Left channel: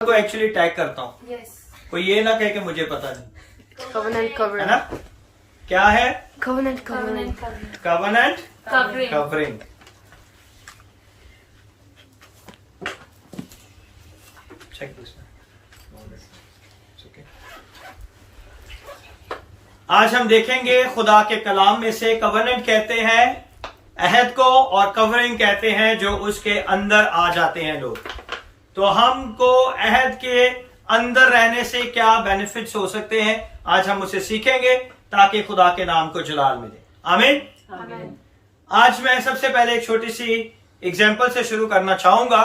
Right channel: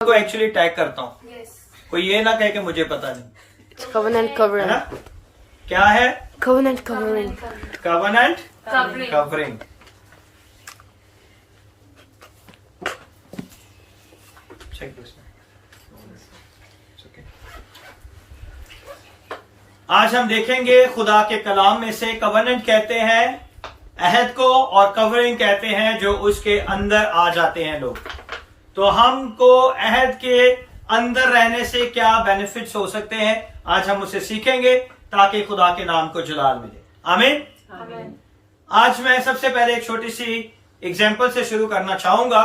को actually tag करता हूँ। Yes. कोई ये ना कहे कि मुझे पता नहीं, Covenant है covering. ना? क्या है? Covenant covering. Covenant Covering. Covering. Check this one. It's okay. आज हम देखेंगे खुदा के कलाम में से कवनेंट कहते हैं अहद को और कवरिंग कहते हैं जो उसके अंदर आ जाते हैं लोग। तो हमको अहद के अंदर रहने से क्या बेनिफिट्स हो सकते हैं, आज हम उसे सीखेंगे ताकि खुदा के नाम को जलाल मिले। आमीन। Amen. आज मैं सबसे पहले एक छोटी सी एग्जाम्पल से शुरू करना चाहूंगा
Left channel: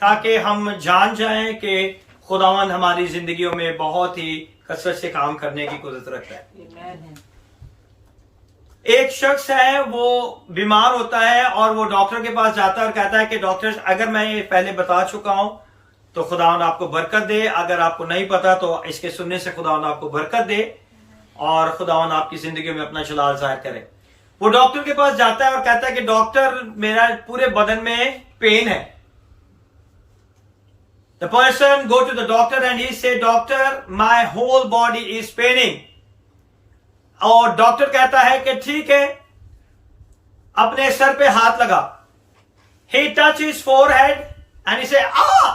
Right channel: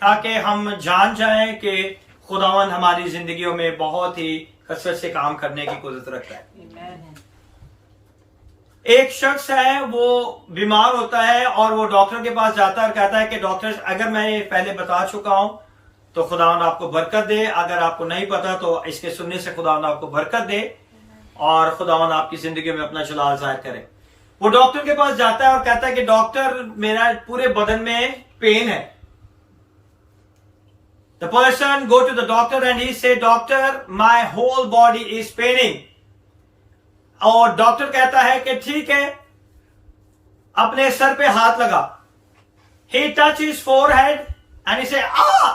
ताकि हम जान जाएं कि खुदावंद हमारी जिंदगियों में बहुत ही कसरत से काम करने की कुदरत रखता है। एक शख्स है, वो बीमार होता है और वो डॉक्टर के पास जाता है और कहता है कि डॉक्टर, अगर मैं ये पहले बता चुका हूं तो खुदावंद आपको बरकत दे, अगर आपको नहीं पता तो इसके सुनने से खुदावंद आपको बरकत दे और खुदावंद आपकी जिंदगी में अपना जलाल जाहिर करे। वो डॉक्टर के पास जाता है और कहता है कि डॉक्टर, मेरा पूरे बदन में पेन है। The person go to the doctor and he say, doctor, my whole body is paining. और डॉक्टर कहता है कि ठीक है, अपने सर पे हाथ लगा। He touch his forehead and he say, ah!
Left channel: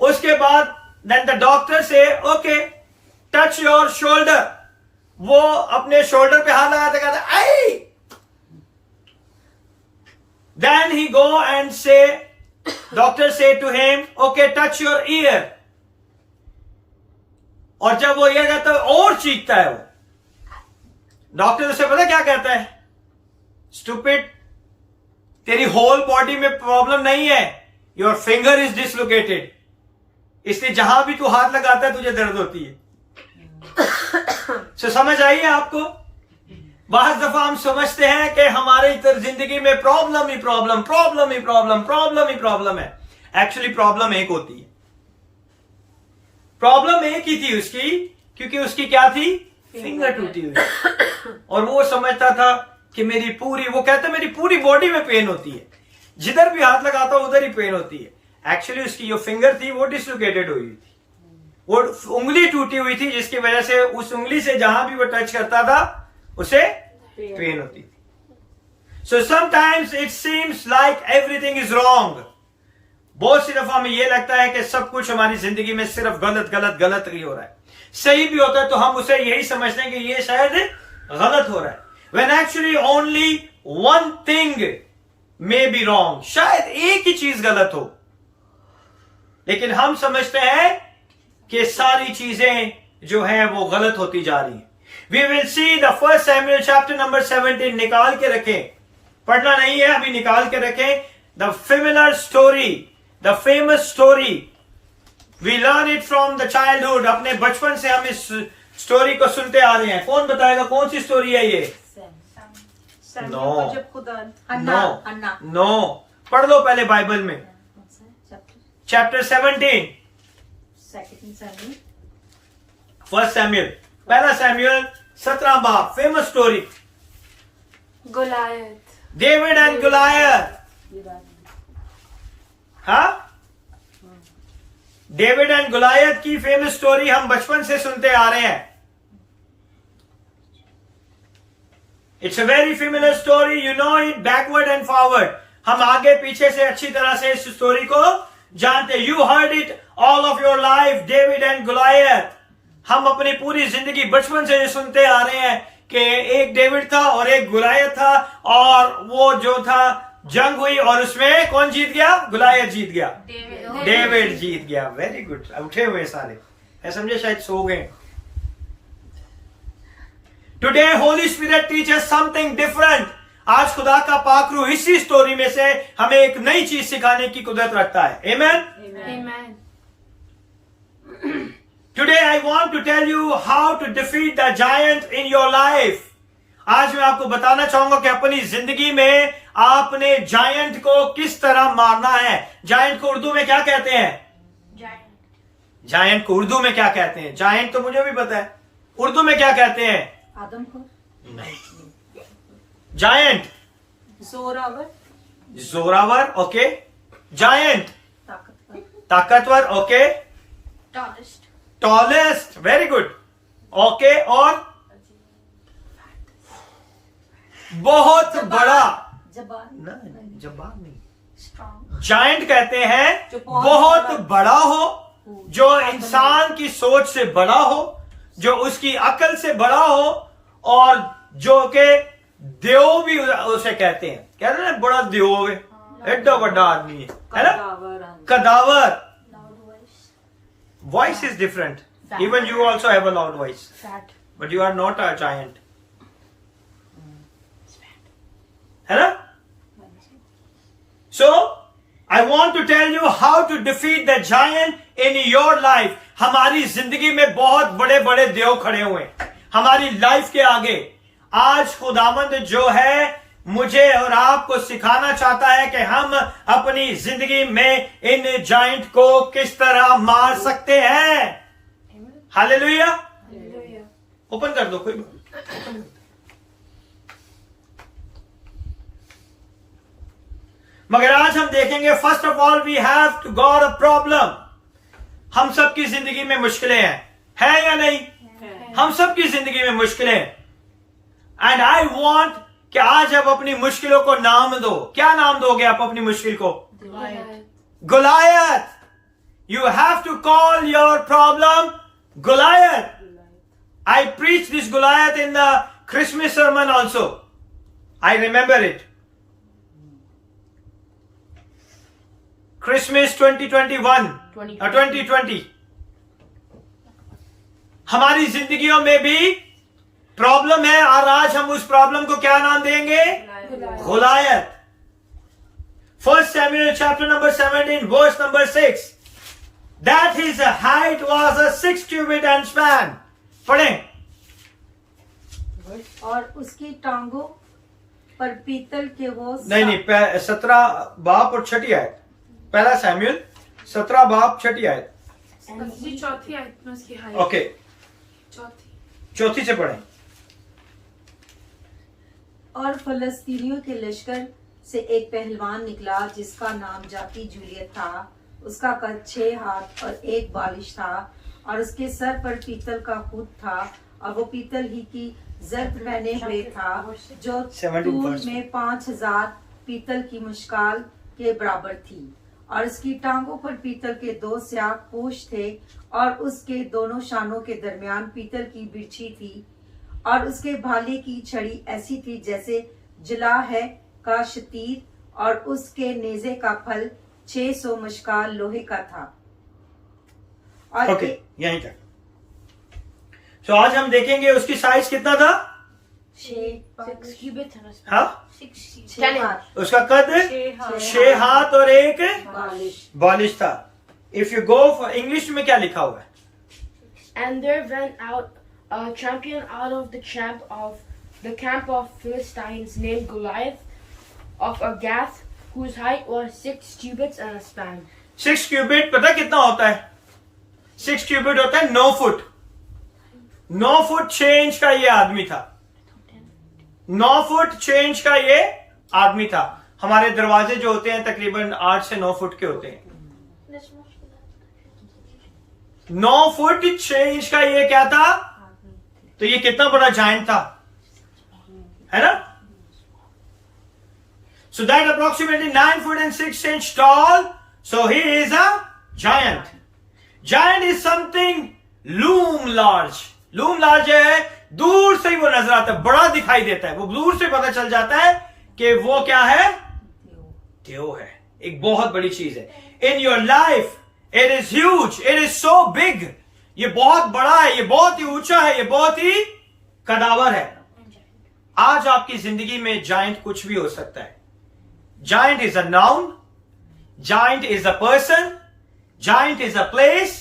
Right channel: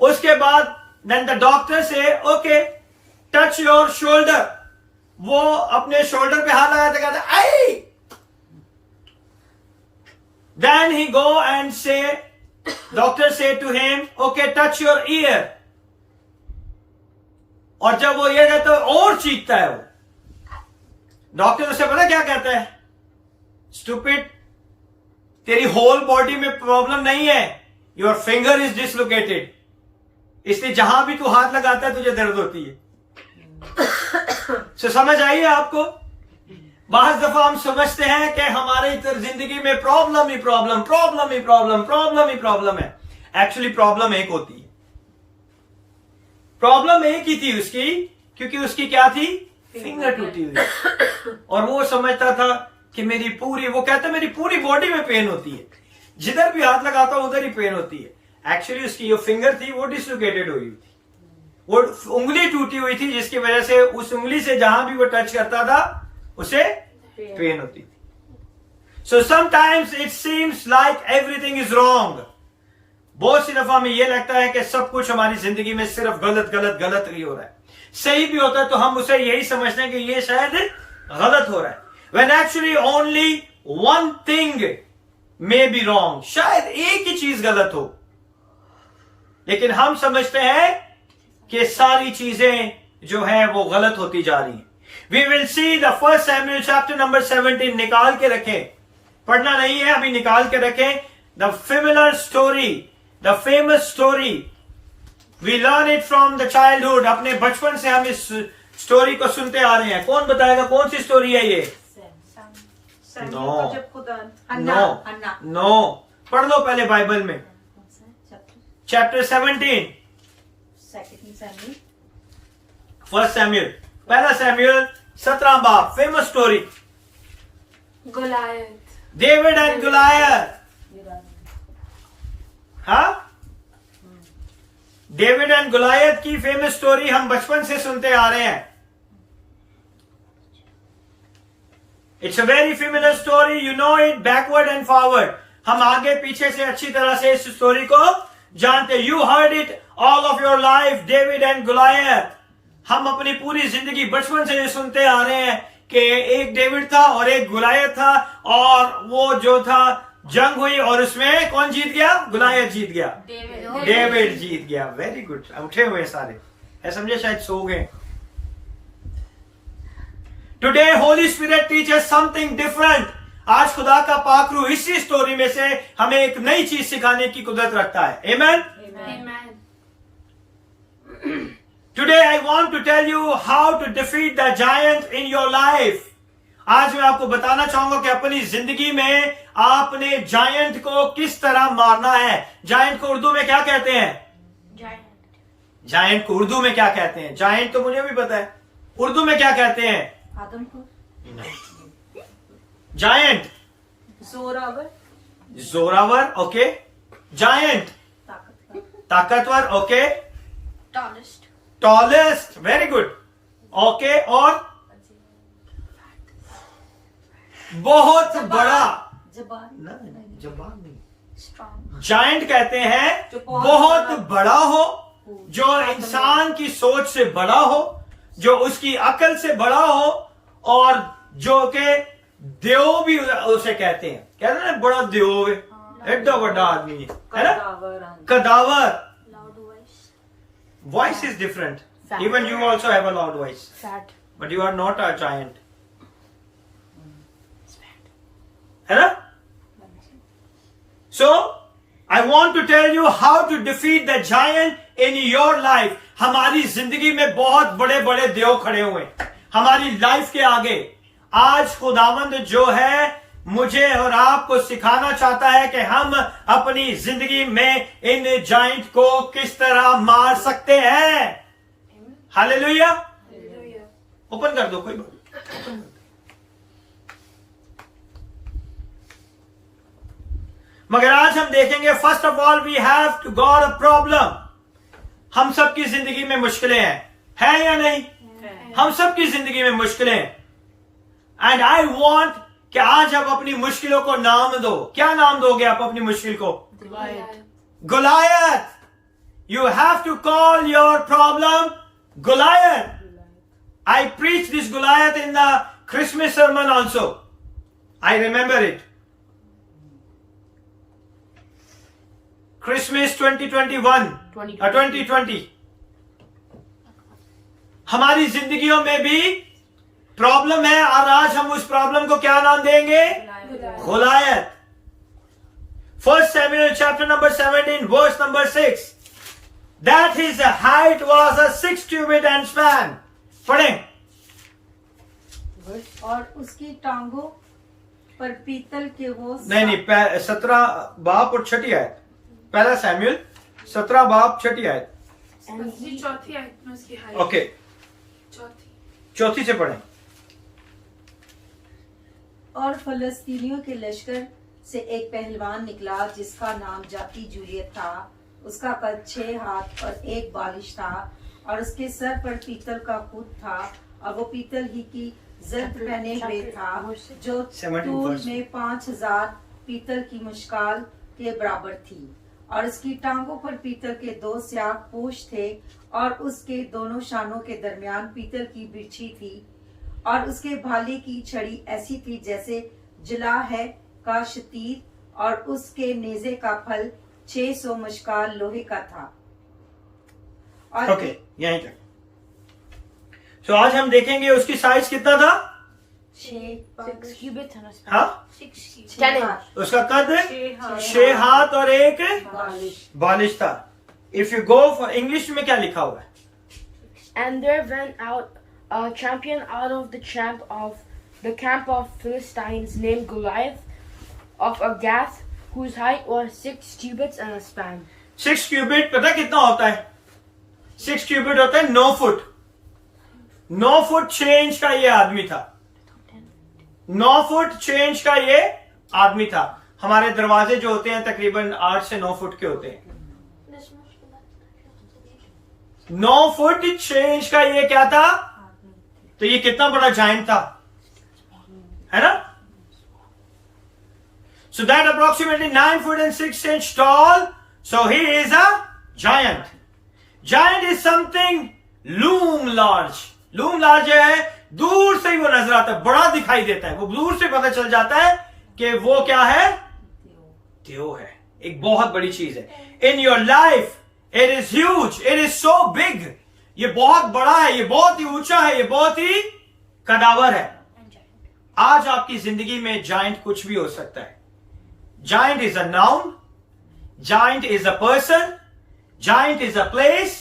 उसके बाद then the doctor say, okay, touch your shoulder. वो अपने शोल्डर पे हाथ लगाते कहता है, आई! Then he go and say, doctor से to him, okay touch your ear. और जब वो ये कहता है और चीखता है वो, डॉक्टर उसे पता क्या कहता है, स्टूपिड, तेरी होल बॉडी में प्रॉब्लम नहीं है, योर फिंगर इज डिसलोकेटेड, इसलिए जहां भी तू हाथ लगाता है तुझे दर्द होती है। तो समझ आई है आपको? बाज़ दफा हम समझते हैं कि हमारी जिंदगी में प्रॉब्लम ही प्रॉब्लम, प्रॉब्लम ही प्रॉब्लम, प्रॉब्लम ही प्रॉब्लम है। एक्चुअली प्रॉब्लम एक होती है। प्रॉब्लम एक ही थी उसकी, क्योंकि उसकी क्या थी, फिंगर टूटी हुई। और वो समझता था कि मेरी पूरी, वो कहता मेरी पूरी बॉडी में पेन होती है, जिधर भी हाथ लगाता हूं उधर ही पेन होती है। एक्चुअली उसकी जो फिंगर थी वो डिसलोकेटेड हुई थी, वो उंगली टूटी हुई थी, जिसकी वजह से उस उंगली से जहां भी वो टच करता था उसे पेन होती थी। So sometimes it seems like everything is wrong. बहुत सी दफा हमें यह लगता है कि सब कुछ हमारी जिंदगी में सिर्फ गलत गलत गलत ही हो रहा है। सही भी होता है तो हम उसे यही समझते हैं कि ये शायद गलत हो रहा है, when actually only one thing may be wrong. शायद एक ही चीज गलत हो, लेकिन हम समझते हैं कि सारी चीजें जो है वो गलत होती जा रही हैं। We will see the first Samuel chapter number 17. निकाल के रखें, पढ़ना नहीं है अभी, निकाल के रखें। The familiar story, the famous story, we learn it from the childhood. अपने बचपन से हम इस स्टोरी को सुनते आ रहे हैं। कौन बताएगा कौन सी स्टोरी है ये? नो, पढ़ लो पहले बाइबल में। चैप्टर 17, फर्स्ट सैमुअल, पहला सैमुअल 17 बाब, famous story, Goliath. David and Goliath. हाँ, डेविड एंड गुलायत की फेमस स्टोरी हम बचपन से सुनते आ रहे हैं। It's a very familiar story, you know it backward and forward. हम आगे पीछे से अच्छी तरह से इस स्टोरी को जानते। You heard it all of your life, David and Goliath. हम अपनी पूरी जिंदगी बचपन से ये सुनते आ रहे हैं कि एक डेविड था और एक गुलायत था, और वो जो था जंग हुई और उसमें कौन जीत गया? गुलायत जीत गया, डेविड जीत गया। वेरी गुड, उठे हुए सारे है, समझे, शायद सो गए। Today Holi spirit teachers something different. आज खुदा का पाक रूह इसी स्टोरी में से हमें एक नई चीज सिखाने की कुदरत रखता है। आमेन। Amen. Today I want to tell you how to defeat the giant in your life. आज मैं आपको बताना चाहूंगा कि अपनी जिंदगी में आपने जायंट को किस तरह मारना है। जायंट को उर्दू में क्या कहते हैं? Giant. जायंट को उर्दू में क्या कहते हैं? जायंट तो मुझे भी पता है, उर्दू में क्या कहते हैं? नहीं, जायंट जोरावर, जोरावर, ओके। जायंट ताकतवर, okay. Tallest. Tallest, very good, okay. और बहुत बड़ा, नहीं जब्बार नहीं, Strong. जायंट कहते हैं बहुत बड़ा हो, जो इंसान की सोच से बड़ा हो, जो उसकी अकल से बड़ा हो, और जो के देव भी उसे कहते हैं. कहते हैं ना बड़ा देव है, एकदम बड़ा आदमी है ना. कदावर, Loud voice. voice is different. Even you also have a loud voice, Fat. but you are not a giant. है ना? So, I want to tell you how to defeat the giant in your life. हमारी जिंदगी में बहुत बड़े बड़े देव खड़े हुए हैं हमारी लाइफ के आगे. आज खुदावंद जो है मुझे और आपको सिखाना चाहता है कि हम अपनी जिंदगी में इन जाइंट को किस तरह मार सकते हैं. हालेलुया. ओपन कर दो, कोई बात. मगर आज हम देखेंगे, first of all we have to got a problem. हम सबकी जिंदगी में मुश्किलें हैं या नहीं? हम सबकी जिंदगी में मुश्किलें हैं. एंड आई वॉन्ट कि आज आप अपनी मुश्किलों को नाम दो. क्या नाम दोगे आप अपनी मुश्किल को? Goliath. You have to call your problem Goliath. I preached this Goliath in the Christmas sermon also. I remember it. Christmas 2021 2020. हमारी जिंदगियों में भी प्रॉब्लम है, और आज हम उस प्रॉब्लम को क्या नाम देंगे? Goliath. 1 Samuel chapter number 17 verse number 6. That his height was a 6 cubit and span. पढ़ें. और उसकी टांगों पर पीतल के वो नहीं 17 बाप और छठी आयत. पहला सैमुअल 17 बाप छठी आयत. उसकी चौथी आयत में उसकी हाइट. ओके, चौथी से पढ़ें. और फलस्तीनियों के लश्कर से एक पहलवान निकला जिसका नाम जाकी जूलियत था. उसका कद 6 हाथ और 1 बालिश था, और उसके सर पर पीतल का खूट था, और वो पीतल ही की जर्द पहने हुए था, जो 17 तूल में 5000 पीतल की मुश्काल के बराबर थी. और उसकी टांगों पर पीतल के 2 स्याह पोश थे, और उसके दोनों शानों के दरमियान पीतल की बिरछी थी, और उसके भाले की छड़ी ऐसी थी जैसे जिला है का शतीर, और उसके नेजे का फल 600 मशकाल लोहे का था. और ओके, यहीं तक. तो आज हम देखेंगे उसकी साइज कितना था. 6 cubits and a span. हाँ, 6 हाथ उसका कद 6 हाथ और 1 बालिश था. If you go for English में क्या लिखा हुआ है? And there went out a champion out of the camp of Philistines named Goliath of Gath, whose height was 6 cubits and a span. 6 qubit पता कितना होता है? 6 क्यूबिट होता है 9 फुट. 9 फुट 6 इंच का ये आदमी था. 9 फुट 6 इंच का ये आदमी था. हमारे दरवाजे जो होते हैं तकरीबन 8 से 9 फुट के होते हैं. 9 फुट 6 इंच का ये क्या था? तो ये कितना बड़ा जायंट था, है ना? So that approximately 9 foot and 6 inch tall. So he is a giant. Giant is something loom large. Loom large है, दूर से ही वो नजर आता है, बड़ा दिखाई देता है. वो दूर से पता चल जाता है कि वो क्या है? देव है. एक बहुत बड़ी चीज है. In your life, it is huge. It is so big. ये बहुत बड़ा है, ये बहुत ही ऊंचा है, ये बहुत ही कदावर है. आज आपकी जिंदगी में जायंट कुछ भी हो सकता है. Giant is a noun, giant is a person, giant is a place,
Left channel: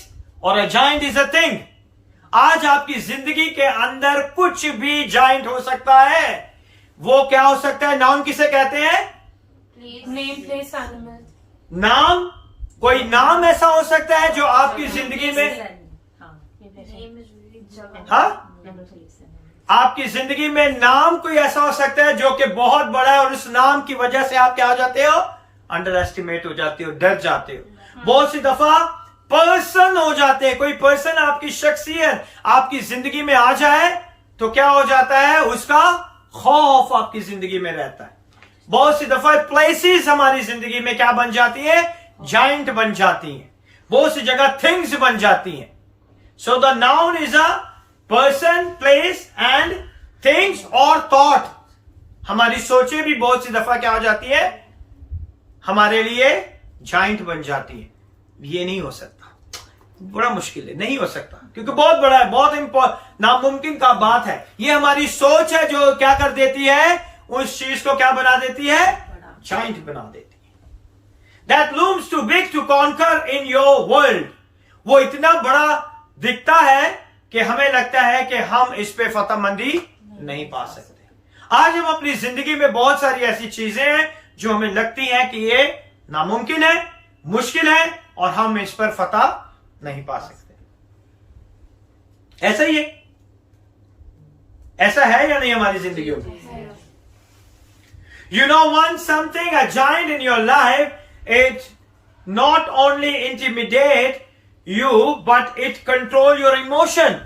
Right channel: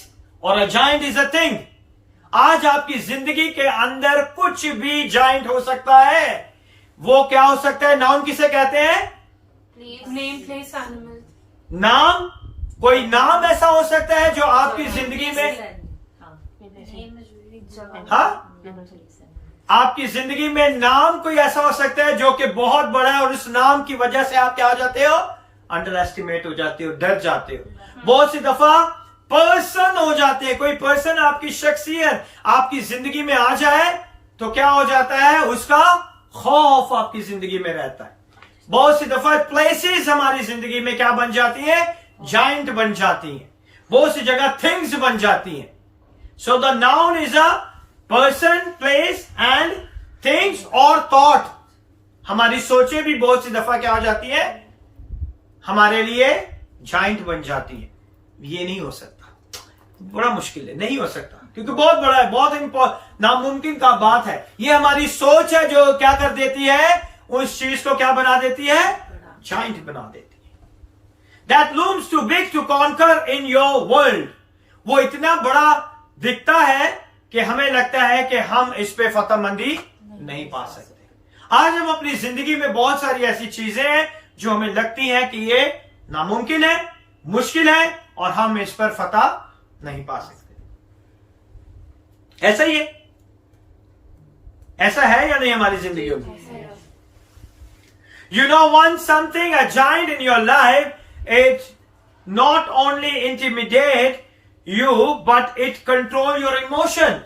और a giant is a thing. आज आपकी जिंदगी के अंदर कुछ भी जायंट हो सकता है. वो क्या हो सकता है? नाउन किसे कहते हैं? Name place animal. नाम. कोई नाम ऐसा हो सकता है जो आपकी जिंदगी में, हाँ, आपकी जिंदगी में नाम कोई ऐसा हो सकता है जो कि बहुत बड़ा है, और उस नाम की वजह से आप क्या हो जाते हो? अंडर एस्टिमेट हो जाते हो, डर जाते हो। बहुत सी दफा पर्सन हो जाते हैं, कोई पर्सन आपकी शख्सियत आपकी जिंदगी में आ जाए तो क्या हो जाता है, उसका खौफ आपकी जिंदगी में रहता है। बहुत सी दफा प्लेसेस हमारी जिंदगी में क्या बन जाती है, जाइंट बन जाती हैं। बहुत सी जगह थिंग्स बन जाती हैं। So the noun is a person, place and things और थॉट। हमारी सोचें भी बहुत सी दफा क्या हो जाती है, हमारे लिए जाइंट बन जाती है। ये नहीं हो सकता, बड़ा मुश्किल है, नहीं हो सकता, क्योंकि बहुत बड़ा है, बहुत नामुमकिन का बात है। ये हमारी सोच है जो क्या कर देती है, उस चीज को क्या बना देती है, जाइंट बना देती है। That looms too big to conquer in your world. वो इतना बड़ा दिखता है कि हमें लगता है कि हम इस पे फतहमंदी नहीं पा सकते। आज हम अपनी जिंदगी में बहुत सारी ऐसी चीजें हैं जो हमें लगती हैं कि ये नामुमकिन है, मुश्किल है और हम इस पर फतह नहीं पा सकते। ऐसा ही है, ऐसा है या नहीं हमारी जिंदगियों में? You know one something, a giant in your life, it not only intimidate you, but it control your emotion.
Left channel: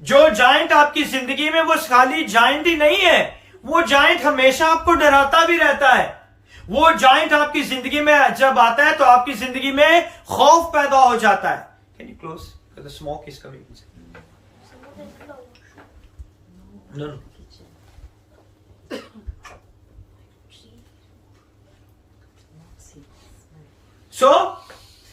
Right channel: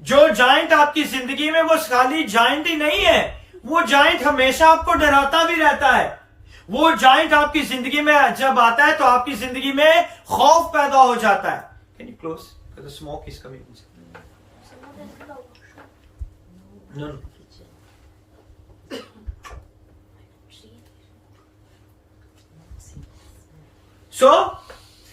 जो जाइंट आपकी जिंदगी में वो खाली जाइंट ही नहीं है, वो जाइंट हमेशा आपको डराता भी रहता है। वो जाइंट आपकी जिंदगी में जब आता है तो आपकी जिंदगी में खौफ पैदा हो जाता है। Can you close? The smoke is coming. No, no. सो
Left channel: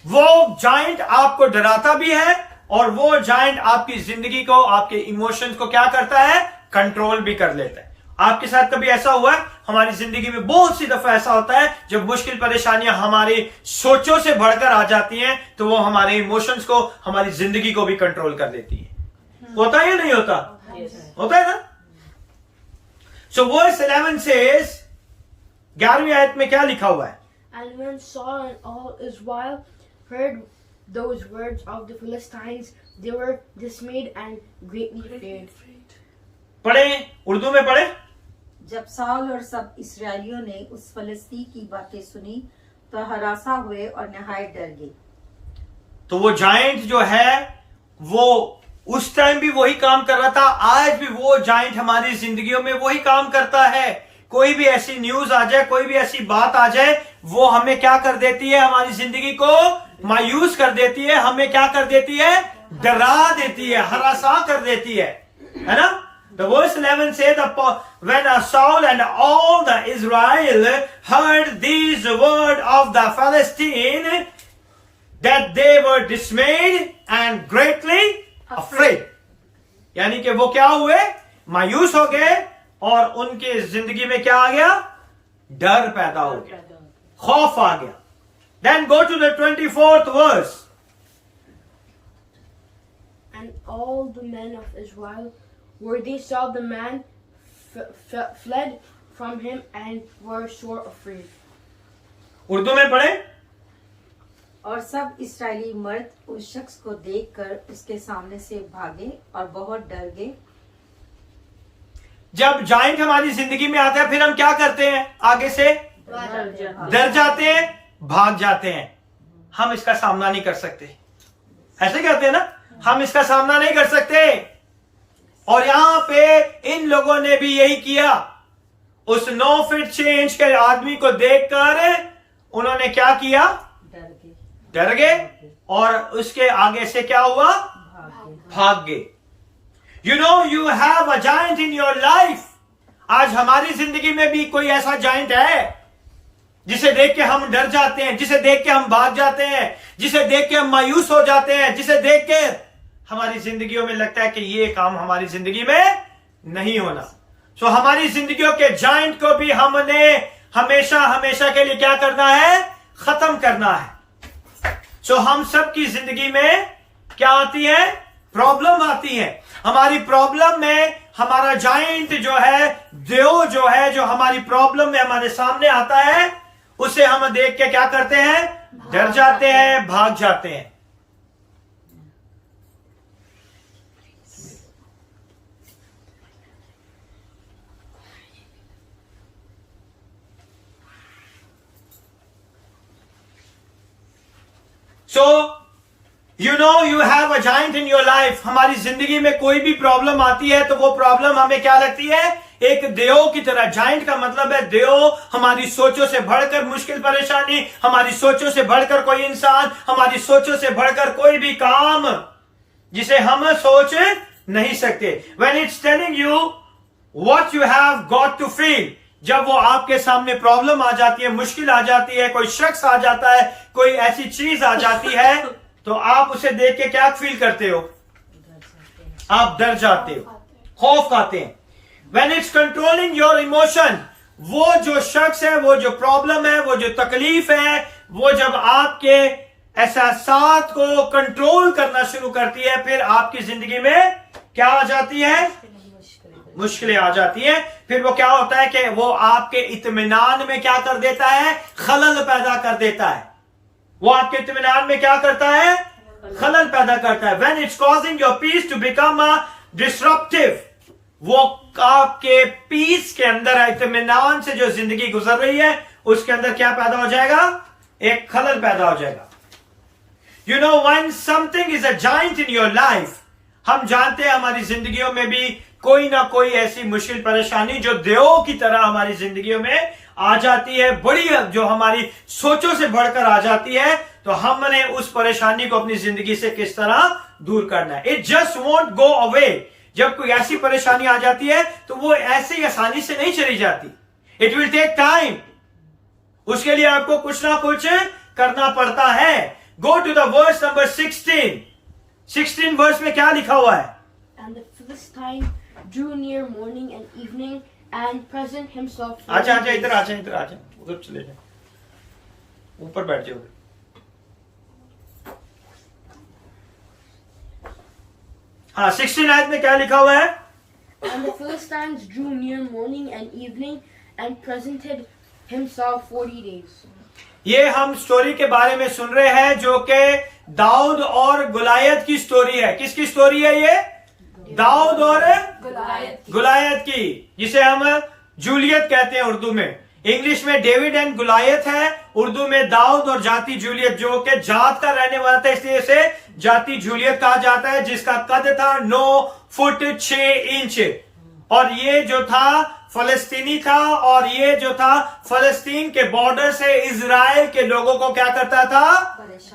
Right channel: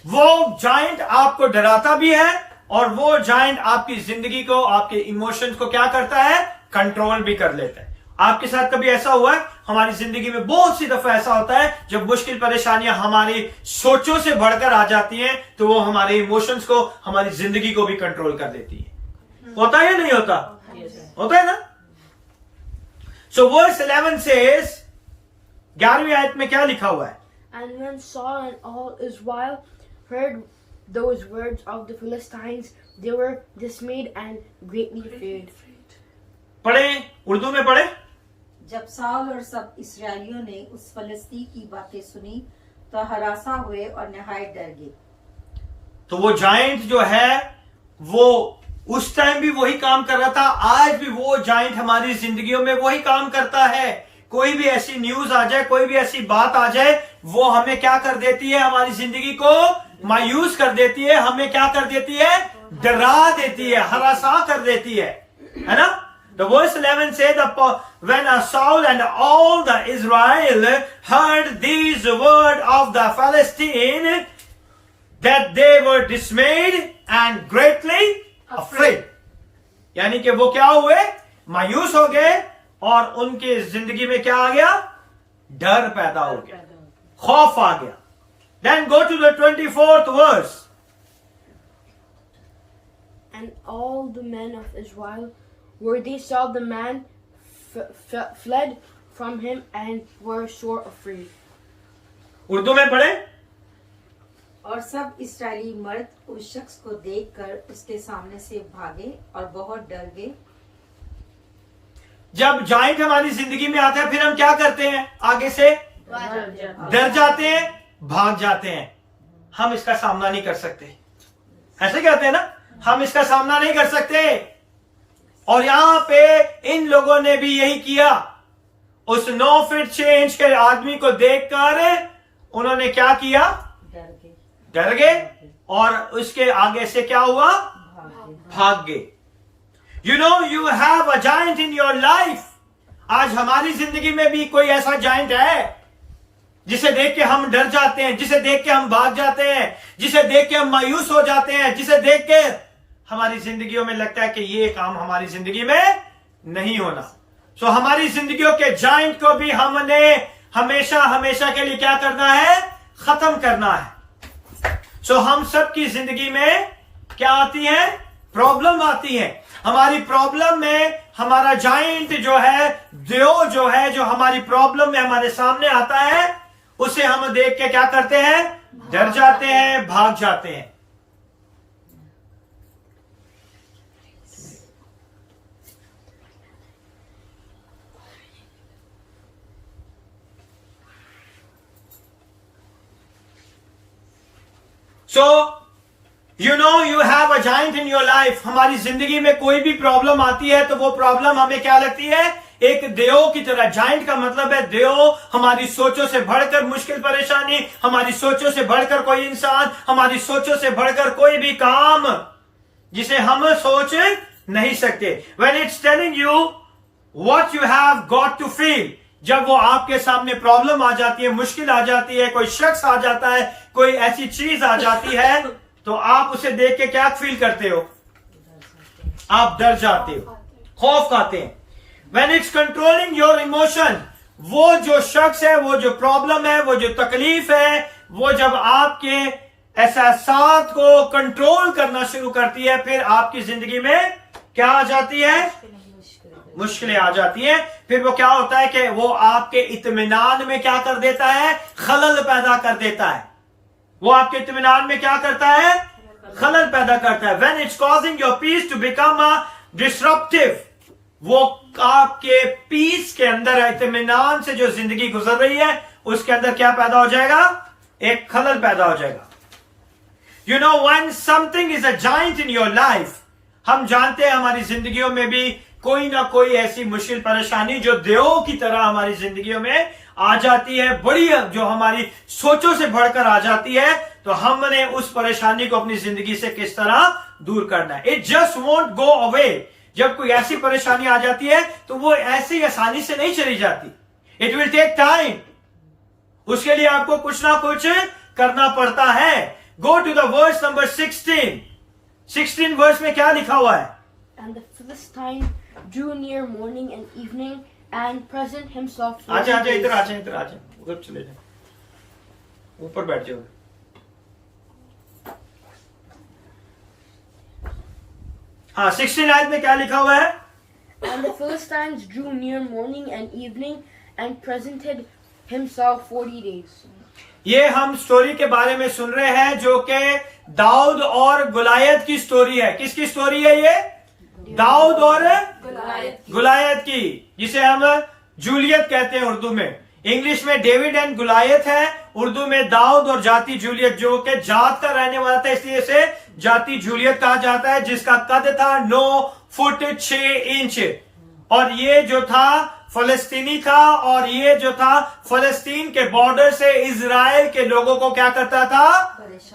वो जाइंट आपको डराता भी है और वो जाइंट आपकी जिंदगी को, आपके इमोशंस को क्या करता है, कंट्रोल भी कर लेता है। आपके साथ कभी ऐसा हुआ है? हमारी जिंदगी में बहुत सी दफा ऐसा होता है जब मुश्किल परेशानियां हमारी सोचों से बढ़कर आ जाती हैं तो वो हमारे इमोशंस को, हमारी जिंदगी को भी कंट्रोल कर देती है। होता है या नहीं होता? होता है ना? सो वर्स 11 says, 11वीं आयत में क्या लिखा हुआ है? And when Saul and all Israel heard those words of the Philistines, they were dismayed and greatly feared. पढ़े, उर्दू में पढ़े। जब साल और सब इस्राएलियों ने उस फलस्ती की बातें सुनी तो हरासा हुए और नहायत डर गए। तो वो जाइंट जो है वो उस टाइम भी वही काम कर रहा था, आज भी वो जाइंट हमारी जिंदगियों में वही काम करता है। कोई भी ऐसी न्यूज आ जाए, कोई भी ऐसी बात आ जाए, वो हमें क्या कर देती है, हमारी जिंदगी को मायूस कर देती है, हमें क्या कर देती है, डरा देती है, हरासा कर देती है ना? The verse 11 says, when Saul and all the Israel heard these words of the Philistine, that they were dismayed and greatly afraid. यानी कि वो क्या हुए, मायूस हो गए और उनके जिंदगी में क्या आ गया, डर पैदा हो गया, खौफ आ गया। Then go to the 24th verse. And all the men of Israel, where they saw the man, fled from him and were sore afraid. Urdu में पढ़े। और सब इस्राएली मर्द उस शख्स को देखकर उसके सामने से भागे और बहुत डर गए। जब जाइंट हमारी जिंदगी में आता है फिर हम क्या करते हैं, आगे से डर जाते हैं, भाग जाते हैं। हम इसका सामना नहीं कर सकते, ऐसे कहते हैं ना, हम इसका सामना नहीं कर सकते। और यहां पे इन लोगों ने भी यही किया। उस 9 फीट 6 इंच के आदमी को देखकर उन्होंने क्या किया, डर गए और उसके आगे से क्या हुआ, भाग गए। You know you have a giant in your life. आज हमारी जिंदगी में भी कोई ऐसा जाइंट है जिसे देख के हम डर जाते हैं, जिसे देख के हम भाग जाते हैं, जिसे देख के हम मायूस हो जाते हैं, जिसे देख के हमारी जिंदगियों में लगता है कि ये काम हमारी जिंदगी में नहीं होना। सो हमारी जिंदगियों के जाइंट को भी हमने हमेशा हमेशा के लिए क्या करना है, खत्म करना है। सो हम सब की जिंदगी में क्या आती है, प्रॉब्लम आती है। हमारी प्रॉब्लम में हमारा जाइंट जो है, देव जो है, जो हमारी प्रॉब्लम में हमारे सामने आता है, उसे हम देख के क्या करते हैं, डर जाते हैं, भाग जाते हैं। So you know you have a giant in your life. हमारी जिंदगी में कोई भी प्रॉब्लम आती है तो वो प्रॉब्लम हमें क्या लगती है, एक देव की तरह। जाइंट का मतलब है देव, हमारी सोचों से बढ़कर मुश्किल परेशानी, हमारी सोचों से बढ़कर कोई इंसान, हमारी सोचों से बढ़कर कोई भी काम जिसे हम सोच नहीं सकते। When it's telling you what you have got to feel, जब वो आपके सामने प्रॉब्लम आ जाती है, मुश्किल आ जाती है, कोई शख्स आ जाता है, कोई ऐसी चीज आ जाती है, तो आप उसे देख के क्या फील करते हो? आप डर जाते हो, खौफ खाते हैं। When it's controlling your emotion, वो जो शख्स है, वो जो प्रॉब्लम है, वो जो तकलीफ है, वो जब आपके एहसासात को कंट्रोल करना शुरू करती है, फिर आपकी जिंदगी में क्या आ जाती है? मुश्किलें आ जाती हैं। फिर वो क्या होता है कि वो आपके इत्मीनान में क्या कर देता है? खलल पैदा कर देता है। वो आपके इत्मीनान में क्या करता है? खलल पैदा करता है। When it's causing your peace to become a disruptive, वो आपके पीस के अंदर, इत्मीनान से जो जिंदगी गुजर रही है उसके अंदर क्या पैदा हो जाएगा? एक खलल पैदा हो जाएगा। You know, when something is a giant in your life, हम जानते हैं हमारी जिंदगियों में भी कोई ना कोई ऐसी मुश्किल परेशानी जो देवों की तरह हमारी जिंदगियों में आ जाती है, बड़ी, जो हमारी सोचों से बढ़कर आ जाती है, तो हमने उस परेशानी को अपनी जिंदगी से किस तरह दूर करना है। It just won't go away. जब कोई ऐसी परेशानी आ जाती है तो वो ऐसे ही आसानी से नहीं चली जाती। It will take time. उसके लिए आपको कुछ ना कुछ करना पड़ता है। Go to the verse number 16 verse में क्या लिखा हुआ है? And the Philistine drew near morning and evening and present himself. आजा इधर आजा, उधर चले जाए, ऊपर बैठ जाओ। हाँ, 16 आयत में क्या लिखा हुआ है? And the Philistines drew near morning and evening and presented himself 40 days. ये हम स्टोरी के बारे में सुन रहे हैं जो कि दाऊद और गुलायत की स्टोरी है। किसकी स्टोरी है ये? दाऊद और गुलायत की, जिसे हम जूलियत कहते हैं उर्दू में। इंग्लिश में डेविड एंड गुलायत है, उर्दू में दाऊद और जाति जूलियत, जो कि जात का रहने वाला था इसलिए इसे जाति जूलियत कहा जाता है, जिसका कद था 9 फुट 6 इंच। और ये जो था फलस्तीनी था, और ये जो था फलस्तीन के बॉर्डर से इजराइल के लोगों को क्या करता था?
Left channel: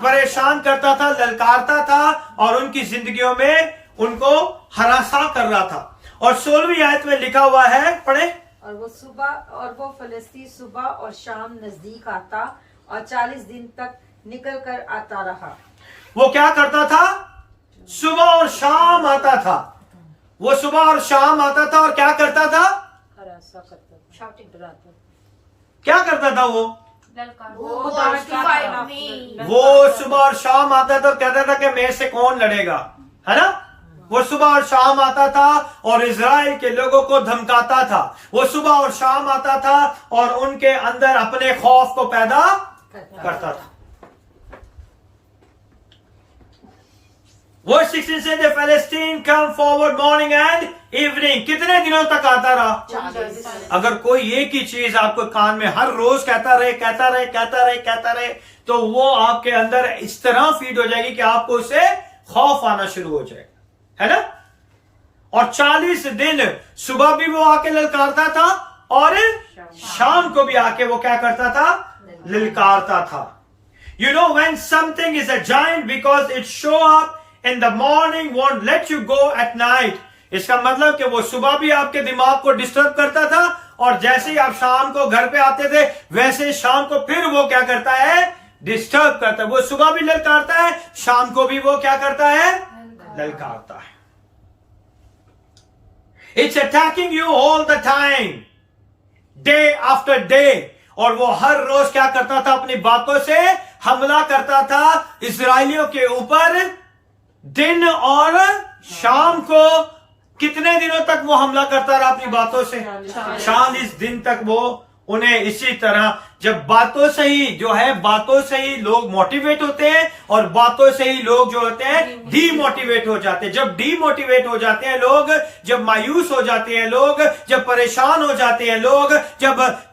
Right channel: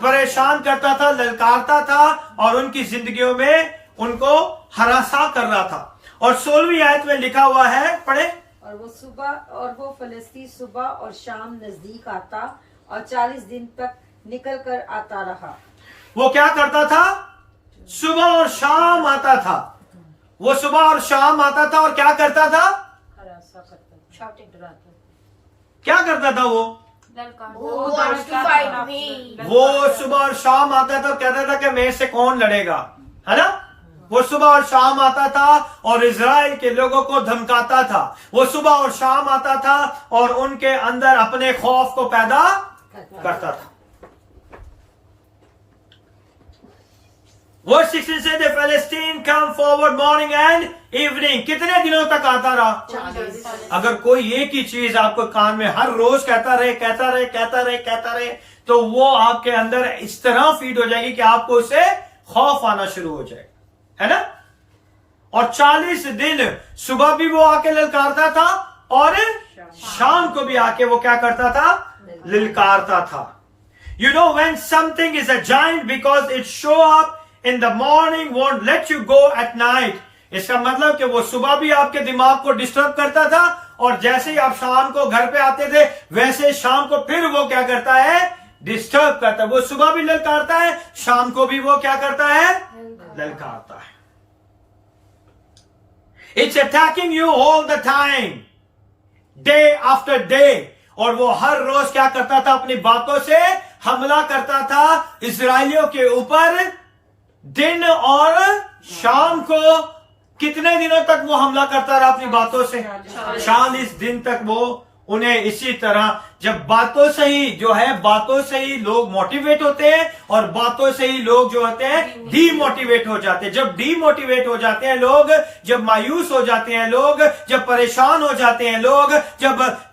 परेशान करता था, ललकारता था, और उनकी जिंदगियों में उनको हरासा कर रहा था। और 16वीं आयत में लिखा हुआ है, पढ़े। और वो फलस्तीन सुबह और शाम नजदीक आता और 40 दिन तक निकल कर आता रहा। वो क्या करता था? सुबह और शाम आता था। वो सुबह और शाम आता था और क्या करता था? क्या करता था वो? वो सुबह और शाम आता था और कहता था कि मेरे से कौन लड़ेगा, है ना? वो सुबह और शाम आता था और इजराइल के लोगों को धमकाता था। वो सुबह और शाम आता था और उनके अंदर अपने खौफ को पैदा करता था। Verse 16 says the Philistine come forward morning and evening. कितने दिनों तक आता रहा? अगर कोई एक ही चीज आपको कान में हर रोज कहता रहे, तो वो आपके अंदर इस तरह फीड हो जाएगी कि आपको उससे खौफ आना शुरू हो जाएगा, है ना? और 40 दिन सुबह भी वो आके ललकारता था और शाम को भी आके वो क्या करता था? ललकारता था। You know, when something is a giant because it show up in the morning won't let you go at night. इसका मतलब कि वो सुबह भी आपके दिमाग को डिस्टर्ब करता था, और जैसे ही आप शाम को घर पे आते थे वैसे शाम को फिर वो क्या करता है? डिस्टर्ब करता है। वो सुबह भी ललकारता है, शाम को भी वो क्या करता है? ललकारता है। It's attacking you all the time, day after day. और वो हर रोज क्या करता था? अपनी बातों से हमला करता था इजराइलियों के ऊपर, दिन और शाम को। कितने दिनों तक वो हमला करता रहा अपनी बातों से? 40 दिन तक वो उन्हें इसी तरह जब बातों से ही जो है, बातों से ही लोग मोटिवेट होते हैं और बातों से ही लोग जो होते हैं डीमोटिवेट हो जाते हैं। जब डीमोटिवेट हो जाते हैं लोग, जब मायूस हो जाते हैं लोग, जब परेशान हो जाते हैं लोग,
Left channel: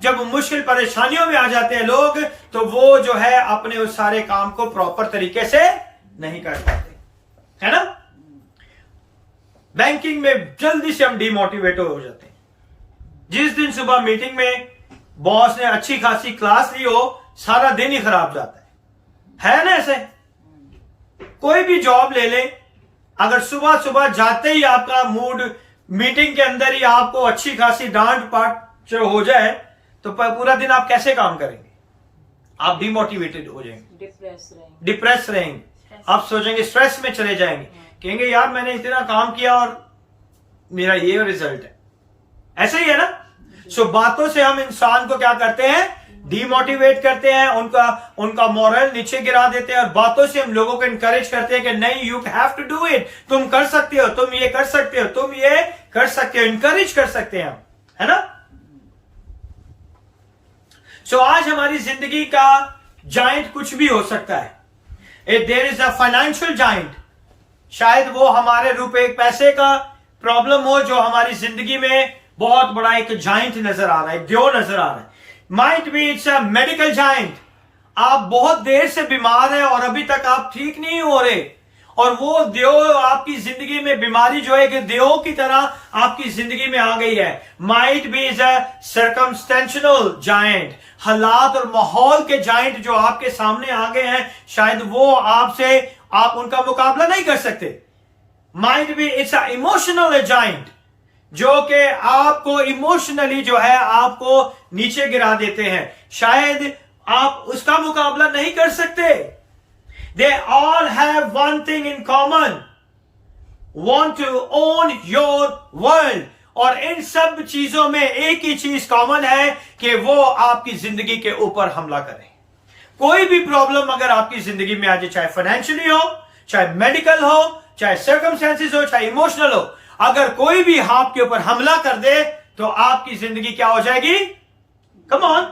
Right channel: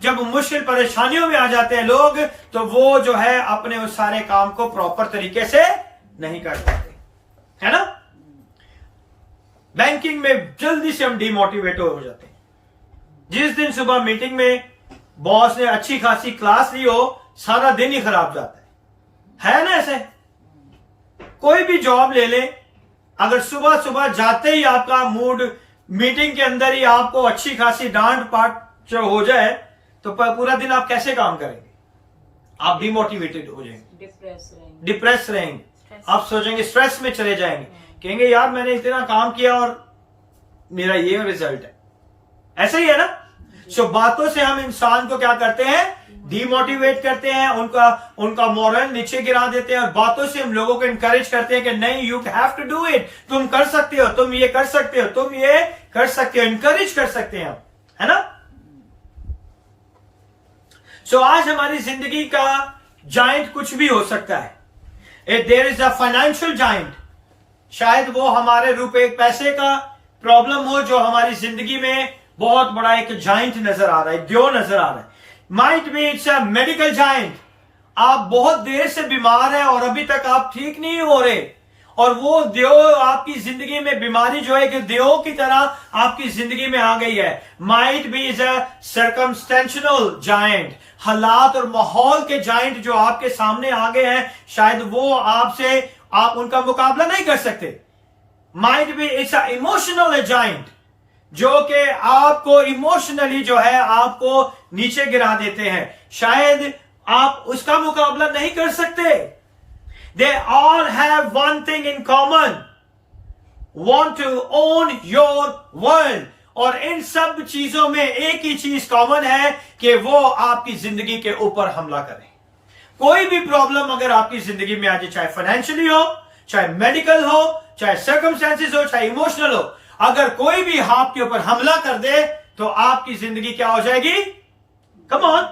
जब मुश्किल परेशानियों में आ जाते हैं लोग, तो वो जो है अपने उस सारे काम को प्रॉपर तरीके से नहीं कर पाते, है ना। बैंकिंग में जल्दी से हम डीमोटिवेट हो जाते हैं। जिस दिन सुबह मीटिंग में बॉस ने अच्छी खासी क्लास ली हो, सारा दिन ही खराब जाता है ना। ऐसे कोई भी जॉब ले लें, अगर सुबह सुबह जाते ही आपका मूड, मीटिंग के अंदर ही आपको अच्छी खासी डांट पाट जो हो जाए, तो पूरा दिन आप कैसे काम करेंगे? आप डिमोटिवेटेड हो जाएंगे, डिप्रेस रहेंगे, आप सोचेंगे, स्ट्रेस में चले जाएंगे, कहेंगे यार मैंने इतना काम किया और मेरा ये रिजल्ट है। ऐसे ही है ना। सो बातों से हम इंसान को क्या करते हैं? डीमोटिवेट करते हैं, उनका मॉरल नीचे गिरा देते हैं। और बातों से हम लोगों को इंकरेज करते हैं कि नहीं, you have to do it, तुम कर सकते हो, तुम ये कर सकते हो, तुम ये कर सकते हो, इंकरेज कर सकते हैं हम, है ना। सो आज हमारी जिंदगी का जाइंट कुछ भी हो सकता है। There is a financial giant, शायद वो हमारे रुपए पैसे का प्रॉब्लम हो जो हमारी जिंदगी में बहुत बड़ा एक जाइंट नजर आ रहा है, द्यो नजर आ रहा है। Might be it's a medical giant, आप बहुत देर से बीमार हैं और अभी तक आप ठीक नहीं हो रहे, और वो द्यो आपकी जिंदगी में, बीमारी जो है एक द्यो की तरह आपकी जिंदगी में आ गई है। Might be is a circumstantial giant, हालात और माहौल के जाइंट जो आपके सामने आ गए हैं, शायद वो आप उनका मुकाबला नहीं कर सकते। Might be it's a emotional giant, जो कि आपको इमोशनली जो है आपको नीचे गिरा देते हैं, शायद आप उसका मुकाबला नहीं कर सकते। They all have one thing in common, want to own your world. और इन सब चीजों में एक ही चीज कॉमन है कि वो आपकी जिंदगी के ऊपर हमला करें। कोई भी प्रॉब्लम अगर आपकी जिंदगी में आ जाए, चाहे फाइनेंशियली हो, चाहे मेडिकल हो, चाहे सर्कमस्टेंसेस हो, चाहे इमोशनल हो, अगर कोई भी आपके ऊपर हमला कर दे तो आपकी जिंदगी क्या हो जाएगी? कम ऑन,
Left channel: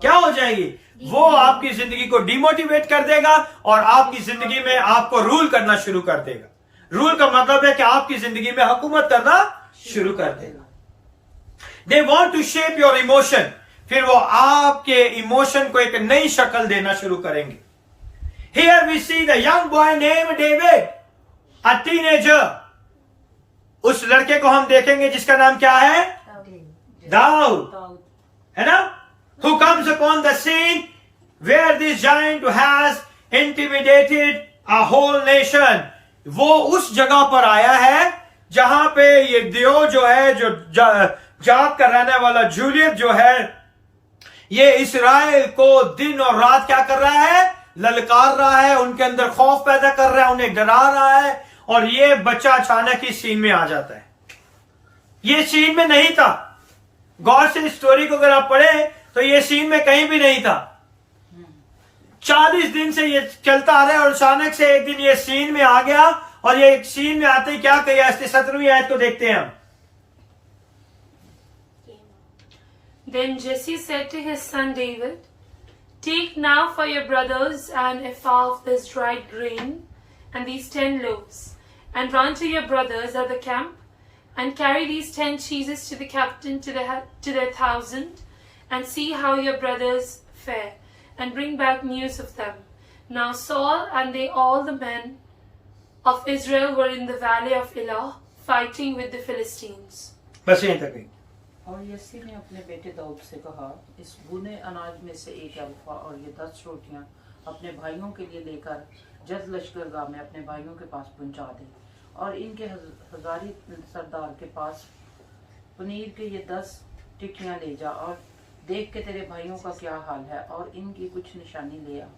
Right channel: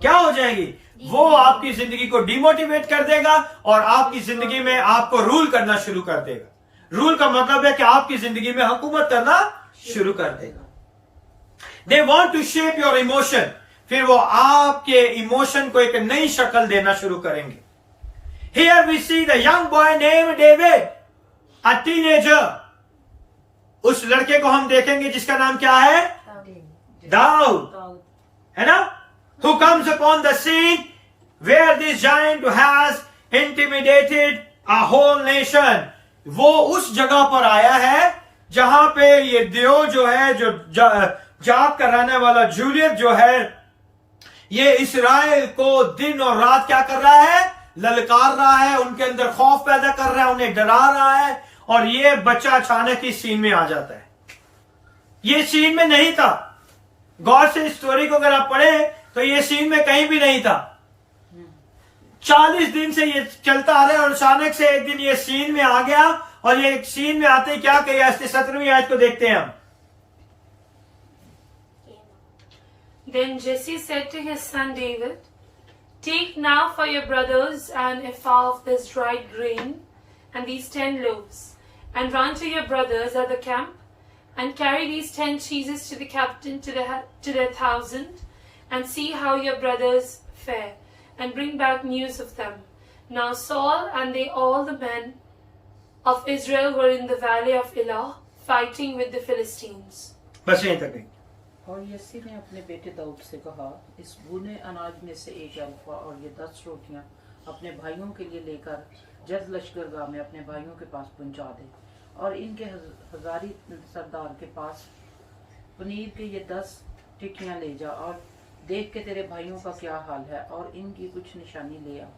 क्या हो जाएगी? वो आपकी जिंदगी को डिमोटिवेट कर देगा और आपकी जिंदगी में आपको रूल करना शुरू कर देगा। रूल का मतलब है कि आपकी जिंदगी में हुकूमत करना शुरू कर देगा। They want to shape your emotion, फिर वो आपके इमोशन को एक नई शक्ल देना शुरू करेंगे। Here we see the young boy name David, a teenager. उस लड़के को हम देखेंगे जिसका नाम क्या है? दाऊद, है ना। Who comes upon the scene where this giant has intimidated a whole nation. वो उस जगह पर आया है जहां पे ये दियो जो है, जो जाग का रहने वाला जूलियत जो है, ये इस्राएल को दिन और रात क्या कर रहा है? ललकार रहा है, उनके अंदर खौफ पैदा कर रहा है, उन्हें डरा रहा है। और ये बच्चा अचानक इस सीन में आ जाता है। ये सीन में नहीं था। गौर से स्टोरी को अगर आप पढ़ें तो ये सीन में कहीं भी नहीं था। 40 दिन से ये चलता आ रहा है और अचानक से एक दिन ये सीन में आ गया। और ये सीन में आते ही क्या कहा? 17वीं आयत को देखते हैं हम। Then Jesse said to his son David, "Take now for your brothers an ephah of this dried grain and these 10 loaves, and run to your brothers at the camp, and carry these 10 cheeses to the captain to the 1,000, and see how your brothers fare, and bring back news of them." Now Saul and all the men of Israel were in the valley of Elah, fighting with the Philistines. बस यहीं तक। और SC ने अपने बेटे दाऊद से कहा, इस भुने अनाज में से एक अल्फा और ये 10 रोटियां अपने भाइयों के लिए लेकर जद लश्करगाह में अपने भाइयों के पास पहुंचा दे, और इनके हजारी सरदार के पास पनीर के ये 10 टिक्कियां ले जा, और देख के तेरे भाइयों का क्या हाल है, और इनकी कुछ निशानी ले आ।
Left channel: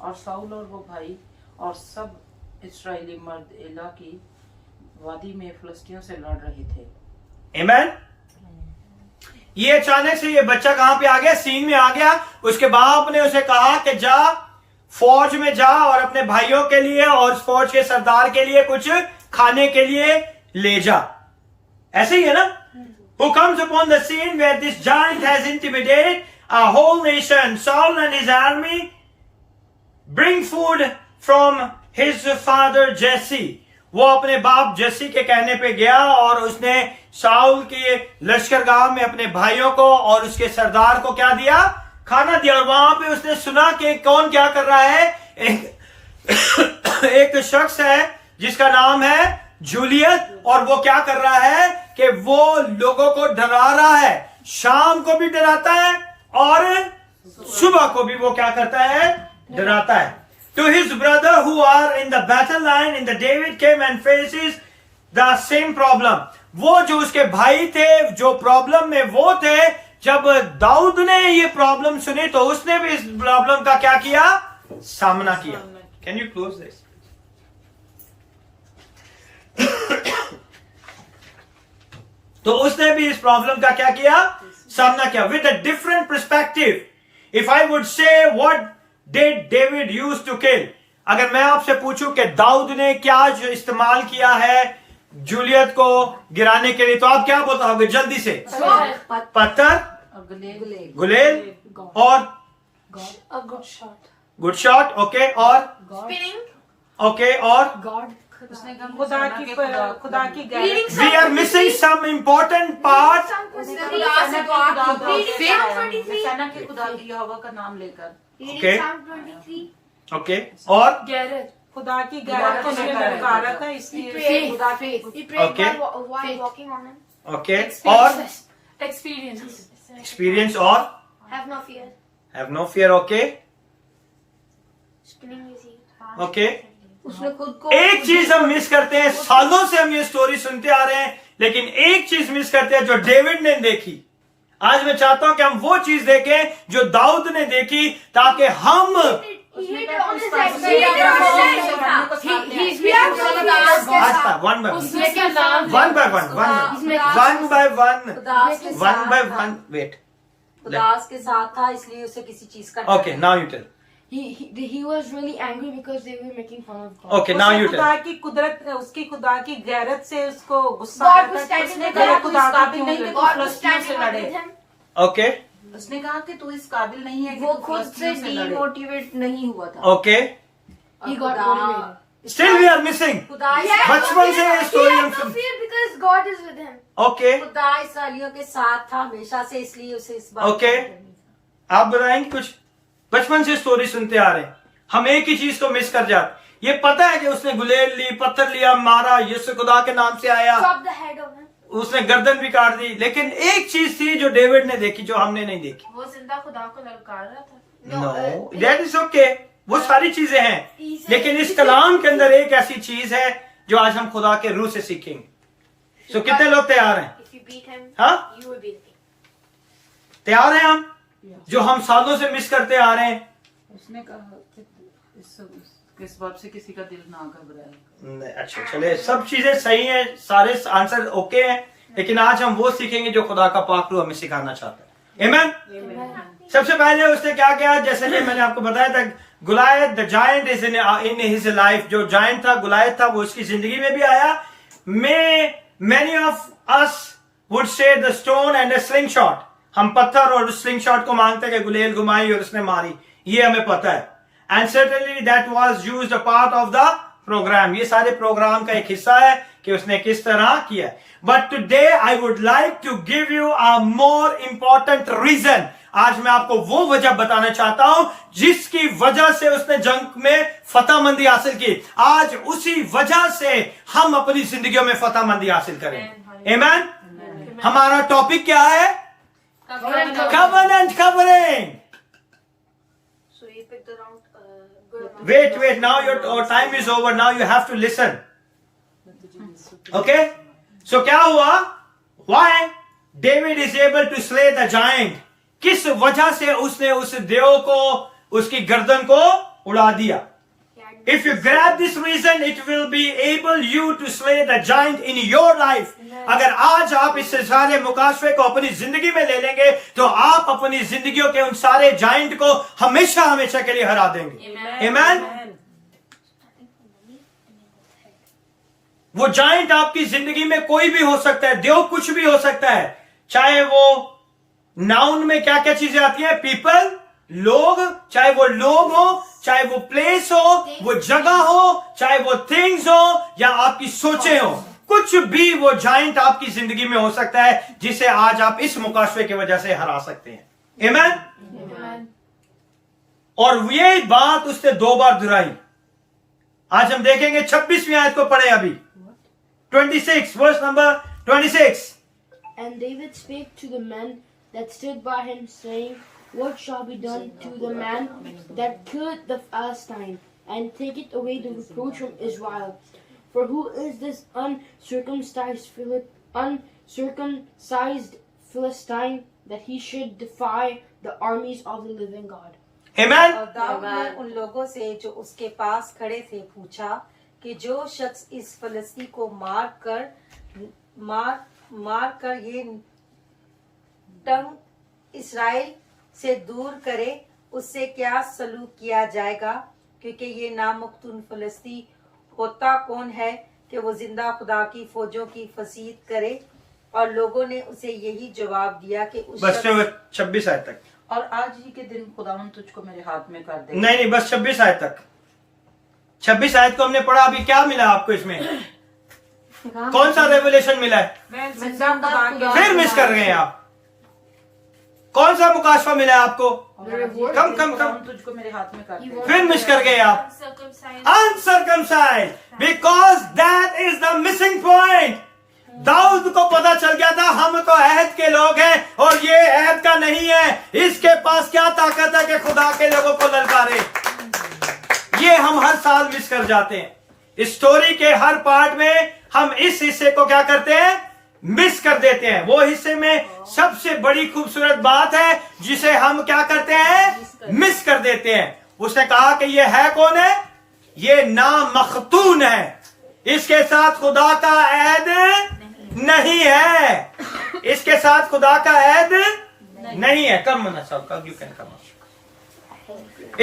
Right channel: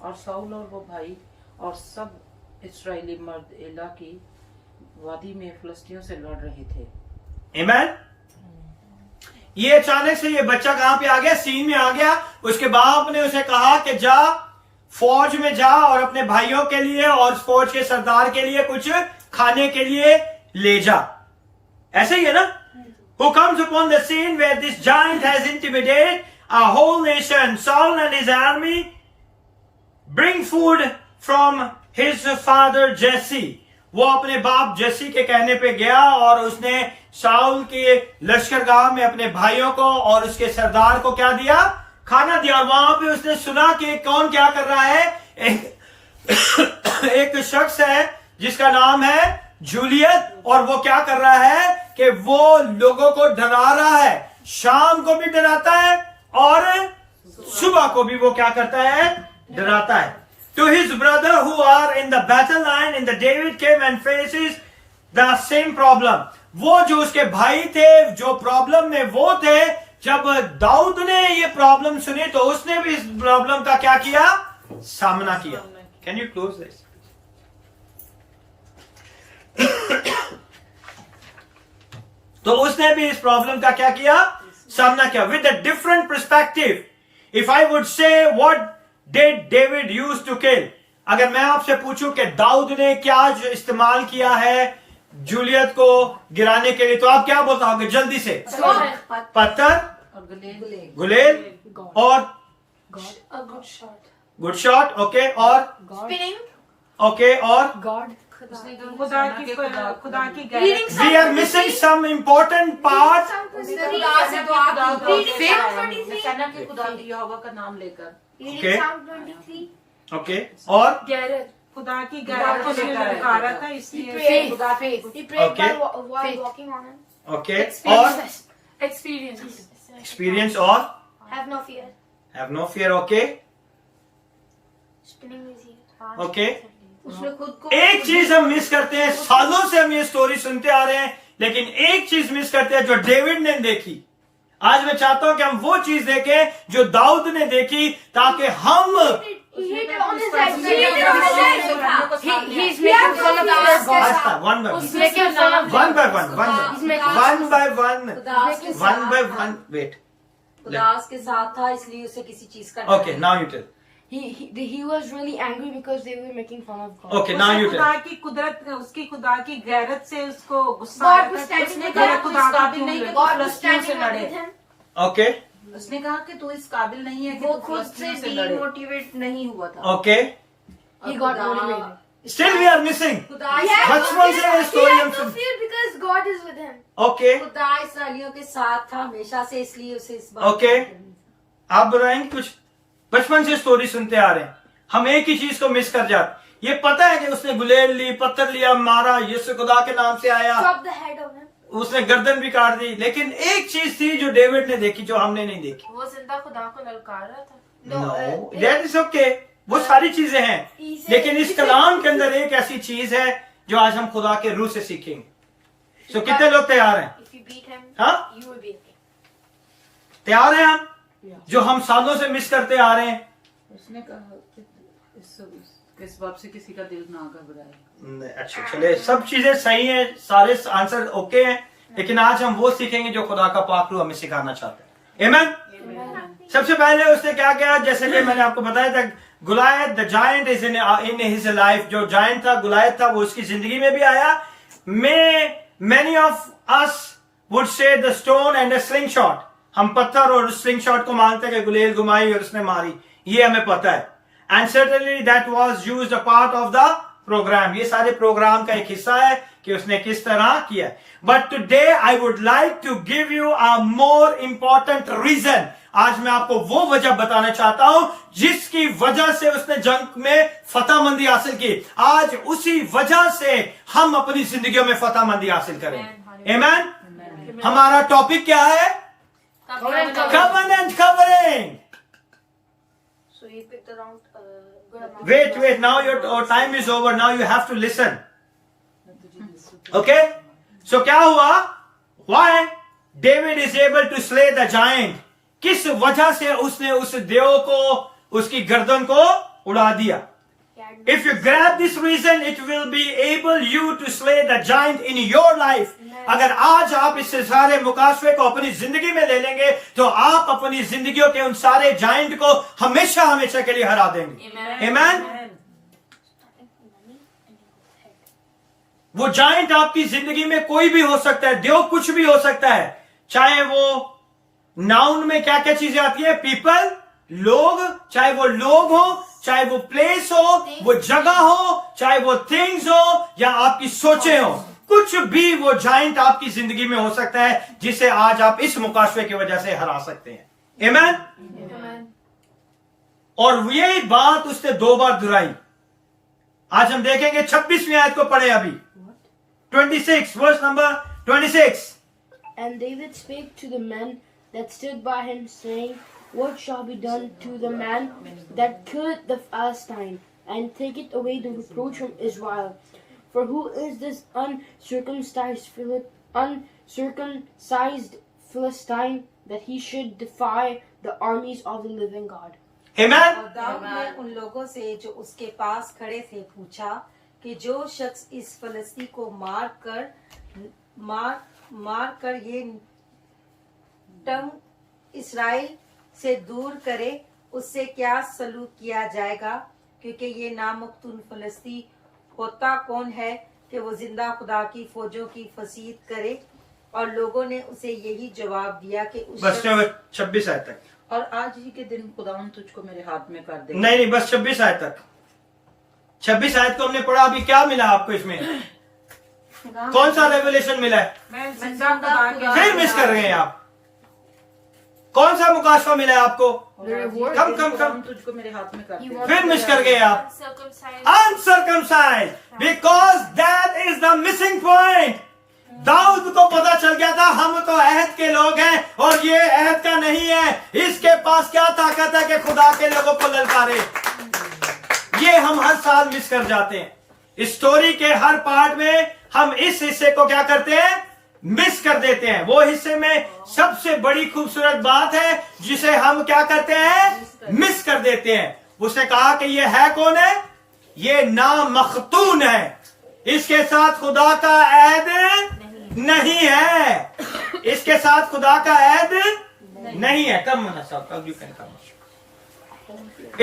और साउल और वो भाई और सब इस्राएली मर्द एला की वादी में फिलिस्तियों से लड़ रहे थे। आमीन। ये अचानक से ये बच्चा कहां पे आ गया? सीन में आ गया। उसके बाप ने उसे कहा कि जा फौज में जा और अपने भाइयों के लिए और फौज के सरदार के लिए कुछ खाने के लिए ले जा। ऐसे ही है ना। Who comes upon the scene where this giant has intimidated a whole nation, Saul and his army, bring food from his father Jesse. वो अपने बाप जैसी के कहने पे गया और उसने साउल के लश्करगाह में अपने भाइयों को और उसके सरदार को क्या दिया? खाना दिया। और वहां पे उसने सुना कि कौन क्या कर रहा है। एक शख्स है जिसका नाम है जूलियत, और वो क्या कर रहा है कि वो लोगों को डरा रहा है। शाम को भी डराता है और सुबह को भी वो क्या करता है? डराता है। To his brother who are in the battle line, in the David came and faces the same problem. वो जो उसके भाई थे, जो प्रॉब्लम में वो थे, जब दाऊद ने ये प्रॉब्लम सुनी तो उसने भी इस प्रॉब्लम का क्या किया? सामना किया। Can you close this? तो उसने भी इस प्रॉब्लम का क्या किया? सामना किया। With a different perspective. If I would say what did David use to kill? अगर मैं आपसे पूछूं कि दाऊद ने क्या इस्तेमाल किया है जूलियत को गिराने के लिए, तो आप क्या बताओगे जल्दी से? पत्थर, गुलेल और A good shot. Good shot. Okay, और Spinning. ओके, और God. खुदा की we are missing some important part. सेना के खुदा यहोवा का नाम लेकर ओके, ओके, और Garrett. खुदा की गैरत को ललकारा था, इसलिए He prayed Okay. while walking on him. Okay, और Experience. एक्सपीरियंस, और Have no fear. Have no fear. Okay, Spinning his head. Okay. उसने खुद को एक चीज हम मिस करते हैं, सालों से हम ये स्टोरी सुनते आ रहे हैं, लेकिन एक चीज मिस करते हैं जो डेविड ने देखी। आज मैं चाहता हूं कि हम वो चीज देखें जो दाऊद ने देखी, ताकि हम He hit it on his head. He hit it on his head. He's making fun of his God. अच्छा, one by He's making fun of one by one wait. खुदा उसके साथ था, इसलिए उसे किसी चीज का okay, now you tell. He was really angry because they were making fun of God. Okay, now you tell. खुदा की कुदरत, उसकी खुदा की गैरत से उसको गुस्सा God आया was था। standing उसने with कहा, him. खुदा God की नहीं क्यों God God was standing up with him. Okay, उसने कहा कि तू इस काबिल नहीं है कि वो तू खुद से फिलिस्तीनियों से लड़े। डीमोटिवेट नहीं हुआ था। Okay, He got motivated. Still we are missing. खुदा बचपन से ये He स्टोरी had हम no सुन। fear because God is with him. Okay, खुदा इसराइलियों के साथ था हमेशा से, इसलिए उसे इस बात Okay. का डर नहीं था। आप बताएंगे कुछ? बचपन से स्टोरी सुनते आ रहे हैं, हम एक ही चीज को मिस कर जाते। ये पता है कि उसने गुलेल ली, पत्थर लिया, मारा, यीशु खुदा के नाम से आया, Chop the head of him. उसने गर्दन भी काट दी, लेकिन एक चीज थी जो डेविड ने देखी जो हमने नहीं देखी। वो जिंदा खुदा को ललकार रहा था. नो, दैट इज ओके, वो सारी चीजें हैं, लेकिन इस कलाम के अंदर एक ऐसी चीज है जो आज हम खुदा के रूह से सीखेंगे। तो कितने लोग तैयार हैं? If you beat him, हाँ, you will be the king. तैयार हैं हम? जो हम सालों से मिस करते आ रहे हैं। उसने कहा कि इस बात से किसी का दिल ना घबराए। अच्छा, चले, सब चीजें सही हैं, सारे आंसर ओके हैं, लेकिन आज हम वो सीखेंगे जो खुदा का पाक रूह हमें सिखाना चाहते हैं। आमीन। सबसे पहले उसने क्या किया, जैसे कि मैंने आपको बताया था, Goliath the giant is in his life. जो जायंट था, गुलायत था, वो उसकी जिंदगी में भी आया। Many of us would say the stone and a slingshot. हम पत्थर और स्लिंग शॉट को मानते हैं कि गुलेल घुमाई और उसने मारी, ये हमें पता है। And certainly that was used a part of the program. ये सारे प्रोग्राम का एक हिस्सा है कि उसने किस तरह किया। But today I would like to give you a more important reason. आज मैं आपको वो वजह बताना चाहता हूं जिसकी वजह से उसने जंग में फतहमंदी हासिल की। आज उसी वजह से हम अपनी जिंदगियों में फतहमंदी हासिल करें। आमीन। हमारा टॉपिक क्या है? Covenant covering. So you picked around good amount. Wait, now your time is over. Now you have to listen. Okay? So क्या हुआ? Why David is able to slay the giant? किस वजह से उसने उस देव को, उसकी गर्दन को उड़ा दिया? If you grab this reason, it will be able you to slay the giant in your life. अगर आज आप इस सारे मुकाशफे को अपनी जिंदगी में ले लेंगे तो आप अपनी जिंदगियों के उन सारे जाइंट को हमेशा हमेशा के लिए हरा देंगे। आमीन। वो जाइंट आपकी जिंदगी में कोई भी हो सकता है, देव कुछ भी हो सकता है, चाहे वो नाउन में क्या क्या चीजें आती हैं? पीपल, लोग, चाहे वो लोग हो, चाहे वो प्लेस हो, वो जगह हो, चाहे वो थिंग्स हो, या आपकी सोचें हो, कुछ भी वो जाइंट आपकी जिंदगी में हो सकता है जिसे आज आप इस मुकाशवे की वजह से हरा सकते हैं। आमीन। और ये बात उसने 2 बार दोहराई। आज हम देखेंगे 26वीं आयत को पढ़े अभी, 26, verse number 26। And David spake to the men that stood by him, saying, What shall be done to the man that killeth the Philistine, and taketh away the reproach from Israel? For who is this uncircumcised Philistine, that he should defy the armies of the living God? Amen। और दाऊद ने उन लोगों से जो उसके पास खड़े थे पूछा कि जो शख्स इस फलस्ती को मार कर ये टंग इसराइल से दूर करे, उससे क्या सलूक किया जाएगा? क्योंकि ये नामख्तून फलस्ती होता कौन है कि वो जिंदा खुदा की फौजों की फसीद करे? और लोगों ने उसे यही जवाब दिया कि उस बस 26 आयत तक। और आज ही के दिन खुदावन तुझको मेरे हाथ में कर दे। नहीं, बस 26 आयत तक। 26 आयत को हमने पढ़ा। अभी क्या मिला आपको इसमें? कौन सा रेवलेशन मिला है? फिर मिस कर गए आप। कौन सा मुकाशवा मिला है आपको? कम तुझको मेरे हाथ में कर दे। फिर मिस कर गए आप। Uncircumcised, because that is the missing point. दाऊद को पता चल गया था हम तो अहद के लोग हैं और ये अहद का नहीं है। इसके पास क्या ताकत है कि खुदा के लोगों को ललकारे। ये हम हर साल मिस कर जाते हैं। इस स्टोरी के हर पार्ट में हम इस हिस्से को क्या करते हैं? मिस कर देते हैं। वो हिस्से में सबसे बड़ी खूबसूरत बात है जिसे हम क्या करते हैं? मिस कर देते हैं। उसने कहा कि ये है कौन है? ये नामख्तून है। इसके साथ खुदा का अहद नहीं है। इसके साथ खुदा का अहद नहीं है। कम यू कैन कम।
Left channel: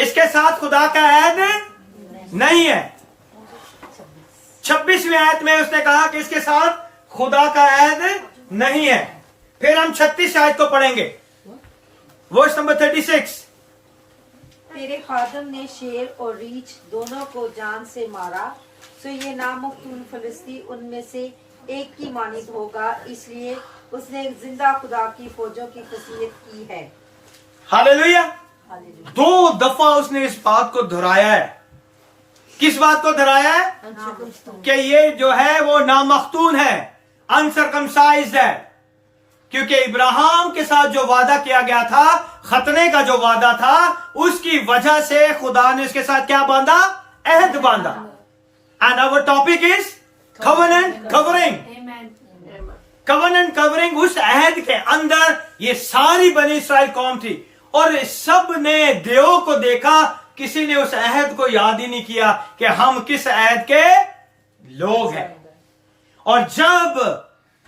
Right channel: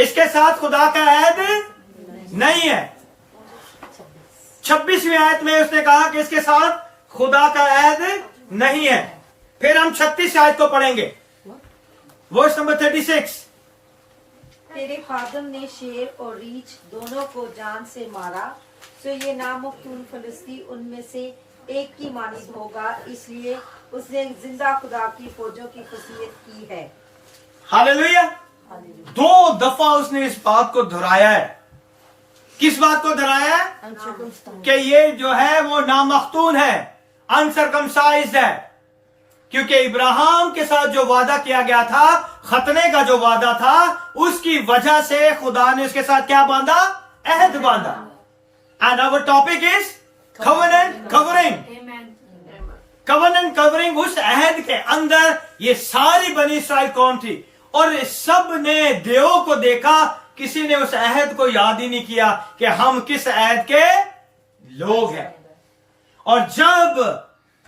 इसके साथ खुदा का अहद नहीं है। 26वीं आयत में उसने कहा कि इसके साथ खुदा का अहद नहीं है। फिर हम 36 आयत को पढ़ेंगे, वर्स नंबर 36। तेरे खादम ने शेर और रीछ दोनों को जान से मारा, तो ये नामख्तून फलस्ती उनमें से एक की मानिद होगा, इसलिए उसने एक जिंदा खुदा की फौजों की फसीयत की है। हालेलुया। 2 दफा उसने इस बात को दोहराया है। किस बात को दोहराया है? कि ये जो है वो नामख्तून है, अनसर्कमसाइज्ड है। क्योंकि इब्राहिम के साथ जो वादा किया गया था, खतने का जो वादा था, उसकी वजह से खुदा ने उसके साथ क्या बांधा? अहद बांधा। And our topic is covenant covering. Covenant covering. उस अहद के अंदर ये सारी बनी इस्राइल कौम थी और सब ने देवों को देखा। किसी ने उस अहद को याद ही नहीं किया कि हम किस अहद के लोग हैं। और जब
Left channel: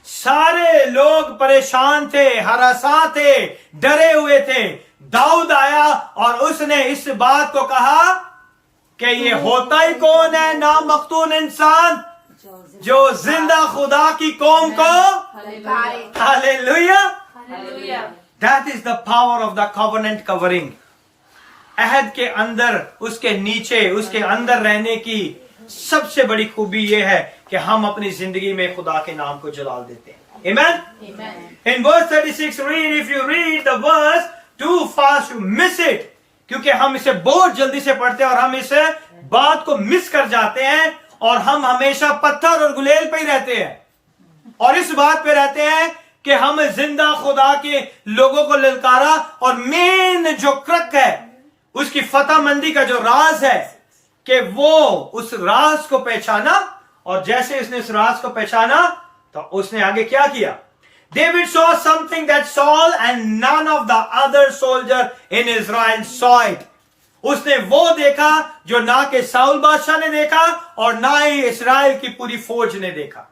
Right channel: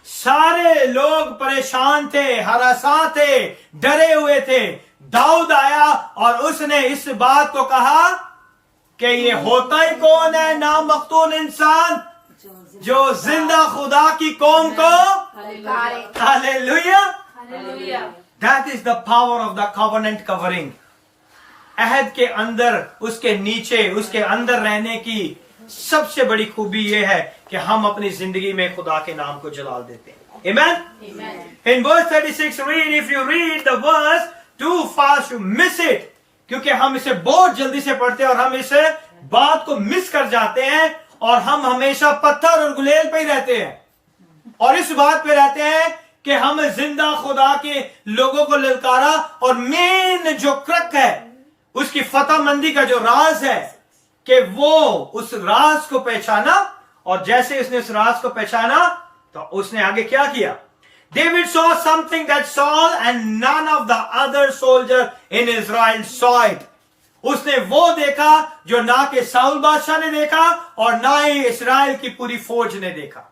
सारे लोग परेशान थे, हरासा थे, डरे हुए थे, दाऊद आया और उसने इस बात को कहा कि ये होता ही कौन है? नामख्तून इंसान जो जिंदा खुदा की कौम को hallelujah. That is the power of the covenant covering. अहद के अंदर, उसके नीचे, उसके अंदर रहने की सबसे बड़ी खूबी यह है कि हम अपनी जिंदगी में खुदा के नाम को जलाल देते हैं। Amen? In verse 36, read, if you read the verse too fast you miss it, क्योंकि हम इसे बहुत जल्दी से पढ़ते हैं और हम इस बात को मिस कर जाते हैं और हम हमेशा पत्थर और गुलेल पे ही रहते हैं और इस बात पे रहते हैं कि हम जिंदा खुदा के लोगों को ललकारा। और मेन जो क्रक है, उसकी फतहमंदी का जो राज है कि वो उस राज को पहचाना, और जैसे उसने उस राज को पहचाना तो उसने आगे क्या किया? David saw something that Saul and none of the other soldier in Israel saw it. उसने वो देखा जो ना के साउल बादशाह ने देखा और ना ही इस्राएल की पूरी फौज ने देखा।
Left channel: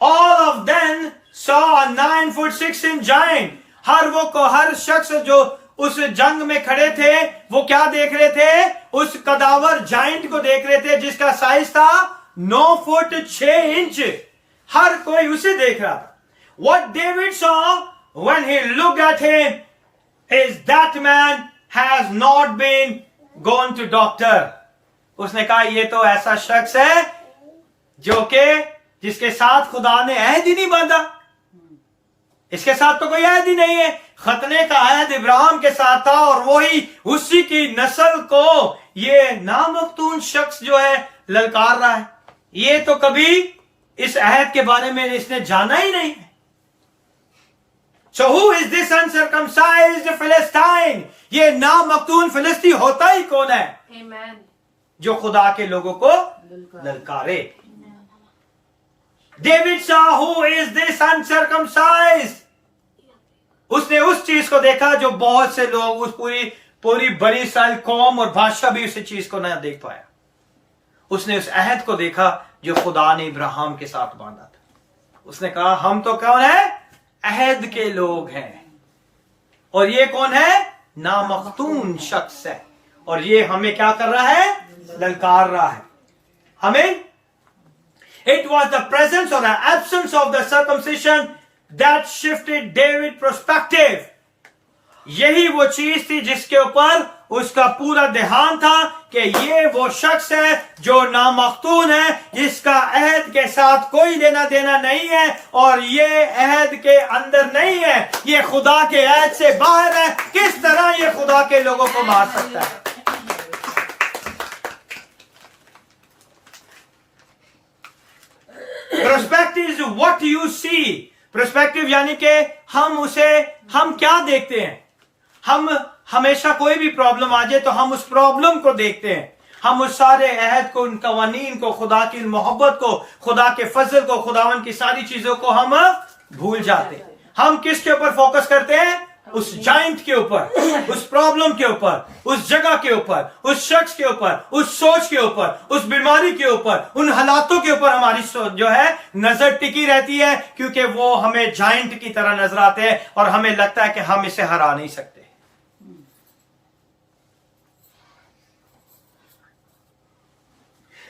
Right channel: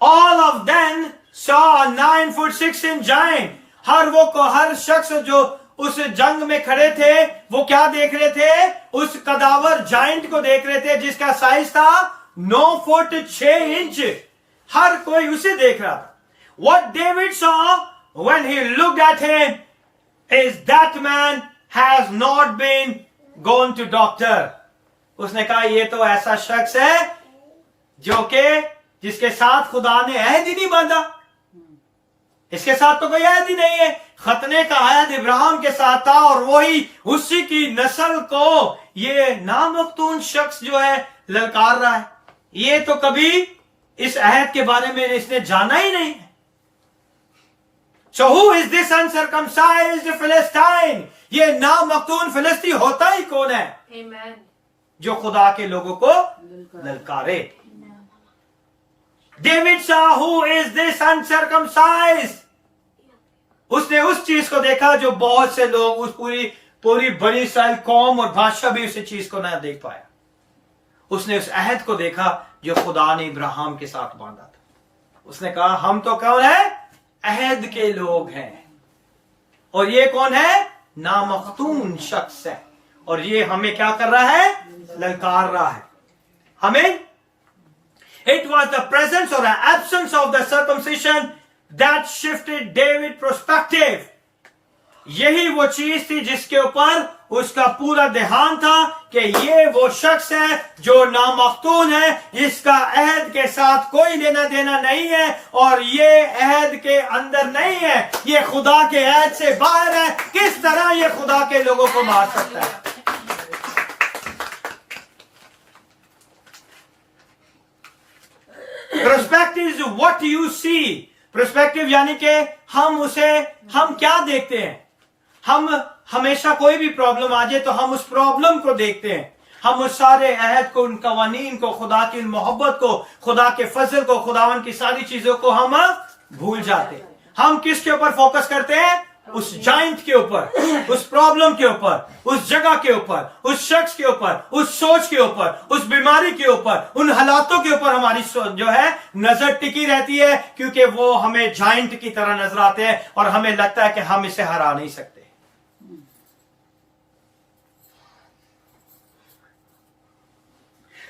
All of them saw a 9'6" giant. हर शख्स जो उस जंग में खड़े थे वो क्या देख रहे थे? उस कदावर जाइंट को देख रहे थे जिसका साइज था 9 फुट 6 इंच। हर कोई उसे देख रहा था। What David saw when he looked at him is that man has not been gone to doctor. उसने कहा ये तो ऐसा शख्स है जो कि जिसके साथ खुदा ने अहद ही नहीं बांधा, इसके साथ तो कोई अहद ही नहीं है। खतने का अहद इब्राहिम के साथ था और वही उसी की नस्ल को ये नामख्तून शख्स जो है ललकार रहा है। ये तो कभी इस अहद के बारे में इसने जाना ही नहीं है। So who is this uncircumcised Philistine? ये नामख्तून फिलिस्ती होता ही कौन है? Amen. जो खुदा के लोगों को ललकारे। David saw who is this uncircumcised? उसने उस चीज को देखा जो बहुत से लोग, उस पूरी बड़ी इस्राएल कौम और बादशाह भी उस चीज को ना देख पाया। उसने उस अहद को देखा जो खुदा ने इब्राहिम के साथ बांधा था। उसने कहा हम तो कौन है? अहद के लोग हैं। और ये कौन है? नामख्तून शख्स है। और ये हमें क्या कर रहा है? ललकार रहा है हमें। It was the presence or the absence of the circumcision that shifted David's perspective. यही वो चीज थी जिसके ऊपर उसका पूरा ध्यान था कि ये वो शख्स है जो नामख्तून है, जिसका अहद के साथ कोई लेना देना नहीं है और ये अहद के अंदर नहीं है, ये खुदा के अहद से बाहर है। किस तरह ये खुदा के लोगों को मार सकता है? Perspective is what you see. Perspective यानी कि हम क्या देखते हैं। हम हमेशा कोई भी प्रॉब्लम आ जाए तो हम उस प्रॉब्लम को देखते हैं, हम उस सारे अहद को, उन कवानीन को, खुदा की मोहब्बत को, खुदा के फजल को, खुदावन की सारी चीजों को हम भूल जाते हैं। हम किसके ऊपर फोकस करते हैं? उस जाइंट के ऊपर, उस प्रॉब्लम के ऊपर, उस जगह के ऊपर, उस शख्स के ऊपर, उस सोच के ऊपर, उस बीमारी के ऊपर, उन हालातों के ऊपर हमारी सोच जो है नजर टिकी रहती है, क्योंकि वो हमें जाइंट की तरह नजर आते हैं और हमें लगता है कि हम इसे हरा नहीं सकते।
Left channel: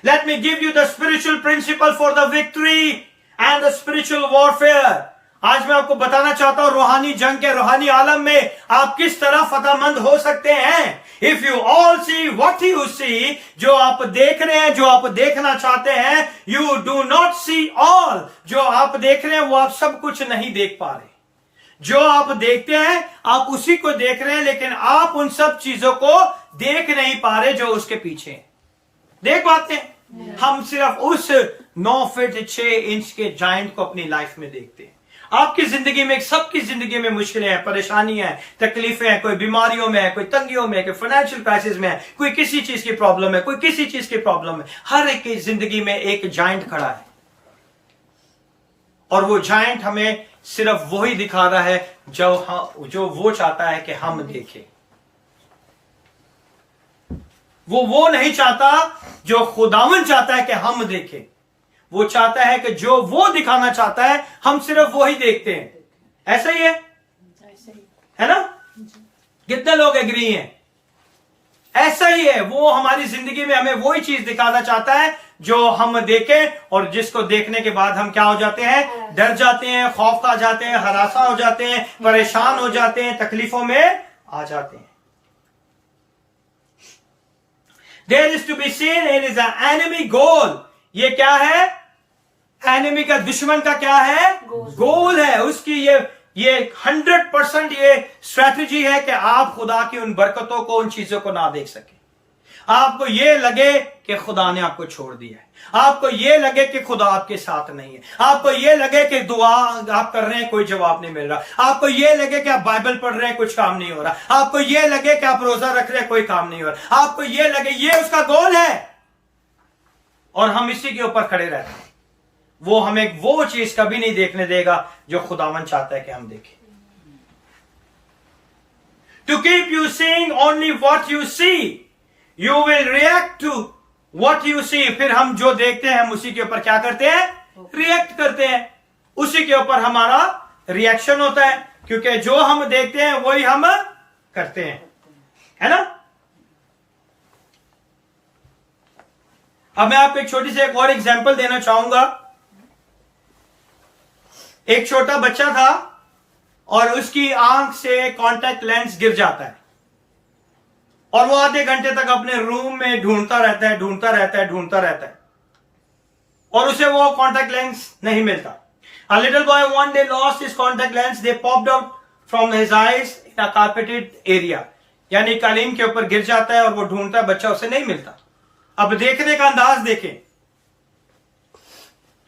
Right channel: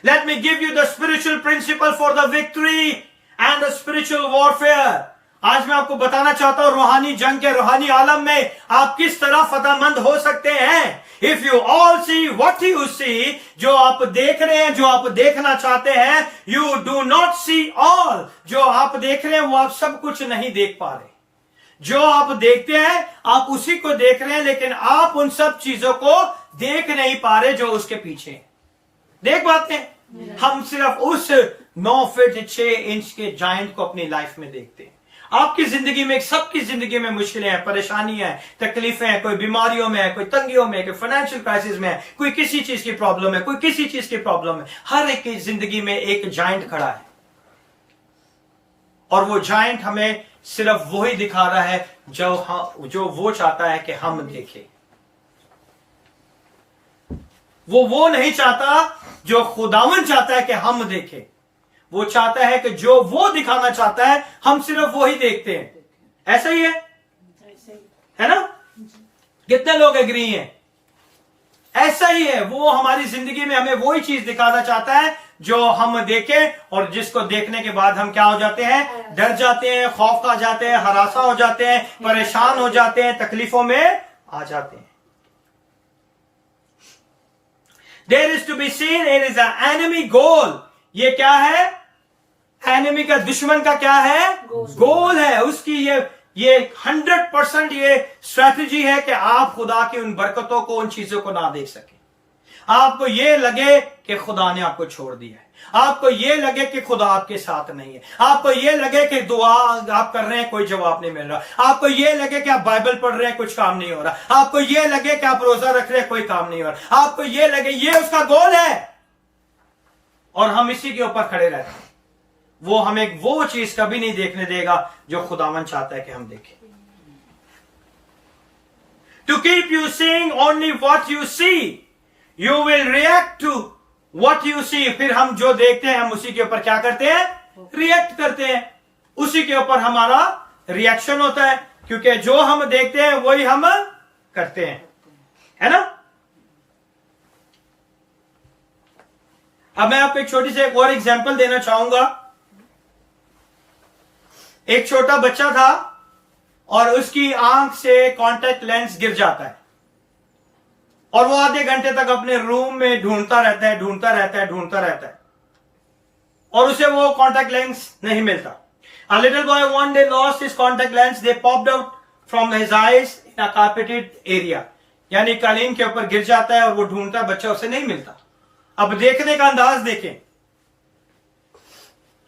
Let me give you the spiritual principle for the victory and the spiritual warfare. आज मैं आपको बताना चाहता हूं रूहानी जंग के रूहानी आलम में आप किस तरह फतहमंद हो सकते हैं। If you all see what you see, जो आप देख रहे हैं, जो आप देखना चाहते हैं, you do not see all, जो आप देख रहे हैं वो आप सब कुछ नहीं देख पा रहे। जो आप देखते हैं आप उसी को देख रहे हैं, लेकिन आप उन सब चीजों को देख नहीं पा रहे जो उसके पीछे हैं। देख पाते हैं? हम सिर्फ उस 9 फीट 6 इंच के जाइंट को अपनी लाइफ में देखते हैं। आपकी जिंदगी में, सबकी जिंदगी में मुश्किलें हैं, परेशानी है, तकलीफें हैं, कोई बीमारियों में है, कोई तंगियों में है, कोई फाइनेंशियल क्राइसिस में है, कोई किसी चीज की प्रॉब्लम है, कोई किसी चीज की प्रॉब्लम है। हर एक की जिंदगी में एक जाइंट खड़ा है और वो जाइंट हमें सिर्फ वही दिखा रहा है जो वो चाहता है कि हम देखें। वो नहीं चाहता जो खुदावन चाहता है कि हम देखें। वो चाहता है कि जो वो दिखाना चाहता है हम सिर्फ वो ही देखते हैं। ऐसा ही है ना? कितने लोग एग्री हैं? ऐसा ही है। वो हमारी जिंदगी में हमें वही चीज दिखाना चाहता है जो हम देखें, और जिसको देखने के बाद हम क्या हो जाते हैं? डर जाते हैं, खौफ खा जाते हैं, हरासा हो जाते हैं, परेशान हो जाते हैं, तकलीफों में आ जाते हैं। There is to be seen, it is an enemy goal. ये क्या है? एनिमी का, दुश्मन का क्या है? गोल है उसकी। ये 100% ये स्ट्रेटजी है कि आप खुदा की उन बरकतों को, उन चीजों को ना देख सके। आपको ये लगे कि खुदा ने आपको छोड़ दिया है, आपको ये लगे कि खुदा आपके साथ नहीं है, आपको ये लगे कि दुआ आप कर रहे हैं कोई जवाब नहीं मिल रहा, आपको ये लगे कि आप बाइबल पढ़ रहे हैं कुछ काम नहीं हो रहा, आपको ये लगे कि आप रोजा रख रहे हैं कोई काम नहीं हो रहा, आपको ये लगे, ये उसका गोल है और हम इसी के ऊपर खड़े रहते हैं। वो हमें वो चीज कभी नहीं देखने देगा जो खुदावन चाहता है कि हम देखें। To keep you seeing only what you see, you will react to what you see. फिर हम जो देखते हैं हम उसी के ऊपर क्या करते हैं? रिएक्ट करते हैं। उसी के ऊपर हमारा रिएक्शन होता है, क्योंकि जो हम देखते हैं वही हम करते हैं, है ना? अब मैं आपको एक छोटी सी एक और एग्जांपल देना चाहूंगा। एक छोटा बच्चा था और उसकी आंख से कांटेक्ट लेंस गिर जाता है और वो आधे घंटे तक अपने रूम में ढूंढता रहता है और उसे वो कांटेक्ट लेंस नहीं मिलता. A little boy one day lost his contact lens. They popped out from his eyes in a carpeted area. यानी कालीन के ऊपर गिर जाता है और वो ढूंढता है, बच्चा उसे नहीं मिलता. अब देखने का अंदाज देखें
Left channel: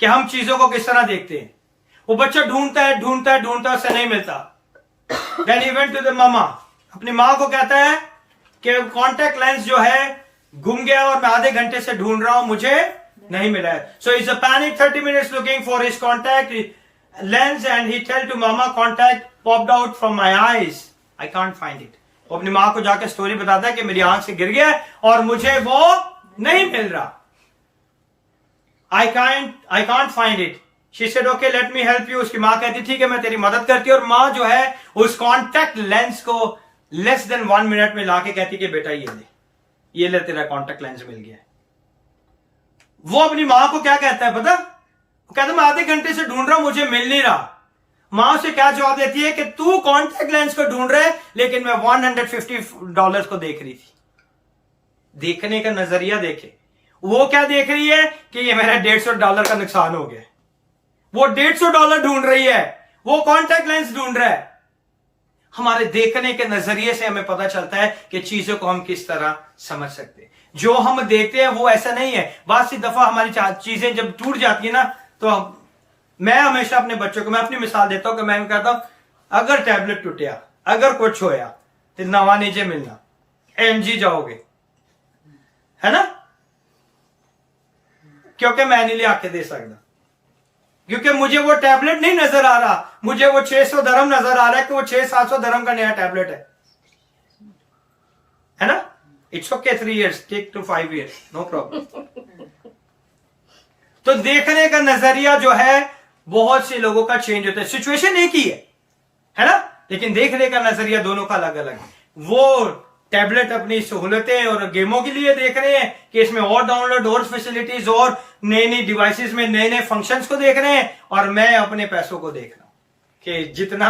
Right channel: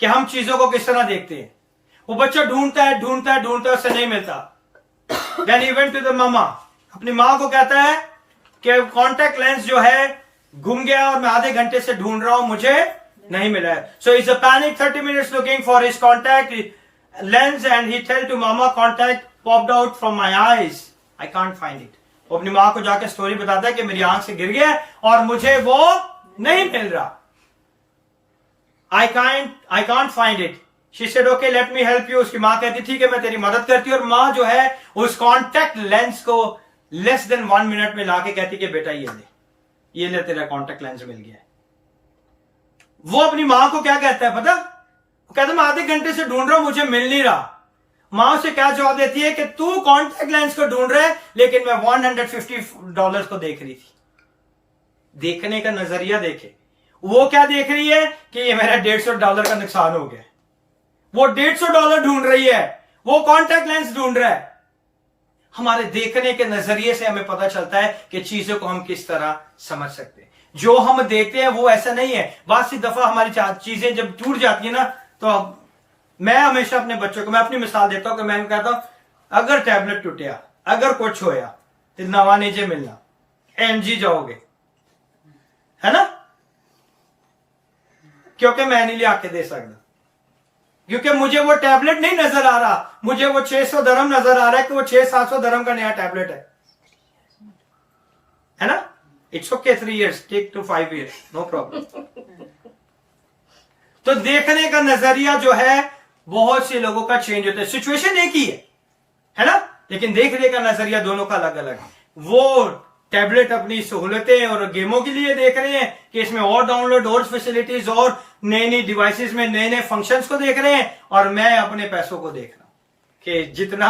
कि हम चीजों को किस तरह देखते हैं. वो बच्चा ढूंढता है, उसे नहीं मिलता. Then he went to the mama. अपनी मां को कहता है कि कॉन्टेक्ट लेंस जो है गुम गया और मैं आधे घंटे से ढूंढ रहा हूं, मुझे नहीं मिला है. So he's a panic 30 minutes looking for his contact lens and he tell to mama contact popped out from my eyes. I can't find it. वो अपनी मां को जाकर स्टोरी बताता है कि मेरी आंख से गिर गया और मुझे वो नहीं मिल रहा. I can't find it. She said okay let me help you. उसकी मां कहती थी कि मैं तेरी मदद करती हूं और मां जो है उस कॉन्टेक्ट लेंस को लेस देन 1 मिनट में लाके कहती कि बेटा ये ले तेरा कॉन्टेक्ट लेंस मिल गया. वो अपनी मां को क्या कहता है पता? वो कहता है मैं आधे घंटे से ढूंढ रहा हूं, मुझे मिल नहीं रहा. मां उसे क्या जवाब देती है कि तू कॉन्टेक्ट लेंस को ढूंढ रहा है लेकिन मैं $150 को देख रही थी. देखने का नजरिया देखे. वो क्या देख रही है कि ये मेरा $150 का नुकसान हो गया. वो $150 ढूंढ रही है, वो कॉन्टेक्ट लेंस ढूंढ रहा है. हमारे देखने के नजरिए से हमें पता चलता है कि चीजों को हम किस तरह समझ सकते हैं. जो हम देखते हैं वो ऐसा नहीं है. बहुत सी दफा हमारी चीजें जब टूट जाती है ना, तो मैं हमेशा अपने बच्चों को मैं अपनी मिसाल देता हूं कि मैं कहता हूं अगर टैबलेट टूटिया, अगर कुछ होया तो नवा नीचे मिलना, एनजी जाओगे, है ना, क्योंकि मैं नहीं ले आके दे सकता, क्योंकि मुझे वो टैबलेट नहीं नजर आ रहा, मुझे वो 600 दरम नजर आ रहा है कि वो 600-700 दरम का नया टैबलेट है ना. It's okay 3 years, take to 5 years, no problem. तो देखने का नजरिया जो है बहुत से लोगों का चेंज होता है. सिचुएशन एक ही है ना, लेकिन देखने का नजरिया दोनों का अलग अलग है. वो टैबलेट अपनी सहूलतें और गेमों के लिए देख रहे हैं कि इसमें और डाउनलोड और फैसिलिटीज और नई डिवाइसेस में नए फंक्शंस को देख रहे हैं, और मैं अपने पैसों को देख रहा हूं कि जितना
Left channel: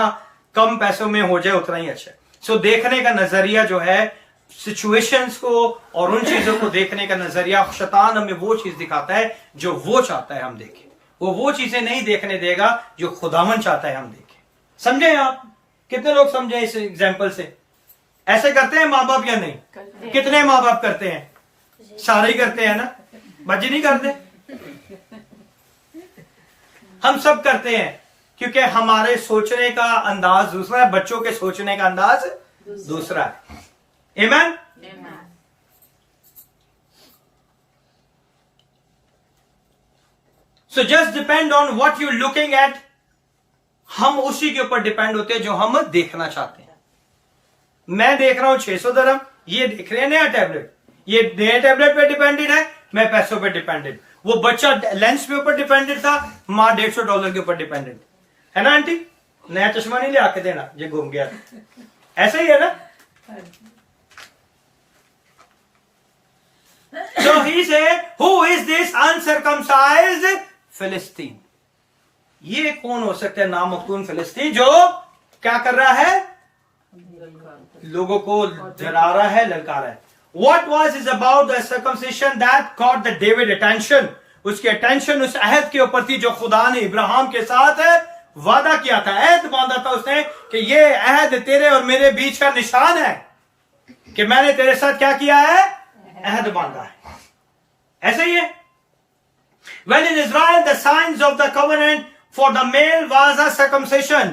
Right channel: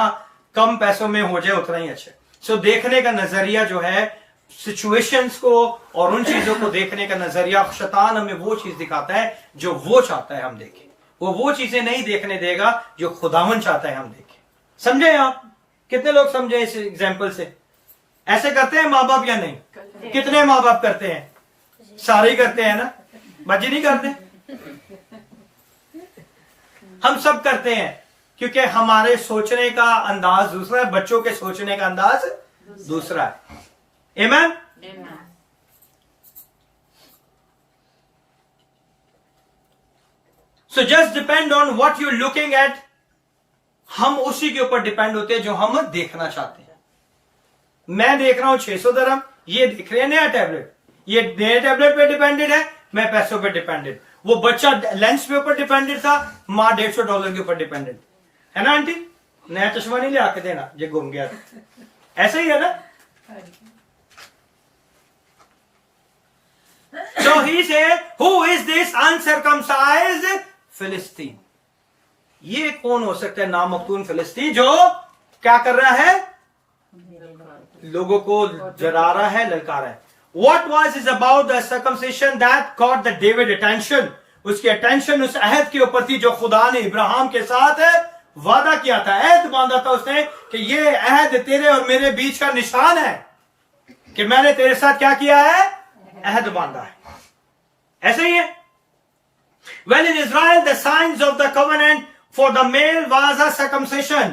कम पैसों में हो जाए उतना ही अच्छा है. सो देखने का नजरिया जो है, सिचुएशंस को और उन चीजों को देखने का नजरिया, शैतान हमें वो चीज दिखाता है जो वो चाहता है हम देखें. वो चीजें नहीं देखने देगा जो खुदावन चाहता है हम देखें. समझे आप? कितने लोग समझे इस एग्जाम्पल से? ऐसे करते हैं माँ बाप या नहीं? कितने माँ बाप करते हैं? सारे ही करते हैं ना, बच्चे नहीं करते. हम सब करते हैं क्योंकि हमारे सोचने का अंदाज दूसरा है, बच्चों के सोचने का अंदाज दूसरा है. Amen? So just depend on what you're looking at. हम उसी के ऊपर डिपेंड होते हैं जो हम देखना चाहते हैं. मैं देख रहा हूं 600 दरम, ये देख रहे हैं नया टैबलेट, ये नए टैबलेट पे डिपेंडेड है, मैं पैसों पे डिपेंडेड. वो बच्चा लेंस पे ऊपर डिपेंडेड था, मां $150 के ऊपर डिपेंडेड है ना. आंटी नया चश्मा नहीं ले आके देना ये घूम गया. ऐसा ही है ना. So he said, who is this uncircumcised Philistine? ये कौन हो सकता है नामख्तून फिलिस्ती जो क्या कर रहा है? लोगों को जला रहा है, ललका रहा है. What was it about the circumcision that caught the David attention? उसकी अटेंशन उस अहद के ऊपर थी जो खुदा ने इब्राहिम के साथ वादा किया था, अहद बांधा था उसने कि ये अहद तेरे और मेरे बीच का निशान है कि मैंने तेरे साथ क्या किया है? अहद बांधा है. ऐसा ही है. Well, in Israel, the signs of the covenant for the male was a circumcision.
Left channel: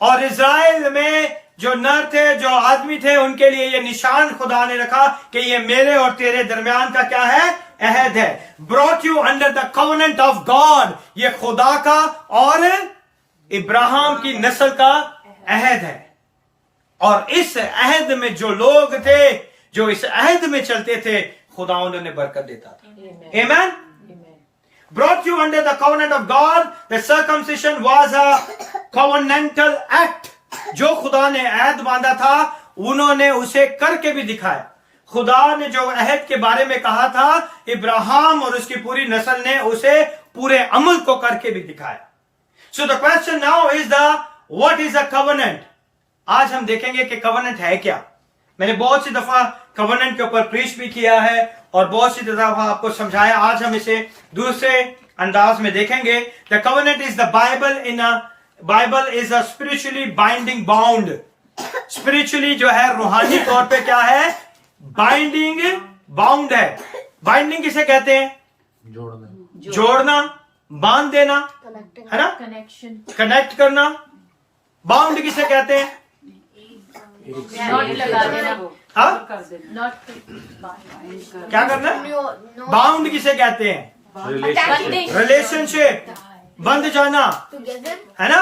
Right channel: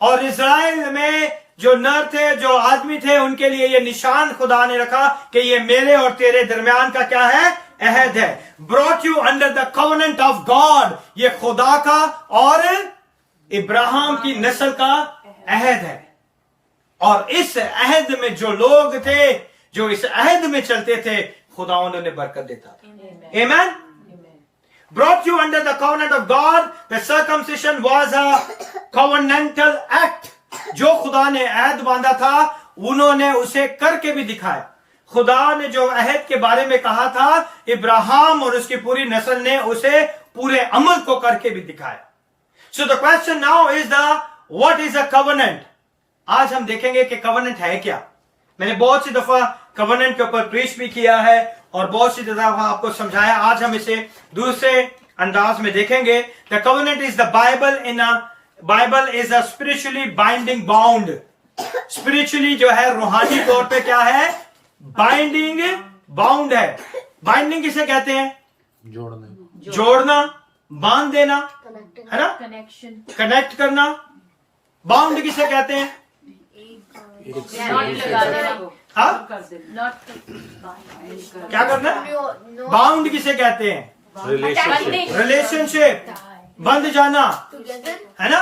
और इज़राइल में जो नर थे, जो आदमी थे, उनके लिए ये निशान खुदा ने रखा कि ये मेरे और तेरे दरमियान का क्या है? अहद है. Brought you under the covenant of God. ये खुदा का और इब्राहिम की नस्ल का अहद है. और इस अहद में जो लोग थे, जो इस अहद में चलते थे, खुदा उन्हें बरकत देता था. Amen? Brought you under the covenant of God. The circumcision was a covenantal act. जो खुदा ने अहद बांधा था, उन्होंने उसे करके भी दिखाया. खुदा ने जो अहद के बारे में कहा था, इब्राहिम और उसकी पूरी नस्ल ने उसे पूरे अमल को करके भी दिखाया. So the question now is the what is a covenant. आज हम देखेंगे कि कवनेंट है क्या। मैंने बहुत सी दफा कवनेंट के ऊपर प्रीच भी किया है और बहुत सी दफा आपको समझाया। आज हम इसे दूसरे अंदाज में देखेंगे। The covenant is the Bible is a spiritually binding bound. Spiritually जो है रूहानी तौर पे क्या है, बाइंडिंग बाउंड है। बाइंडिंग किसे कहते हैं? जोड़ना, बांध देना, है ना, कनेक्ट करना। बाउंड किसे कहते हैं? हाँ, क्या करना? बाउंड किसे कहते हैं? रिलेशनशिप, बंध जाना, है ना,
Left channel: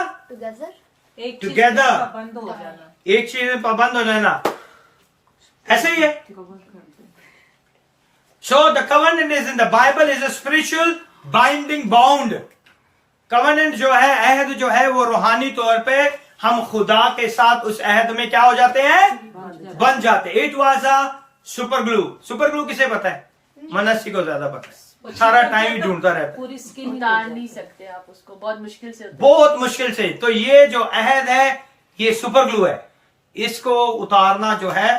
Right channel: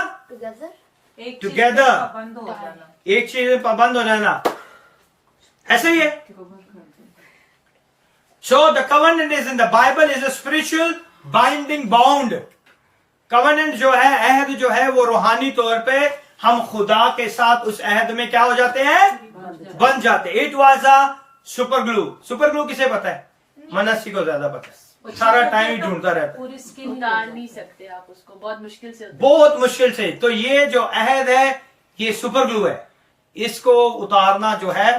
टुगेदर, बंद हो जाना। एक चीज में पाबंद हो जाना, ऐसे ही है। So the covenant is in the Bible is a spiritual binding bound. Covenant जो है, अहद जो है, वो रूहानी तौर पे हम खुदा के साथ उस अहद में क्या हो जाते हैं? बन जाते। It was a super glue. Super glue किसे पता है? मनस्सी को ज्यादा पता है, सारा टाइम ही ढूंढता रहता है। पूरी स्किन उतार नहीं सकते आप उसको, बहुत मुश्किल से बहुत मुश्किल से। तो ये जो अहद है ये सुपर ग्लू है, इसको उतारना जो है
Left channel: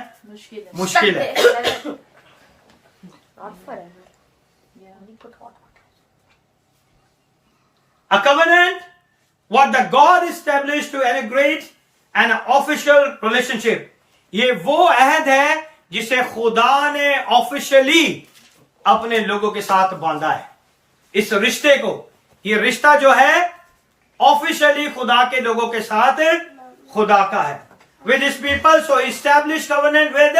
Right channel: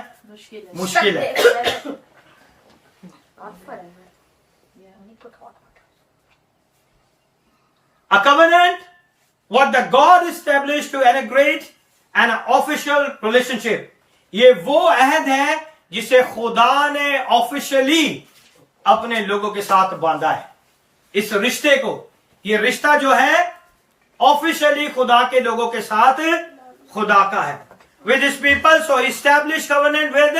मुश्किल है। A covenant, what the God established to integrate an official relationship. ये वो अहद है जिसे खुदा ने ऑफिशियली अपने लोगों के साथ बांधा है। इस रिश्ते को, ये रिश्ता जो है ऑफिशियली खुदा के लोगों के साथ खुदा का है। With his people, so established covenant with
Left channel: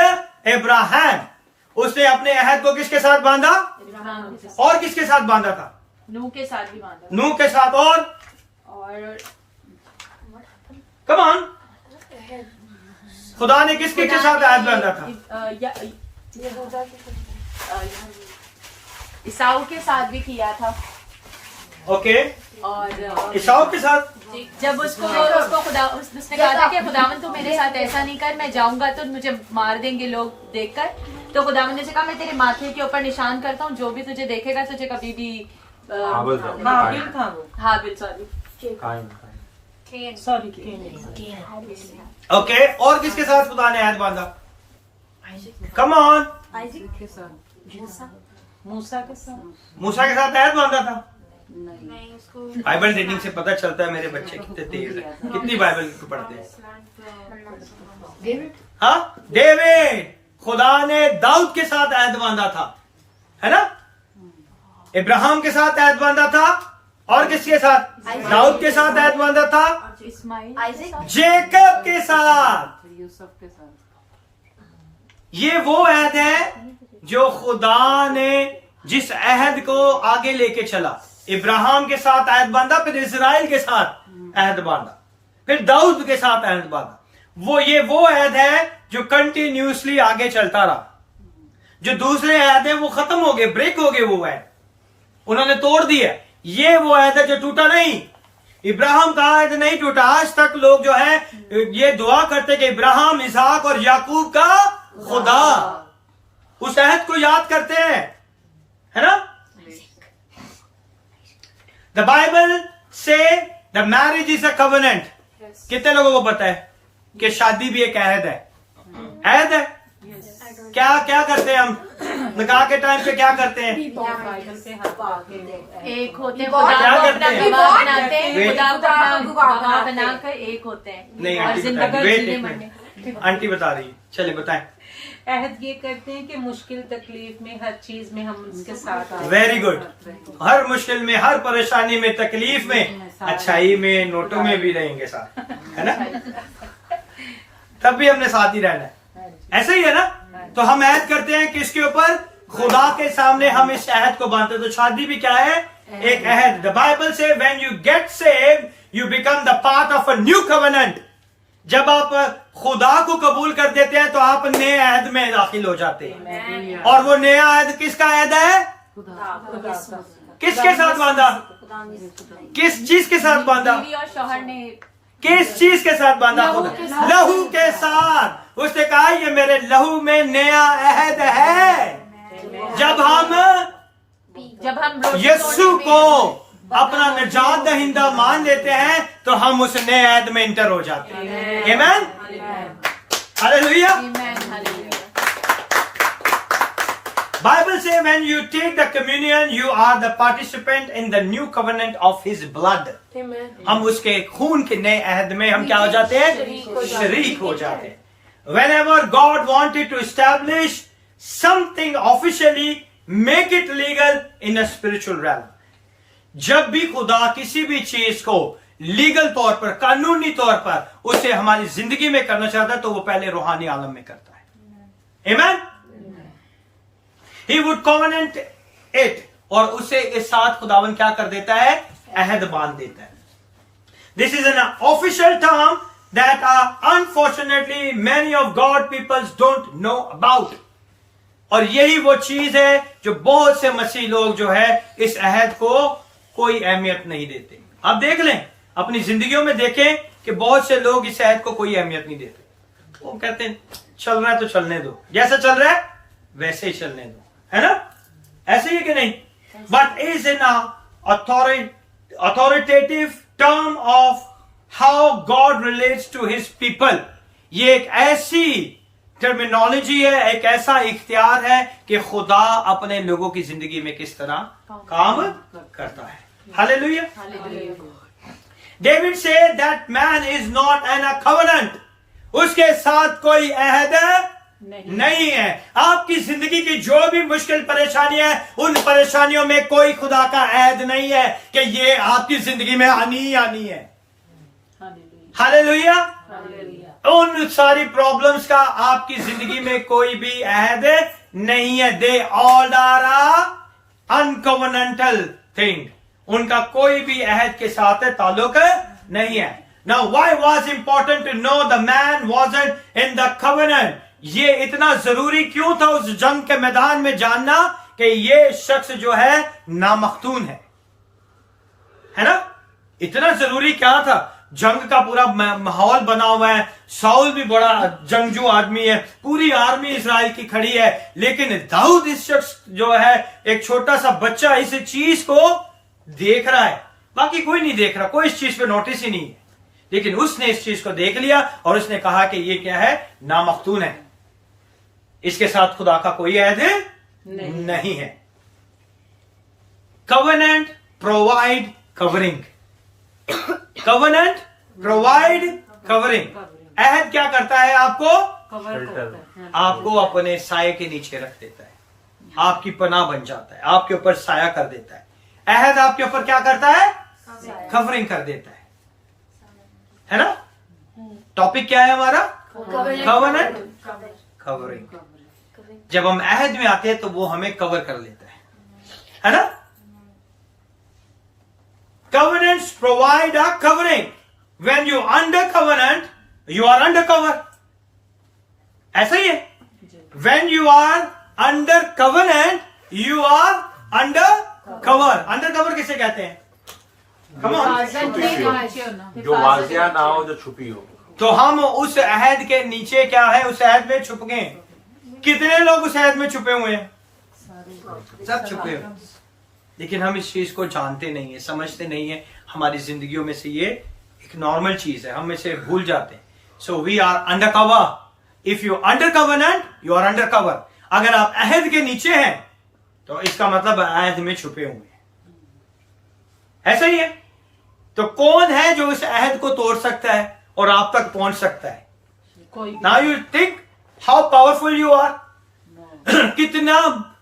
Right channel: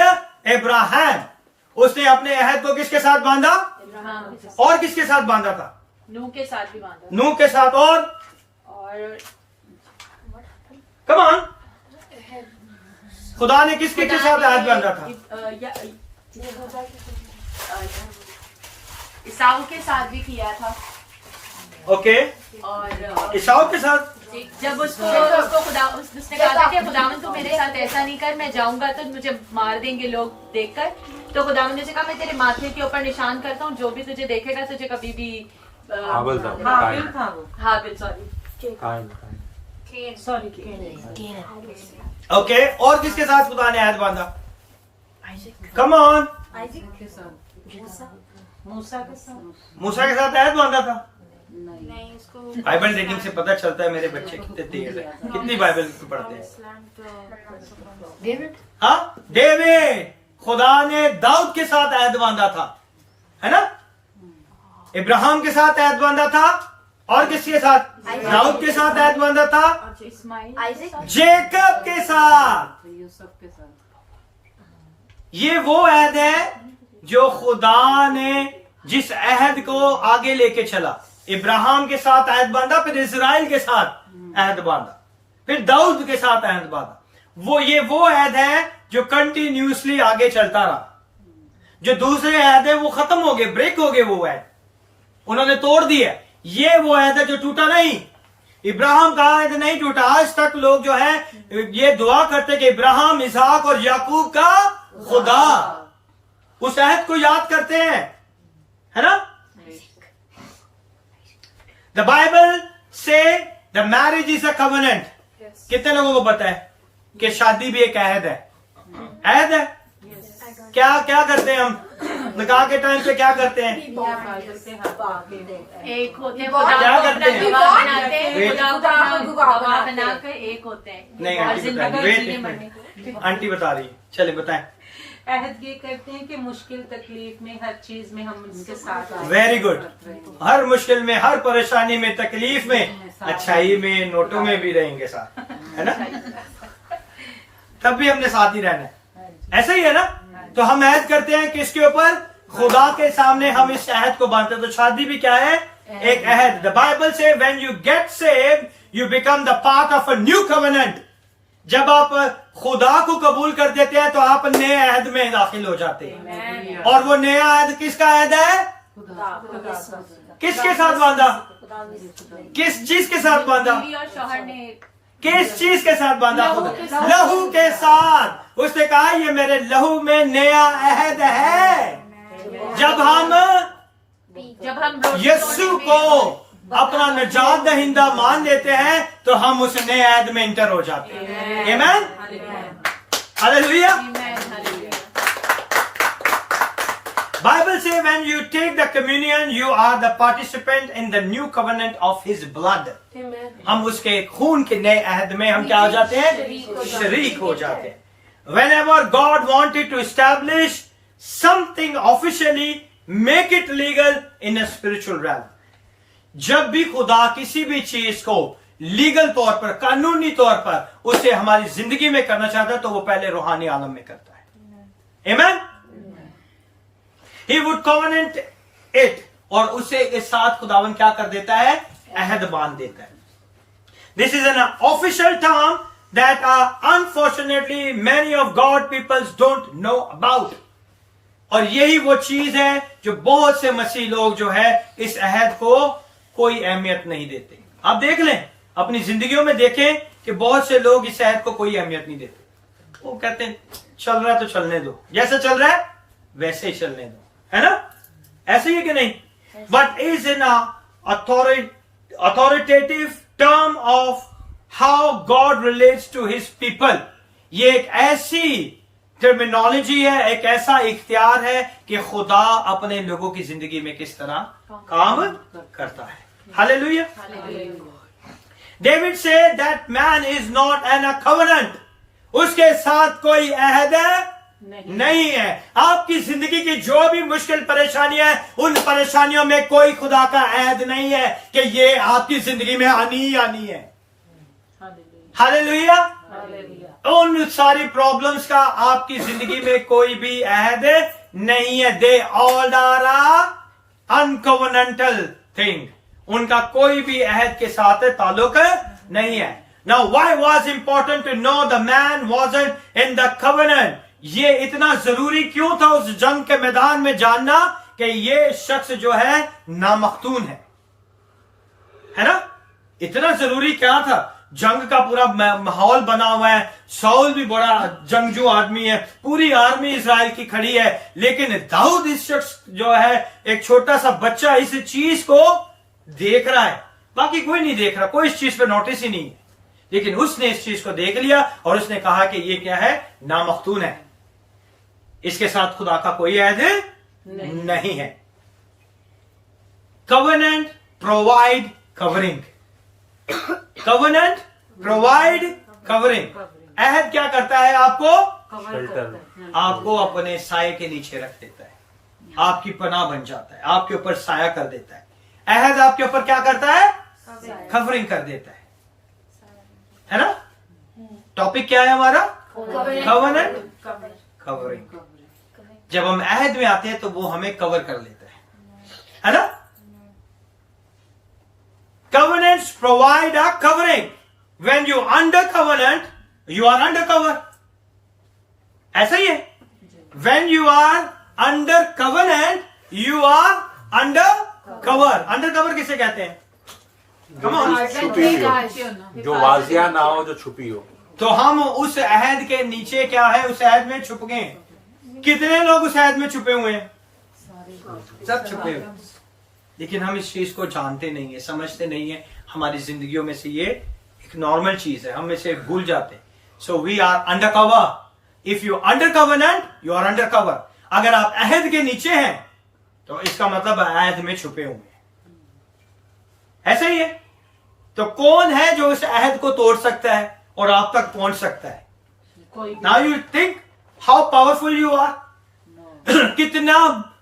Abraham. उसने अपने अहद को किसके साथ बांधा? और किसके साथ बांधा था? नूह के साथ भी बांधा। नूह के साथ और कम ऑन, खुदा ने किसके के साथ अहद बांधा था? ईसाऊ के साथ भी किया था। ओके, और ईसाऊ के साथ जब उसको खुदा, उसने कहा था कि खुदावन तू मेरे साथ ऐसा नहीं कर, मैं जाऊंगा तो मुझे मार देंगे लोग देखकर। तो खुदावन ने कहा मैं तेरे माथे के ऊपर निशान करता हूँ, जो भी तुझे देखेगा तुझे कभी भी हाबिल था वो। हाबिल, सॉरी ओके। और किसके साथ खुदा ने अहद बांधा? कम ऑन, मूसा के साथ। मूसा के साथ अहद बांधा था। बाइबल रीडिंग से पता चलता है मेरे बच्चे कितने तेज है, कितनी बाइबल को पढ़ते हैं। हाँ, डेविड, खुदा ने दाऊद के साथ अहद बांधा था, है ना। इब्राहिम के साथ अहद बांधा था, और किसके साथ? दाऊद के साथ अहद बांधा था, जेकब के साथ। ये वो अहद है जो खुदा ने जिस अहद को आगे लेके चला। इब्राहिम के साथ अहद बांधा, फिर इजराइल के साथ अहद बांधा, फिर दाऊद के साथ अहद बांधा। वो अहद है जो कंटिन्यूसली आगे चलता रहा। जो दूसरे अहद है वो खत्म हो गए, ब्रेक हो गए, वो अहद उन्होंने तोड़ दिया। ये वो अहद है जो टूटा नहीं। इब्राहिम का अहद नहीं टूटा। आज तक लोग जो है ये दुआ करते कि इब्राहिम, इसहाक और याकूब का खुदा, उस अहद को याद करते हैं, है ना। द बाइबल से the marriage is a covenant. कितने लोगों को पता है कि शादी भी एक अहद है? अहद है। क्या क्या करते हैं हम निकाह के टाइम पे? क्या करते हैं? एक होते हैं, क्या करते हैं? गवाह बनाते हैं, Wait. खुदा को अपना गवाह बनाकर एक होते हैं। नहीं, और आंटी जिंदगी बता रही, वेट जीने एक मरने मिनट, आंटी बता रही है, चले बताएं। अहद ये करते हैं कि मुश्किल तकलीफ में हर चीज में हम उसके साथ हैं। Very good. हर मुश्किल में, हर परेशानी में, तकलीफ में, अच्छाई में, नोटों में भी रहेंगे साथ, है ना। तब भी हमने साथ ही रहना है, ऐसा ही है ना। तो हम अहद करते हैं किसके ऊपर? खुदा के सामने हम इस अहद को बांधते हैं। तो शादी भी क्या है? एक अहद। द बाइबल से when you get saved you become the part of a new covenant. जब आप खुदा को कबूल कर देते हैं तो आप नए अहद में दाखिल हो जाते हैं। और वो नया अहद किसका अहद है? किसके साथ बांधा? किस चीज के साथ बांधा? बीवी और शौहर ने किस चीज के साथ बांधा? खुदा, लहू के साथ। उसने कहा ये मेरे लहू में नया अहद है। जब हम रोटी यीशु तोड़ने को अपना निजात दहिंदा मान लेते हैं तो हम उस नए ऐद में इंटर हो जाते हैं। आमीन, hallelujah. Bible say when you take the communion, you are the participant in the new covenant of His blood. Amen. हम उसके खून के नए अहद में हम क्या हो जाते हैं? शरीक हो जाते हैं। Whenever God wanted to establish something officially, make it legal in a spiritual realm. जब भी खुदा किसी भी चीज को लीगल तौर पर, कानूनी तौर पर उसे हमारी जिंदगी में करना चाहता है तो वो पहले रूहानी आलम में करता है। Amen? He would covenant it, और उसे के साथ खुदावन क्या कर देता है? अहद बांध देता है। This is an official term that unfortunately many of God peoples don't know about. और यही वो चीज है जो बहुत से मसीह लोग जो है इस अहद को कोई अहमियत नहीं देते। आप देख लें, अपनी जिंदगियों में देखें कि बहुत से लोग इस अहद को कोई अहमियत नहीं देते। वो कहते हैं चल रहा है तो चलने दो, जैसा चल रहा है वैसे ही चलने दो, है ना? ऐसे ही कि नहीं? But is in authoritative term of how God relates to His people. ये एक ऐसी टर्मिनोलॉजी है, एक ऐसा इख्तियार है कि खुदा अपने लोगों की जिंदगी में किस तरह काम करता है। Hallelujah. David say that man is not an a covenant, उसके साथ कोई अहद नहीं है। आपकी जिंदगी की जो भी मुश्किल परेशानियां है, उन परेशानियों में कोई खुदा का अहद नहीं है कि ये आपकी जिंदगी में आनी ही आनी है। हालेलुया। उन सारी प्रॉब्लम्स का आपकी जिंदगी में कोई भी अहद नहीं है। दे ऑल आर अनकवेनेंटल थिंग, उनका कोई भी अहद के साथ ताल्लुक नहीं है। Now why was important to know the man wasn't in the covenant? ये इतना जरूरी क्यों था उस जंग के मैदान में जानना कि ये शख्स जो है नामख्तून है ना? इतना जरूरी क्या था? जंग का पूरा माहौल बना हुआ है, साउल भी बड़ा जंगजू आदमी है, पूरी आर्मी इजराइल की खड़ी है, लेकिन दाऊद इस शख्स जो है एक छोटा सा बच्चा इस चीज को देख रहा है, बाकी कोई नहीं देख रहा, कोई इस चीज पे नोटिस ही नहीं है, लेकिन उसने इस चीज को देख लिया और उसने कहा कि ये क्या है? नामख्तून है, इसके साथ खुदा का कोई अहद नहीं है। Covenant provide covering, covenant provide covering. अहद क्या करता है? आपको अपने साये के नीचे रख देता है, आपकी पनाह बन जाता है, आपके ऊपर साया कर देता है। अहद आपके ऊपर क्या करता है? कवरिंग कर देता है ना? टॉपिक क्या है हमारा? Covenant covering. जब हम अहद में आते हैं तो वो हमें कवर कर लेता है ना? Covenants provide a covering. When you under covenant, you are under cover. ऐसा ही है। When you are under covenant, you are under cover. Under cover किसे कहते हैं? Come on. जो वाजिया ना हो, जो छुपी हो। तो हम उस अहद के नीचे क्या है? उस अहद में छुप गए। कितने लोग उस अहद में छुपे हुए हैं? सब छुपे हुए, लेकिन हम इस चीज को जानते नहीं है, समझते नहीं है। हमारी जिंदगियों में से ये एक नॉर्मल चीज है, हम इसे भूल जाते हैं। So we are under cover. If you under covenant, you are under cover. अगर आप अहद के नीचे हैं तो इसका मतलब अहद में छुपे हुए हैं। ऐसा ही है। तो कौन है जो इस अहद को तोड़ सकता है और आप तक पहुंच सकता है? Now you think how powerful you are. कितना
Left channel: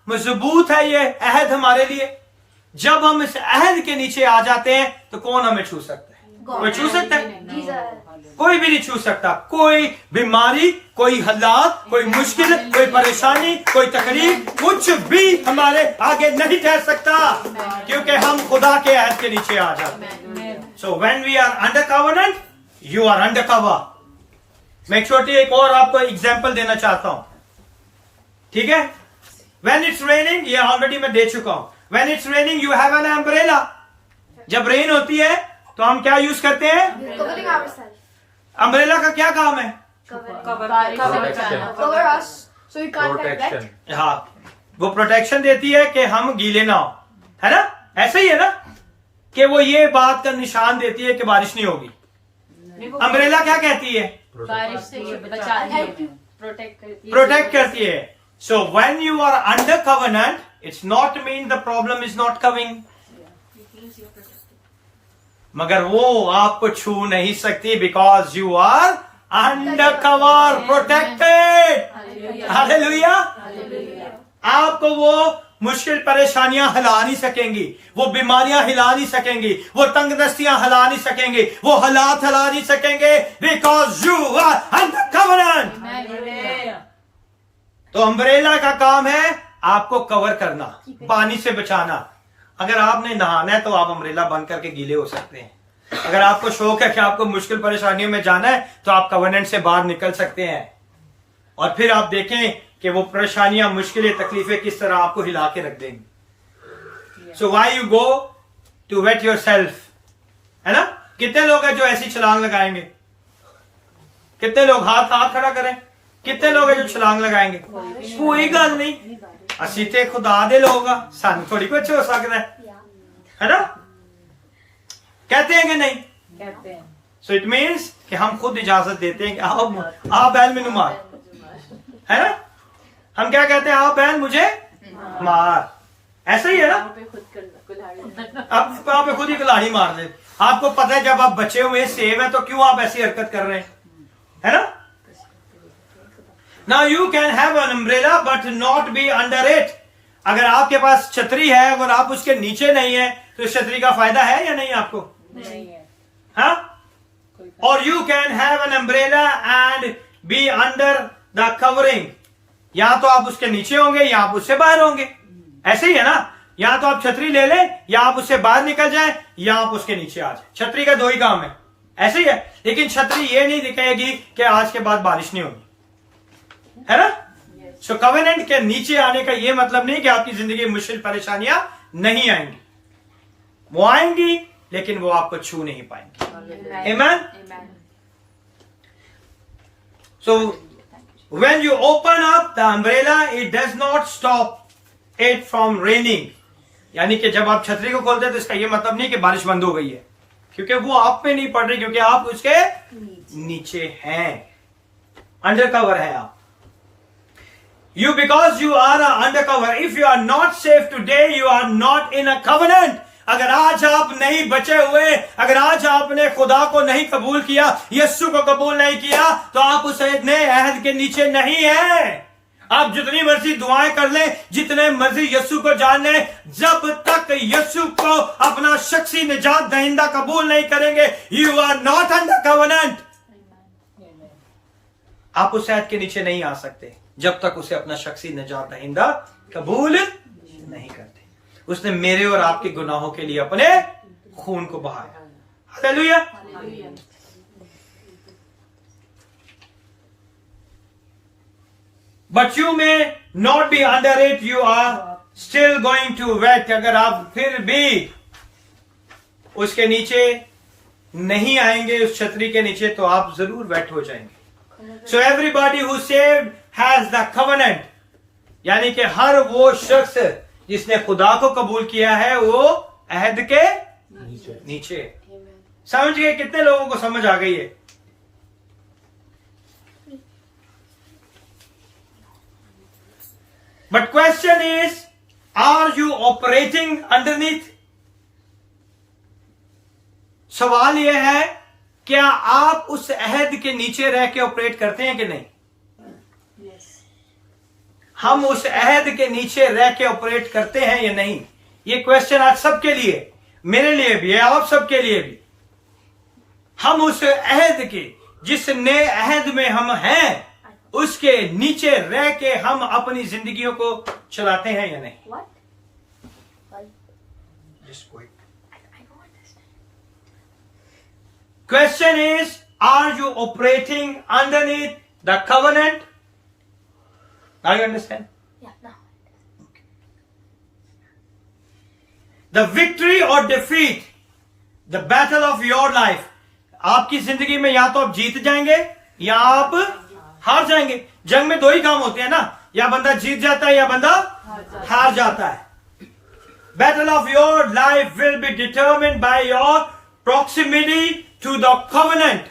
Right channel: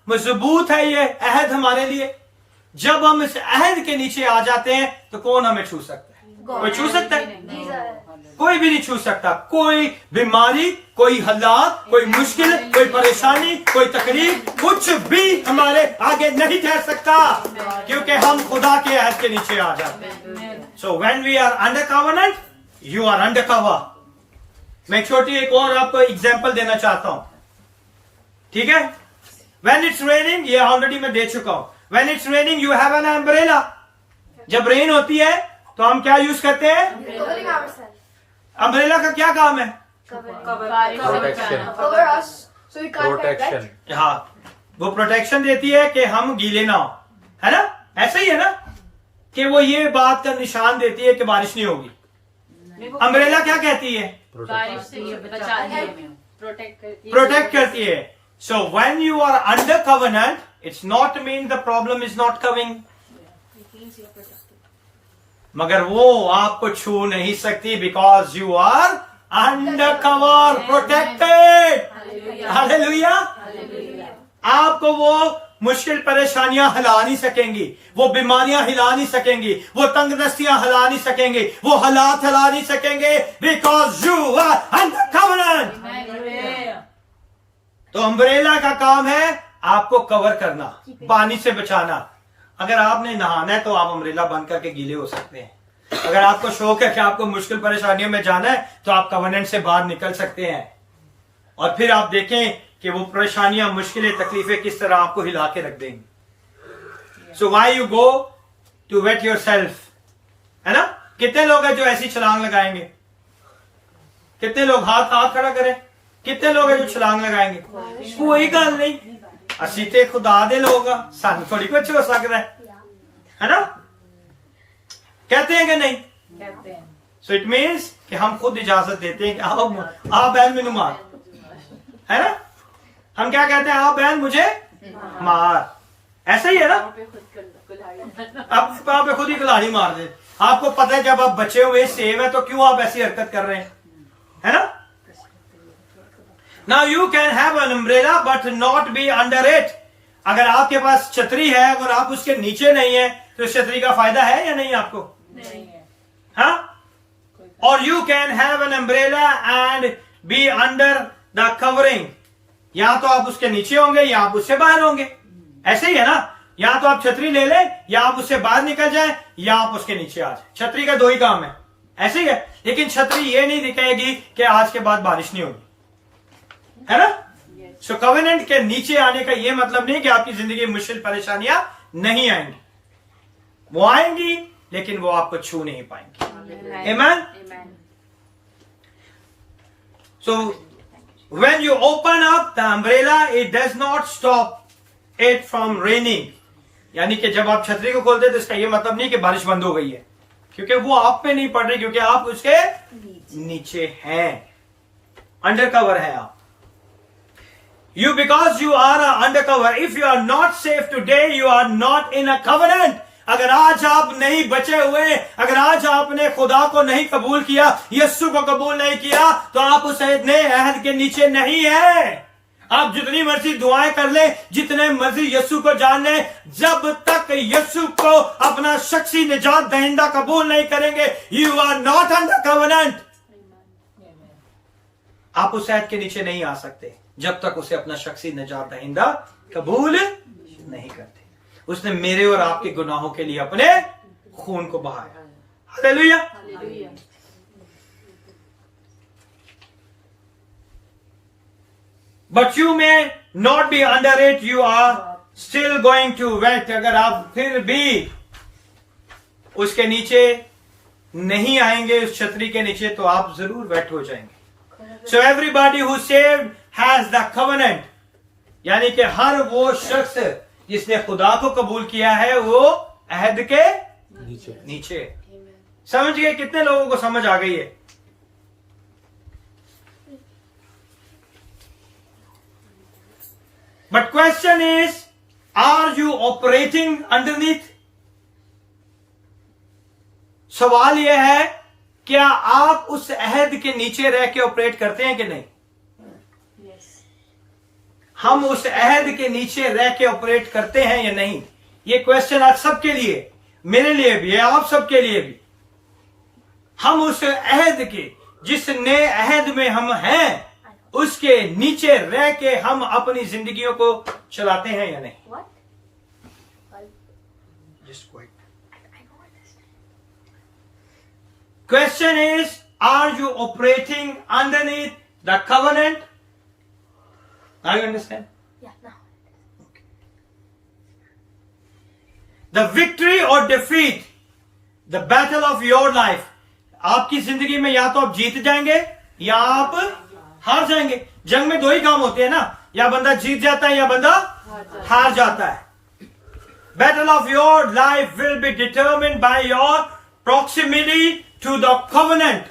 मजबूत है ये अहद हमारे लिए। जब हम इस अहद के नीचे आ जाते हैं तो कौन हमें छू सकता है? कोई छू सकता है? कोई भी नहीं छू सकता। कोई बीमारी, कोई हालात, कोई मुश्किल, कोई परेशानी, कोई तकलीफ, कुछ भी हमारे आगे नहीं ठहर सकता, क्योंकि हम खुदा के अहद के नीचे आ जाते हैं। So when we are under covenant, you are under cover. मैं छोटी एक और आपको एग्जाम्पल देना चाहता हूं, ठीक है? When it's raining, ये ऑलरेडी मैं दे चुका हूं। When it's raining, you have an umbrella. जब रेन होती है तो हम क्या यूज करते हैं? अम्ब्रेला का क्या काम है? प्रोटेक्शन। हाँ, वो प्रोटेक्शन देती है कि हम गीले ना हो, है ना? ऐसा ही है ना? कि वो ये बात का निशान देती है कि बारिश नहीं होगी। अम्ब्रेला क्या कहती है? बारिश से ये बचाती है हमें। प्रोटेक्ट करती है। So when you are under covenant, it's not mean the problem is not coming, मगर वो आपको छू नहीं सकती because you are under cover, protected. Hallelujah. आपको वो मुश्किल परेशानियां हिला नहीं सकेंगी, वो बीमारियां हिला नहीं सकेंगी, वो तंगदस्तियां हिला नहीं सकेंगी, वो हालात हिला नहीं सकेंगे, because you are under covenant. तो अम्ब्रेला का काम है आपको कवर करना, पानी से बचाना। अगर आपने नहाना है तो आप अम्ब्रेला बंद करके गीले हो सकते हैं। अगर आपको शौक है कि आपको मुश्किल परेशानियों में जाना है तो आप कवेनेंट से बाहर निकल सकते हैं, और फिर आप देखें कि वो परेशानियां, मुश्किलें, तकलीफें किस तरह आपको हिला के रख देंगी। So why you go to wait yourself, है ना? कितने लोग हैं जो ऐसी छलांग लगाएंगे? कितने लोग हाथ खड़ा करें? कितने लोग हैं जो छलांग लगाएंगे? कोई गल नहीं, असी ते खुदा दे लोग आ, सानू थोड़ी कुछ हो सकता है ना? कहते हैं कि नहीं? कहते हैं। सो इट मीन्स कि हम खुद इजाजत देते हैं कि आप बैल मैनू मार, है ना? हम क्या कहते हैं? आप बहन मुझे मार, ऐसा ही है ना? अब आप खुद ही कुल्हाड़ी मार दे। आपको पता है जब आप बचे हुए सेव है तो क्यों आप ऐसी हरकत कर रहे हैं, है ना? Now you can have an umbrella but not be under it. अगर आपके पास छतरी है, अगर आप उसके नीचे नहीं है तो इस छतरी का फायदा है या नहीं आपको? नहीं है। हाँ? और you can have an umbrella and be under the covering. या तो आप उसके नीचे होंगे या आप उससे बाहर होंगे, ऐसे ही है ना? या तो आप छतरी ले लें, या आप उससे बाहर निकल जाएं, या आप उसके नीचे आ जाए। छतरी का दो ही काम है, ऐसे ही है। लेकिन छतरी ये नहीं दिखाएगी कि आज के बाद बारिश नहीं होगी, है ना? सो कवेनेंट के नीचे आने का ये मतलब नहीं कि आपकी जिंदगी में मुश्किल परेशानियां नहीं आएंगी, वो आएंगी लेकिन वो आपको छू नहीं पाएंगी। आमीन। सो when you open up the umbrella, it does not stop it from raining. यानी कि जब आप छतरी को खोलते हैं तो इसका ये मतलब नहीं कि बारिश बंद हो गई है, क्योंकि वो आप पे नहीं पड़ रही, क्योंकि आप उसके नीचे हैं, अंडर कवर है आप। You, because you are under cover. If you are not safe today, you are not in a covenant. अगर आज आप नहीं बचे हुए, अगर आज आपने खुदा को नहीं कबूल किया, यीशु को कबूल नहीं किया, तो आप उस नए अहद के नीचे नहीं है। आप जितनी मर्जी दुआएं कर लें, जितने मर्जी यीशु को जान लें, जब तक यीशु को अपना शख्सी निजात दहिंदा कबूल नहीं करेंगे, you are not under covenant. आप उस अहद के नीचे नहीं आ सकते जब तक उसे अपना शख्सी निजात दहिंदा कबूल नहीं करते। उसने मेरे और आपके गुनाहों के लिए अपने खून को बहाया। Hallelujah. But you may not be under it, you are still going to wait. अगर आप फिर भी उसके नीचे नहीं आएंगे, उस छतरी के नीचे, तो आप जरूर वेट हो जाएंगे। So everybody who saved has the covenant, यानी कि हर वो शख्स जिसने खुदा को कबूल किया है वो अहद के नीचे। समझ गए? कितने लोगों को समझ आ गई है? But question is, are you operating underneath? सवाल यह है, क्या आप उस अहद के नीचे रह के ऑपरेट करते हैं कि नहीं? हम उस अहद के नीचे रह के ऑपरेट करते हैं या नहीं? ये क्वेश्चन आज सबके लिए, मेरे लिए भी है, आप सबके लिए भी। हम उस अहद के, जिस नए अहद में हम हैं, उसके नीचे रह के हम अपनी जिंदगियों को चलाते हैं या नहीं? Question is, are you operating underneath the covenant? Now you understand? Yeah, no. Okay. The victory or defeat, the battle of your life. आपकी जिंदगी में या तो आप जीत जाएंगे या आप हार जाएंगे। जंग में दो ही काम होते हैं ना, या बंदा जीत जाता है या बंदा हार जाता है। battle of your life will be determined by your proximity to the covenant.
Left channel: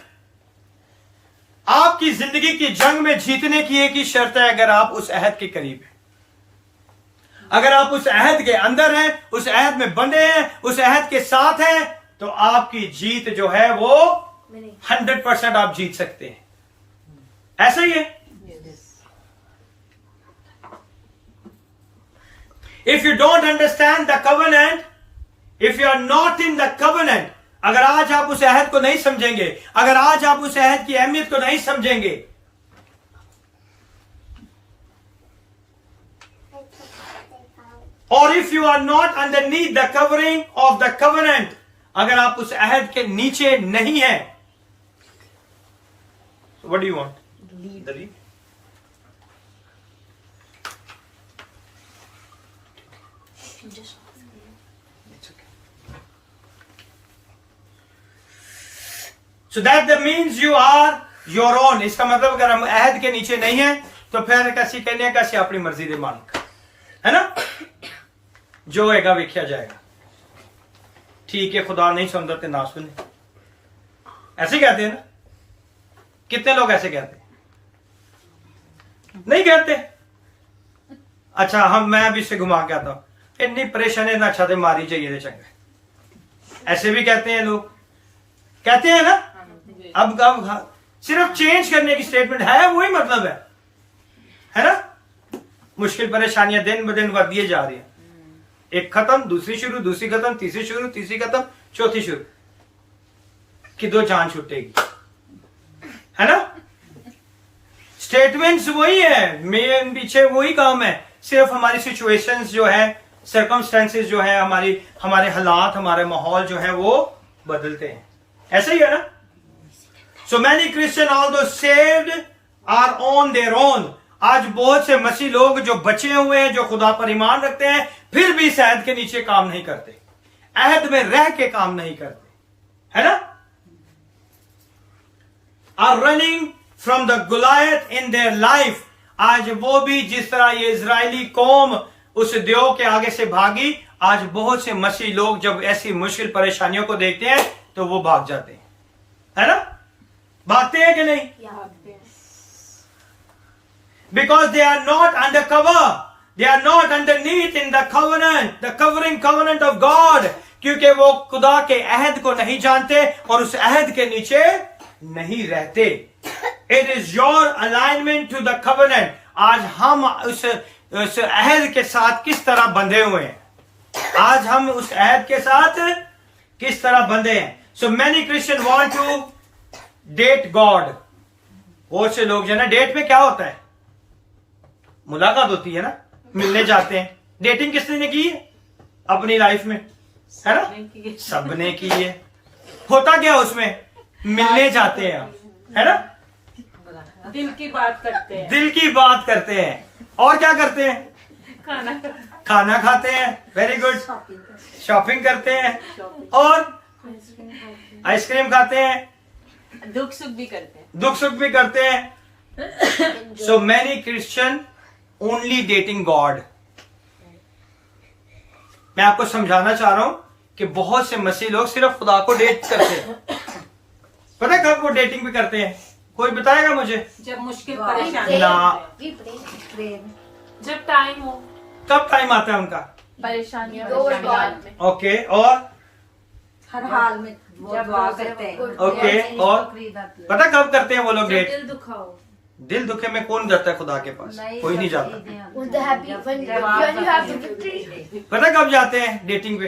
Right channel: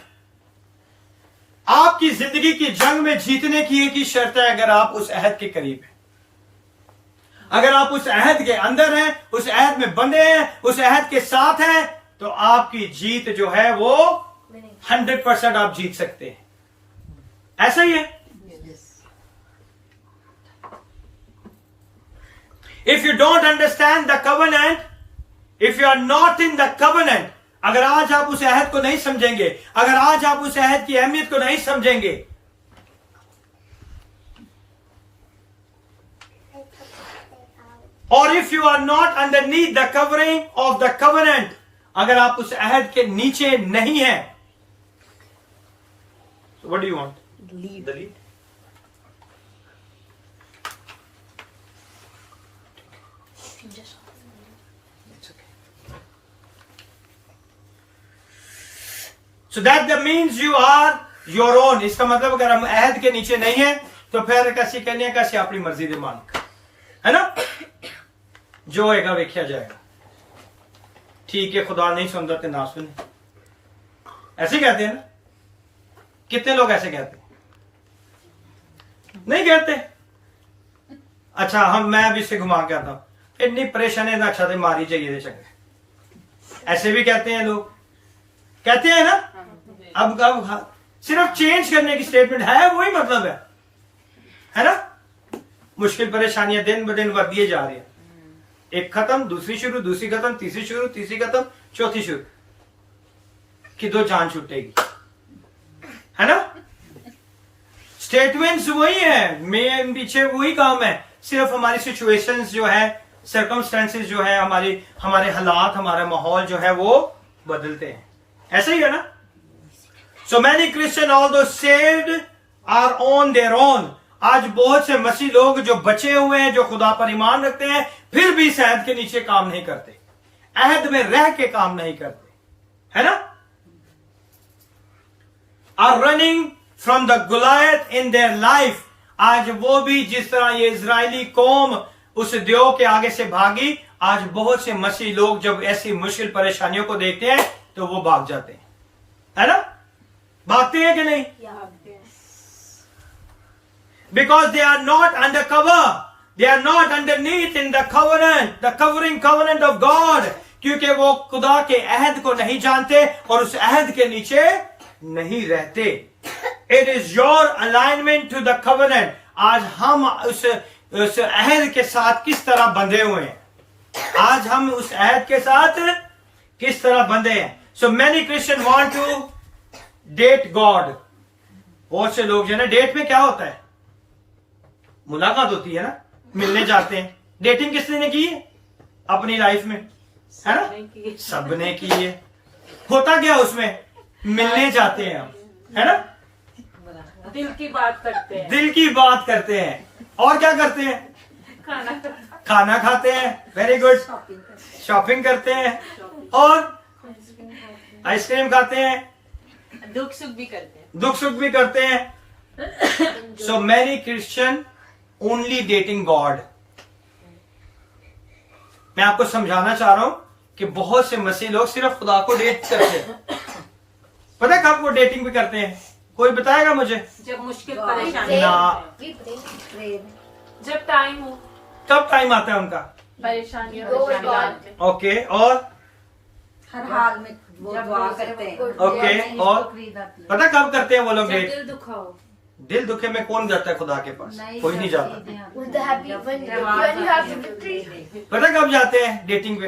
आपकी जिंदगी की जंग में जीतने की एक ही शर्त है, अगर आप उस अहद के करीब हैं, अगर आप उस अहद के अंदर हैं, उस अहद में बंधे हैं, उस अहद के साथ हैं, तो आपकी जीत जो है वो 100% आप जीत सकते हैं. ऐसा ही है. If you don't understand the covenant, if you are not in the covenant, अगर आज आप उस अहद को नहीं समझेंगे, अगर आज आप उस अहद की अहमियत को नहीं समझेंगे, और if you are not underneath the covering of the covenant, अगर आप उस अहद के नीचे नहीं हैं, what do you want? The lead. It's okay. So that means you are your own. इसका मतलब अगर हम अहद के नीचे नहीं हैं, तो फिर कैसी कहने कैसे अपनी मर्जी दे मालिक, है ना? जो होएगा वेख्या जाएगा. ठीक है, खुदा नहीं सुनता तो ना सुने, ऐसे कहते हैं ना? कितने लोग ऐसे कहते हैं? नहीं कहते. अच्छा, मैं अभी से घुमा के आता हूं, इतनी परेशानी ना अच्छा थे मारी चाहिए चंगे, ऐसे भी कहते हैं लोग, कहते हैं ना? अब सिर्फ चेंज करने की स्टेटमेंट है, वही मतलब है ना? मुश्किल परेशानियां दिन ब दिन बढ़ती जा रही है, एक खत्म, दूसरी शुरू, दूसरी खत्म, तीसरी शुरू, तीसरी खत्म, चौथी शुरू, कि दो जान छूटेगी, है ना? स्टेटमेंट्स वही है, मेन पीछे वही काम है, सिर्फ हमारी सिचुएशंस जो है, सर्कमस्टेंसेस जो है, हमारे हालात, हमारा माहौल जो है वो बदलते हैं. ऐसा ही है ना? So many Christian although saved are on their own. आज बहुत से मसीह लोग जो बचे हुए हैं, जो खुदा पर ईमान रखते हैं, फिर भी इस अहद के नीचे काम नहीं करते, अहद में रह के काम नहीं करते, है ना? Are running from the Goliath in their life. आज वो भी जिस तरह ये इजरायली कौम उस देव के आगे से भागी, आज बहुत से मसीह लोग जब ऐसी मुश्किल परेशानियों को देखते हैं तो वो भाग जाते हैं, है ना? भागते हैं कि नहीं? Because they are not under cover, they are not underneath in the covenant, the covering covenant of God. क्योंकि वो खुदा के अहद को नहीं जानते और उस अहद के नीचे नहीं रहते. It is your alignment to the covenant. आज हम उस अहद के साथ किस तरह बंधे हुए हैं, आज हम उस अहद के साथ किस तरह बंधे हैं. So many Christians want to date God. बहुत से लोग जो है ना, डेट में क्या होता है? मुलाकात होती है ना, मिलने जाते हैं. डेटिंग किसने ने की है अपनी लाइफ में, है ना? सबने की है. होता क्या उसमें? मिलने जाते हैं, है ना? दिल की बात करते हैं, दिल की बात करते हैं. और क्या करते हैं? खाना खाते हैं. Very good. शॉपिंग करते हैं और आइसक्रीम खाते हैं, दुख सुख भी करते हैं. दुख सुख भी करते हैं. सो many Christian only dating God. मैं आपको समझाना चाह रहा हूं कि बहुत से मसीह लोग सिर्फ खुदा को डेट करते हैं. पता है कब वो डेटिंग भी करते हैं? कोई बताएगा मुझे? जब मुश्किल परेशानी ना. जब टाइम हो, कब टाइम आता है उनका? परेशानियां ओके. और हर हाल में वो दुआ करते हैं. ओके. और पता कब करते हैं वो लोग डेट? दिल दुखा हो. दिल दुखे में कौन जाता है खुदा के पास? कोई नहीं जाता. When you have the victory. पता कब जाते हैं डेटिंग पे?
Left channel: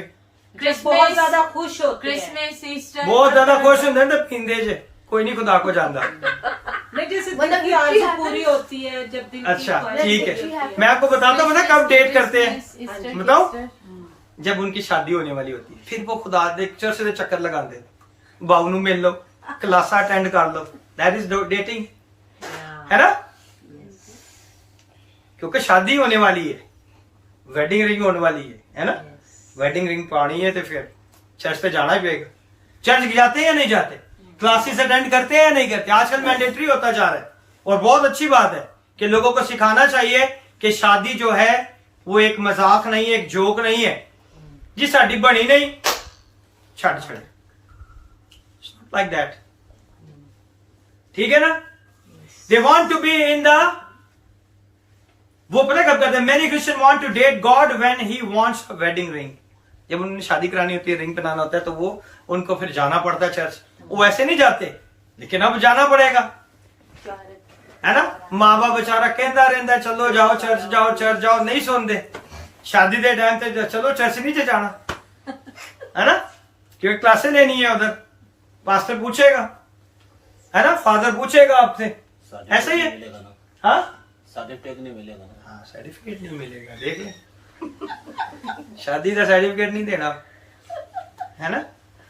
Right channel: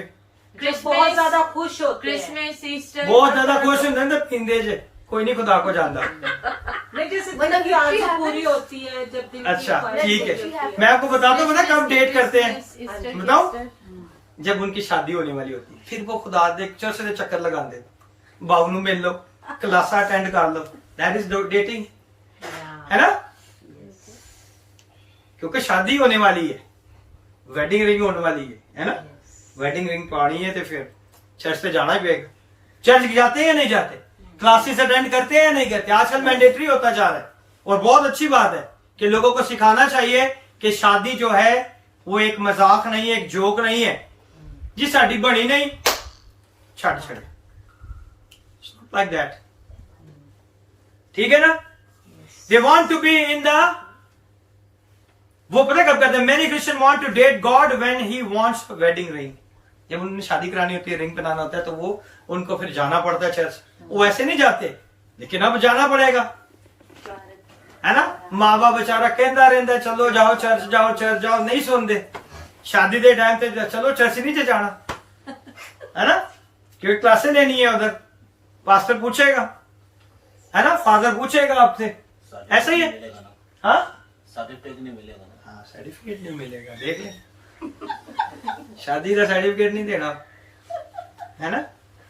बहुत ज्यादा खुश होते हैं. क्रिसमस, ईस्टर, बहुत ज्यादा खुश होते हैं. पिंदे जे कोई नहीं खुदा को जानता. नहीं, जैसे दिल की आरज़ू पूरी होती है, जब दिल की अच्छा, ख्वाहिश ठीक होती है. मैं आपको बताता हूँ, पता कब डेट करते हैं? बताऊं? जब उनकी शादी होने वाली होती है, फिर वो खुदा दे चर्च से चक्कर लगाते, बाऊ नू मिल लो, क्लासा अटेंड कर लो. दैट इज डेटिंग, है ना? क्योंकि शादी होने वाली है, वेडिंग रिंग होने वाली है ना? वेडिंग रिंग पानी है तो फिर चर्च पे जाना ही पड़ेगा. चर्च जाते हैं या नहीं जाते? क्लासेस अटेंड करते हैं या नहीं करते? आजकल मैंडेटरी होता जा रहा है और बहुत अच्छी बात है कि लोगों को सिखाना चाहिए कि शादी जो है वो एक मजाक नहीं है, एक जोक नहीं है. जी साड़ी बनी नहीं छड़ छड़े, लाइक दैट, ठीक है ना। They want to be in the, वो पता कब कहते हैं, many Christian want to date God when he wants a wedding ring. जब उन्हें शादी करानी होती है, रिंग पहनाना होता है, तो वो उनको फिर जाना पड़ता है चर्च। वो ऐसे नहीं जाते, लेकिन अब जाना पड़ेगा, है ना। माँ बाप बेचारा कहता रहता चलो जाओ चर्च जाओ चर्च जाओ, नहीं सुनते। शादी के टाइम पे चलो चर्च नहीं जाना, है ना, क्योंकि क्लासें लेनी है उधर, पास्टर पूछेगा, है ना, फादर पूछेगा आपसे, ऐसा ही है। हाँ सर्टिफिकेट नहीं मिलेगा ना। हाँ सर्टिफिकेट नहीं मिलेगा, देख ले शादी का सर्टिफिकेट नहीं देना, है ना।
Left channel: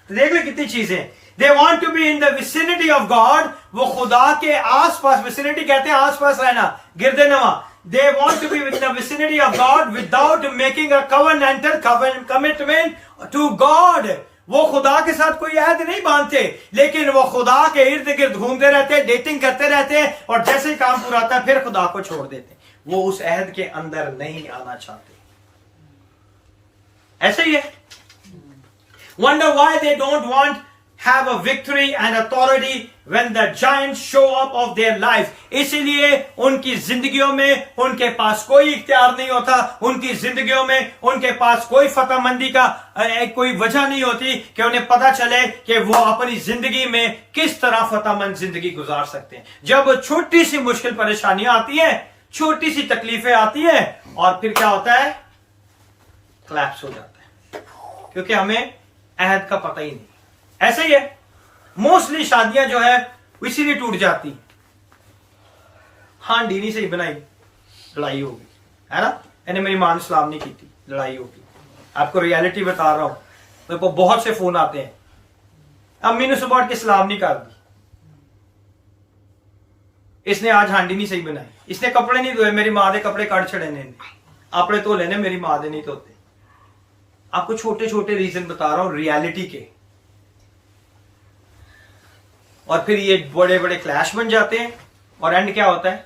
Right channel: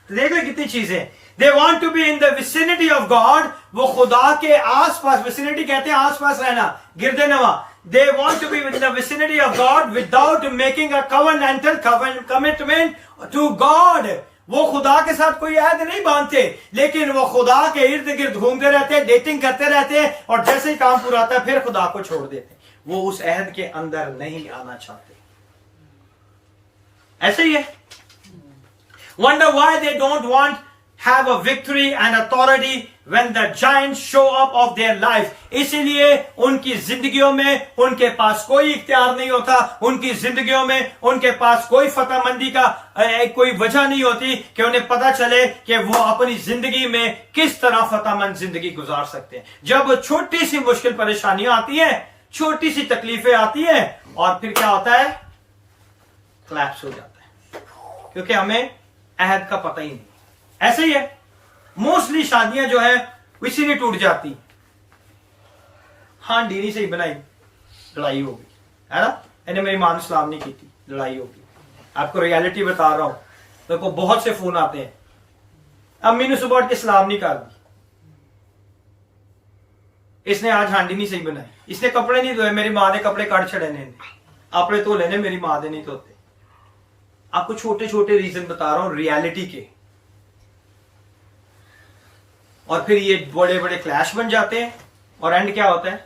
तो देख ले कितनी चीजें। They want to be in the vicinity of God, वो खुदा के आसपास, विसिनिटी कहते हैं आसपास रहना, गिरदे नवा। They want to be in the vicinity of God without making a covenantal commitment to God. वो खुदा के साथ कोई अहद नहीं बांधते, लेकिन वो खुदा के इर्द गिर्द घूमते रहते हैं, डेटिंग करते रहते हैं, और जैसे ही काम पूरा होता है फिर खुदा को छोड़ देते हैं। वो उस अहद के अंदर नहीं आना चाहते, ऐसे ही है। Wonder why they don't want have a victory and authority when the giants show up of their life. इसीलिए उनकी जिंदगियों में उनके पास कोई इख्तियार नहीं होता, उनकी जिंदगियों में उनके पास कोई फतहमंदी का कोई वजह नहीं होती कि उन्हें पता चले कि वो अपनी जिंदगी में किस तरह फतहमंद जिंदगी गुजार सकते हैं। जब छोटी सी मुश्किल परेशानियां आती हैं, छोटी सी तकलीफें आती हैं, और फिर क्या होता है, क्लैप्स हो जाता है, क्योंकि हमें अहद का पता ही नहीं। ऐसे ही है, मोस्टली शादियां जो है इसीलिए टूट जाती है। हांडी नहीं सही बनाई, लड़ाई हो गई, है ना। यानी मेरी मां ने सलाम नहीं की थी, लड़ाई हो गई। आपको रियलिटी बता रहा हूं, मेरे को बहुत से फोन आते हैं, अम्मी ने सुबह उठ के सलाम नहीं कर दी, इसने आज हांडी नहीं सही बनाई, इसने कपड़े नहीं धोए, मेरी मां ने कपड़े काट छड़े ने, अपने धो लेने, मेरी मां ने नहीं धोते। आपको छोटे छोटे रीजन बता रहा हूं रियलिटी के, और फिर ये बड़े बड़े क्लैश बन जाते हैं, और एंड क्या होता है,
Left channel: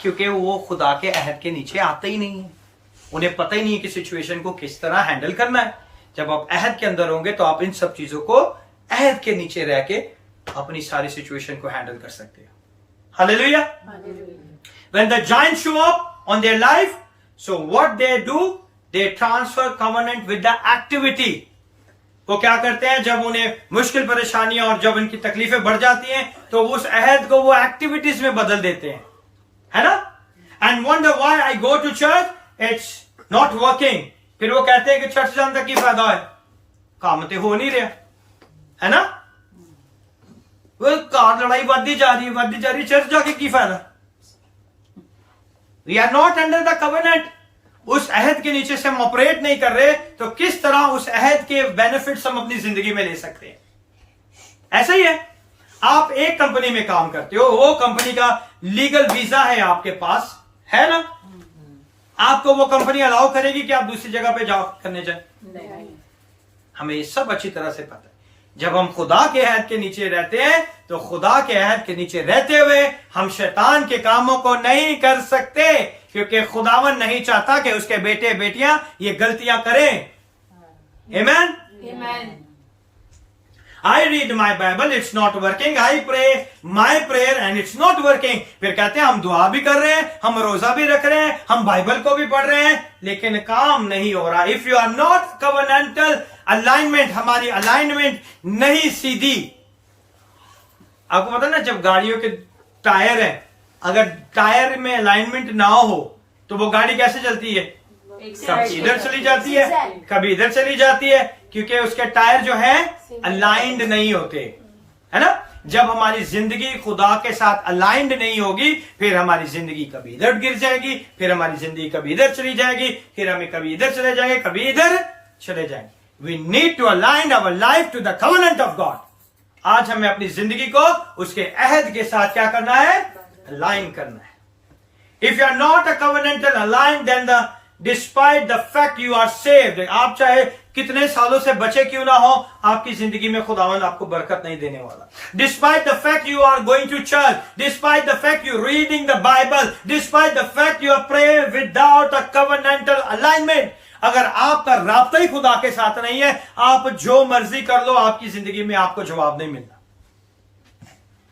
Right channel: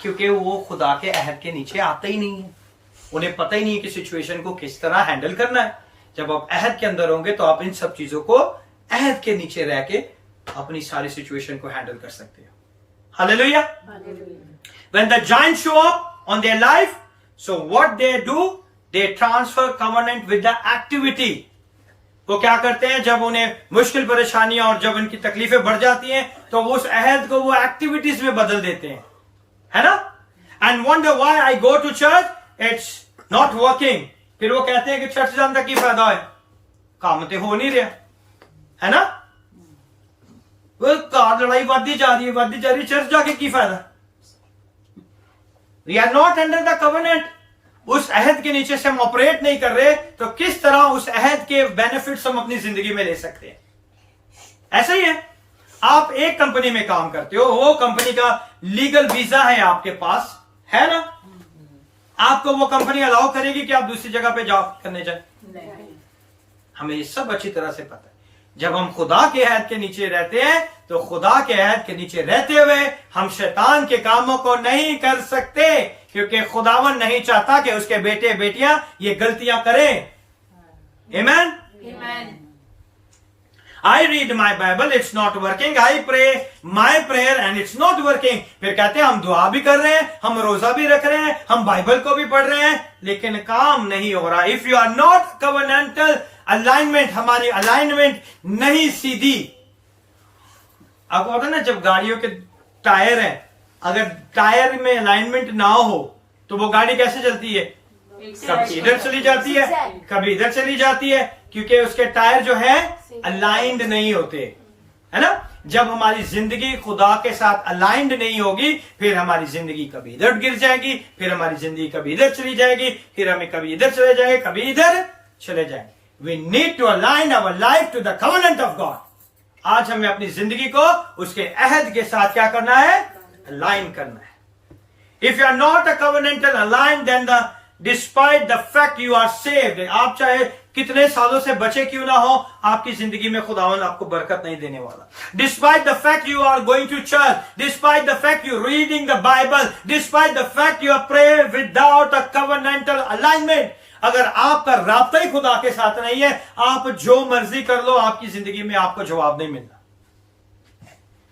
क्योंकि वो खुदा के अहद के नीचे आते ही नहीं है, उन्हें पता ही नहीं है कि सिचुएशन को किस तरह हैंडल करना है। जब आप अहद के अंदर होंगे तो आप इन सब चीजों को अहद के नीचे रह के अपनी सारी सिचुएशन को हैंडल कर सकते हो। Hallelujah. When the giants show up on their life, so what they do, they transfer covenant with the activity. वो क्या करते हैं, जब उन्हें मुश्किल परेशानियां और जब उनकी तकलीफें बढ़ जाती हैं, तो उस अहद को वो एक्टिविटीज में बदल देते हैं, है ना। And wonder why I go to church, it's not working. फिर वो कहते हैं कि चर्च जाने का की फायदा है, काम तो हो नहीं रहा, है ना। वो कार लड़ाई बढ़ती जा रही है, चर्च जाके की फायदा। We are not under the covenant, उस अहद के नीचे से हम ऑपरेट नहीं कर रहे, तो किस तरह उस अहद के बेनिफिट्स हम अपनी जिंदगी में ले सकते हैं। ऐसा ही है, आप एक कंपनी में काम करते हो, वो कंपनी का लीगल वीजा है आपके पास, है ना। आपको वो कंपनी अलाउ करेगी कि आप दूसरी जगह पे जॉब करने जाए? हमें ये सब अच्छी तरह से पता है। जब हम खुदा के अहद के नीचे रहते हैं, तो खुदा के अहद के नीचे रहते हुए हम शैतान के कामों को नहीं कर सकते, क्योंकि खुदावन नहीं चाहता कि उसके बेटे बेटियां ये गलतियां करें। आमीन। I read my Bible, it's not working. I pray my prayer and it's not working. फिर कहते हैं हम दुआ भी कर रहे हैं, हम रोजा भी रख रहे हैं, हम बाइबल को भी पढ़ रहे हैं, लेकिन काम नहीं हो रहा। If you are not covenantal alignment, हमारी अलाइनमेंट नहीं सीधी। आपको पता ना, जब गाड़ियों के टायर हैं, अगर टायर में अलाइनमेंट ना हो तो वो गाड़ी कैसे चलती है, कभी इधर चली जाती है, कभी इधर चली जाती है, क्योंकि उसके टायर जो है अलाइंड नहीं होते, है ना। जब हमारी जिंदगी खुदा के साथ अलाइंड नहीं होगी, फिर हमारी जिंदगी कभी इधर गिर जाएगी, फिर हमारी जिंदगी कभी इधर चली जाएगी, फिर हमें कभी इधर चले जाएंगे, कभी इधर चले जाएंगे। We need to align our life to the covenant of God. आज हमें अपनी जिंदगी को उसके अहद के साथ क्या करना है, अलाइन करना है। If you are not a covenantal align, then the despite the fact you are saved, आप चाहे कितने सालों से बचे क्यों ना हो, आपकी जिंदगी में खुदावंद आपको बरकत नहीं देने वाला। Despite the fact you are going to church, despite the fact you reading the Bible, despite the fact you are praying without a covenantal alignment, अगर आपका राब्ता ही खुदा के साथ नहीं है, आप जो मर्जी कर लो, आपकी जिंदगी में आपको जवाब नहीं मिलना,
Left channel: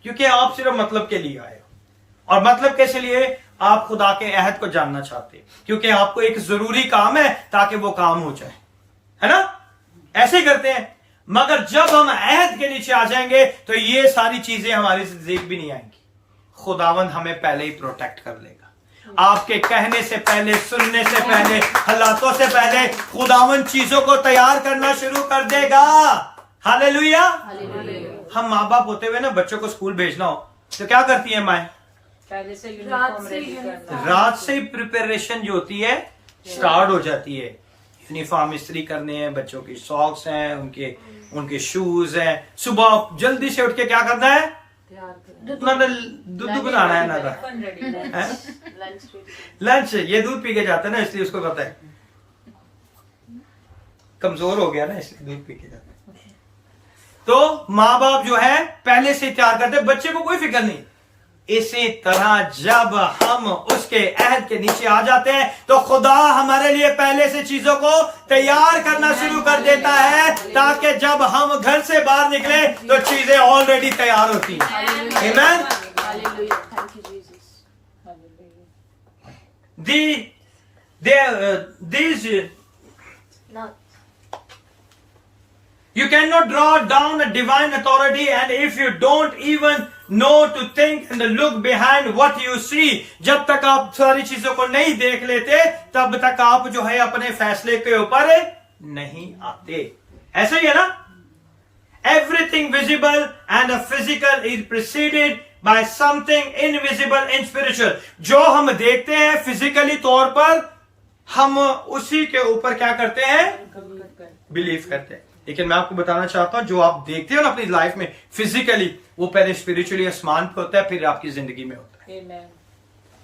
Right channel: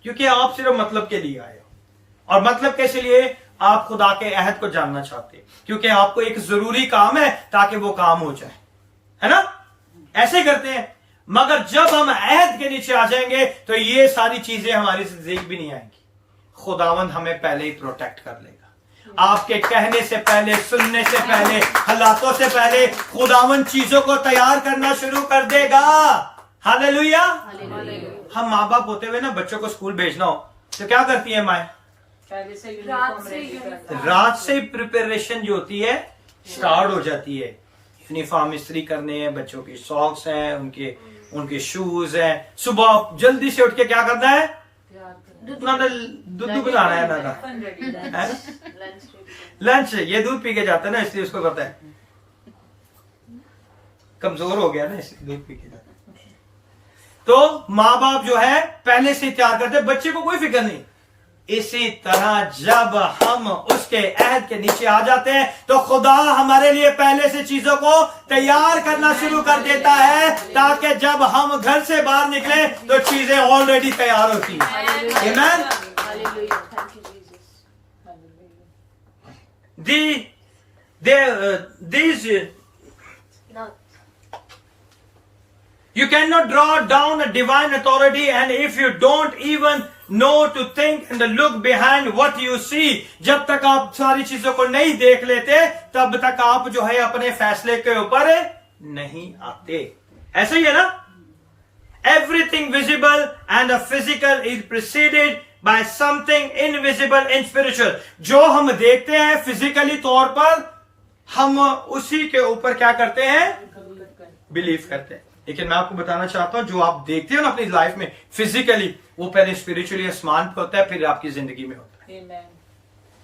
क्योंकि आप सिर्फ मतलब के लिए आए हो। और मतलब कैसे लिए? आप खुदा के अहद को जानना चाहते हैं, क्योंकि आपको एक जरूरी काम है ताकि वो काम हो जाए, है ना? ऐसे ही करते हैं। मगर जब हम अहद के नीचे आ जाएंगे तो ये सारी चीजें हमारी जिंदगी भी नहीं आएंगी। खुदावंद हमें पहले ही प्रोटेक्ट कर लेगा। आपके कहने से पहले, सुनने से पहले, हालातों से पहले खुदावंद चीजों को तैयार करना शुरू कर देगा। हालेलुया। हम माँ बाप होते हुए ना, बच्चों को स्कूल भेजना हो तो क्या करती है माएं? पहले से रात यूनिफॉर्म से रेडी यूनिफॉर्म। कर रात से ही प्रिपरेशन जो होती है स्टार्ट हो जाती है। यूनिफॉर्म इस्त्री करनी है, बच्चों की सॉक्स हैं, उनके शूज हैं। सुबह जल्दी से उठ के क्या करना है? दूध बनाना है ना था लंच। ये दूध पी के जाता है ना, इसलिए उसको पता है, कमजोर हो गया ना, इसलिए दूध पी के जाता है। तो माँ बाप जो है पहले से तैयार करते, बच्चे को कोई फिक्र नहीं। इसी तरह जब हम उसके अहद के नीचे आ जाते हैं तो खुदा हमारे लिए पहले से चीजों को तैयार करना शुरू कर देता है, ताकि जब हम घर से बाहर निकले तो चीजें ऑलरेडी तैयार होती हैं। आमीन। You cannot draw down a divine authority, and if you don't even know to think and look behind what you see, जब तक आप सारी चीजों को नहीं देख लेते तब तक आप जो है अपने फैसले के ऊपर नहीं आते। ऐसा ही है ना? Everything visible and physical is preceded by something invisible and spiritual. जो हम देखते हैं फिजिकली तौर पर, हम उसी के ऊपर क्या करते हैं? बिलीव करते हैं। लेकिन मैं आपको बताना चाहता हूं, जो आप देखते हो ना अपनी लाइफ में फिजिकली, वो पहले स्पिरिचुअली आसमान पे होता है, फिर आपकी जिंदगी में होता है।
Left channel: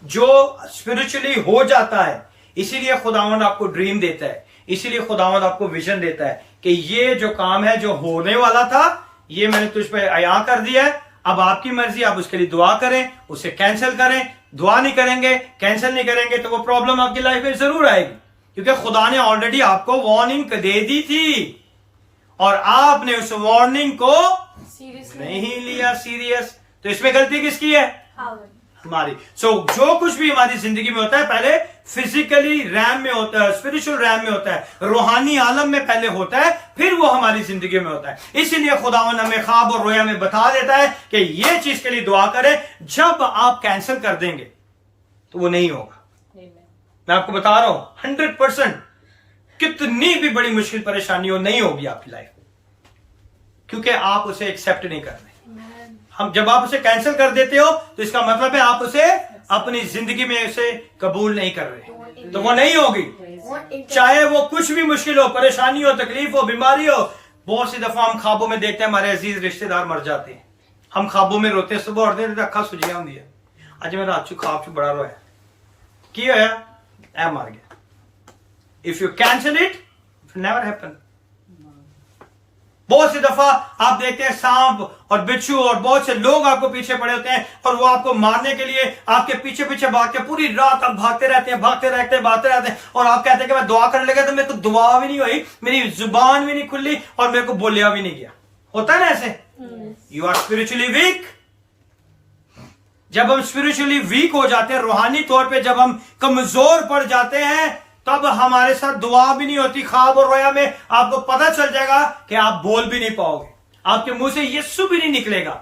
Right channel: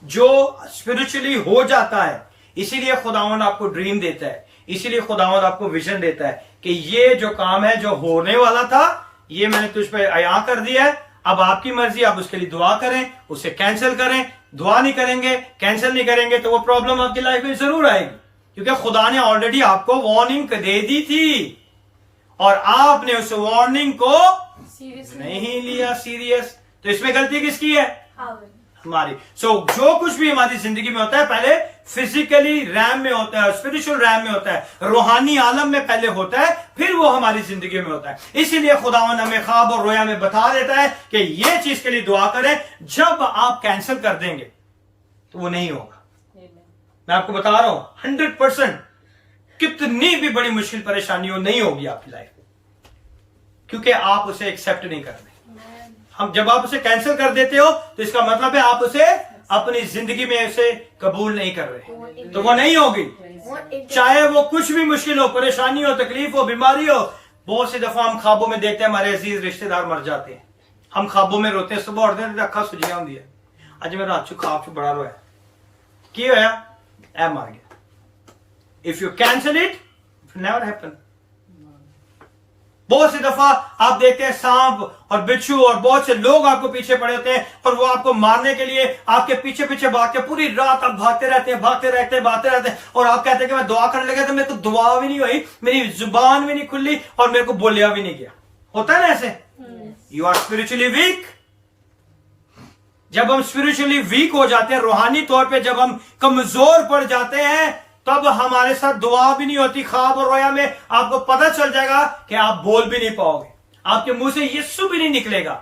जो स्पिरिचुअली हो जाता है, इसीलिए खुदावंद आपको ड्रीम देता है, इसीलिए खुदावंद आपको विजन देता है कि ये जो काम है जो होने वाला था, ये मैंने तुझ पे अया कर दिया है, अब आपकी मर्जी, आप उसके लिए दुआ करें, उसे कैंसिल करें। दुआ नहीं करेंगे, कैंसिल नहीं करेंगे तो वो प्रॉब्लम आपकी लाइफ में जरूर आएगी, क्योंकि खुदा ने ऑलरेडी आपको वार्निंग दे दी थी और आपने उस वार्निंग को नहीं लिया सीरियस। तो इसमें गलती किसकी है? हमारी। जो कुछ भी हमारी जिंदगी में होता है पहले फिजिकली रैम में होता है, स्पिरिचुअल रैम में होता है, रूहानी आलम में पहले होता है, फिर वो हमारी जिंदगी में होता है। इसीलिए खुदावंद हमें ख्वाब और रोया में बता देता है कि ये चीज के लिए दुआ करें। जब आप कैंसिल कर देंगे तो वो नहीं होगा। मैं आपको बता रहा हूं 100%, कितनी भी बड़ी मुश्किल परेशानी हो, नहीं होगी आपकी लाइफ में, क्योंकि आप उसे एक्सेप्ट नहीं कर रहे। हम जब आप उसे कैंसिल कर देते हो तो इसका मतलब है आप उसे अपनी जिंदगी में उसे कबूल नहीं कर रहे, तो वो नहीं होगी। चाहे वो कुछ भी मुश्किल हो, परेशानी हो, तकलीफ हो, बीमारी हो। बहुत सी दफा हम ख्वाबों में देखते हैं हमारे अजीज रिश्तेदार मर जाते हैं, हम ख्वाबों में रोते हैं, सुबह उठते हैं अखा सुजिया होंगी है, अज मैं रात चू ख्वाब चू बड़ा रोया, की होया? ऐ मर गया। If you cancel it never happen. बहुत सी दफा आप देखते हैं सांप और बिच्छू और बहुत से लोग आपको पीछे पड़े होते हैं और वो आपको मारने के लिए आपके पीछे पीछे भागते हैं। पूरी रात आप भागते रहते हैं और आप कहते हैं कि मैं दुआ करने लगा तो मेरे को दुआ भी नहीं हुई, मेरी जुबान भी नहीं खुली और मेरे को बोलिया भी नहीं गया। होता है ना ऐसे? You are spiritually weak. जब हम स्पिरिचुअली वीक हो जाते हैं, रूहानी तौर पे जब हम कमजोर पड़ जाते हैं, तब हमारे साथ दुआ भी नहीं होती। ख्वाब और रोया में आपको पता चल जाएगा कि आप बोल भी नहीं पाओगे, आपके मुंह से यीशु भी नहीं निकलेगा,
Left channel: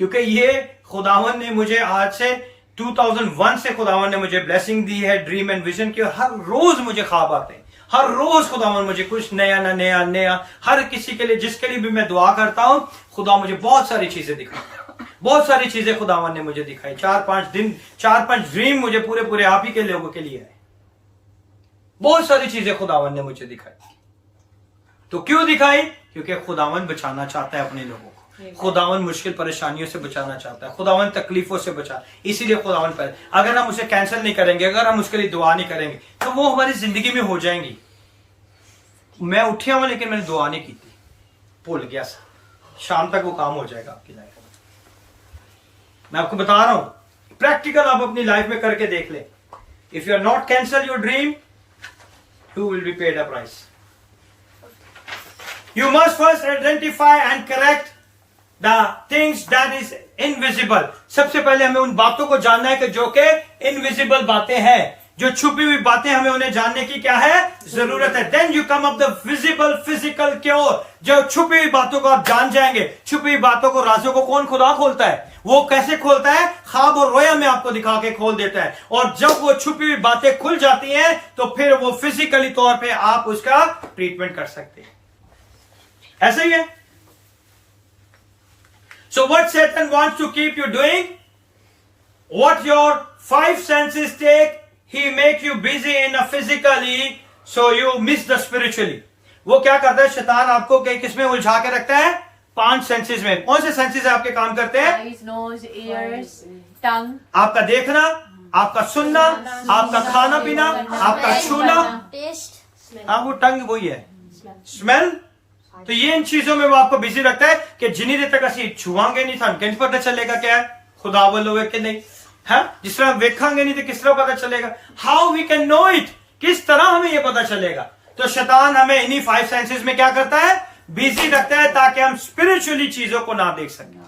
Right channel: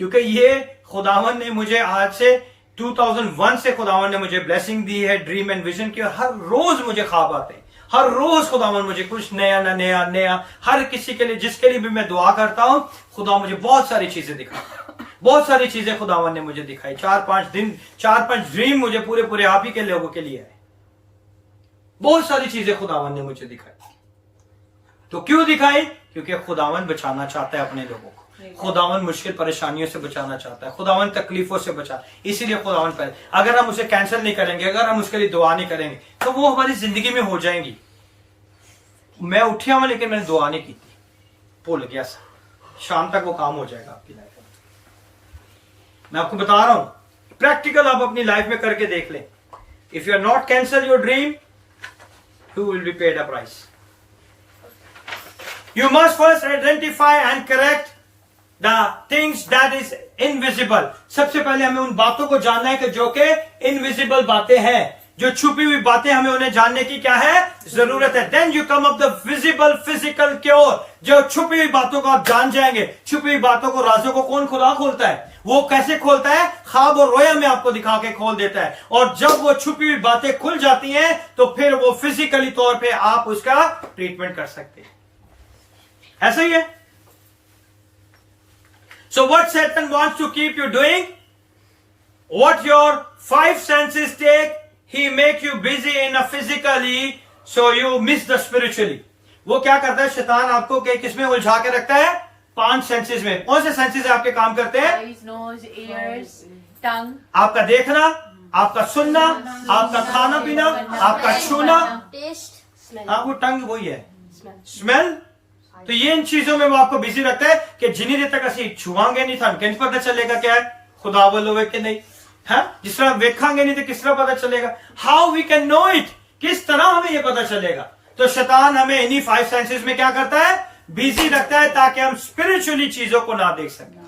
क्योंकि ये खुदावन ने मुझे आज से 2001 से खुदावन ने मुझे ब्लेसिंग दी है, ड्रीम एंड विजन की, और हर रोज मुझे ख्वाब आते हैं। हर रोज खुदावन मुझे कुछ नया ना नया नया, हर किसी के लिए जिसके लिए भी मैं दुआ करता हूं, खुदा मुझे बहुत सारी चीजें दिखाता है। बहुत सारी चीजें खुदावन ने मुझे दिखाई। 4-5 ड्रीम मुझे पूरे आप ही के लोगों के लिए है। बहुत सारी चीजें खुदावन ने मुझे दिखाई। तो क्यों दिखाई? क्योंकि खुदावन बचाना चाहता है अपने लोगों को। खुदावन मुश्किल परेशानियों से बचाना चाहता है, खुदावन तकलीफों से बचा, इसीलिए खुदावन पर अगर हम उसे कैंसिल नहीं करेंगे, अगर हम उसके लिए दुआ नहीं करेंगे, तो वो हमारी जिंदगी में हो जाएंगी। मैं उठिया हुआ लेकिन मैंने दुआ नहीं की थी, भूल गया सा, शाम तक वो काम हो जाएगा आपकी लाइफ में। मैं आपको बता रहा हूं, प्रैक्टिकल आप अपनी लाइफ में करके देख लें। If you are not cancel your dream, who will be paid a price. You must first identify and correct the things that is invisible. सबसे पहले हमें उन बातों को जानना है कि जो कि इनविजिबल बातें हैं, जो छुपी हुई बातें, हमें उन्हें जानने की क्या है, जरूरत है. Then you come up the visible physical cure. जब छुपी हुई बातों को आप जान जाएंगे, छुपी हुई बातों को, राजों को कौन खुदा खोलता है? वो कैसे खोलता है? ख्वाब और रोया में आपको दिखा के खोल देता है. और जब वो छुपी हुई बातें खुल जाती हैं तो फिर वो फिजिकली तौर पे आप उसका ट्रीटमेंट कर सकते हैं. ऐसा ही है. So what Satan wants to keep you doing, what your five senses take, he make you busy in a physically, so you miss the spiritually. वो क्या करता है शैतान आपको किसमें उलझा के रखता है? 5 सेंसेस में. कौन से सेंसेस आपके काम करते हैं? Eyes, nose, ears, tongue. आपका देखना, आपका सुनना, आपका खाना पीना, आपका छूना. हाँ, वो टंग वही है. स्मेल. तो ये इन चीजों में वो आपको बिजी रखता है कि जिन्नी देर तक असं छुआंगे नहीं थानू किस पता चलेगा क्या है खुदा वालों है कि नहीं है. जिस तरह वेखांगे नहीं तो किस तरह पता चलेगा? How we can know it, किस तरह हमें ये पता चलेगा? तो शैतान हमें इन्हीं 5 सेंसेस में क्या करता है? बिजी रखता है ताकि हम स्पिरिचुअली चीजों को ना देख सकें.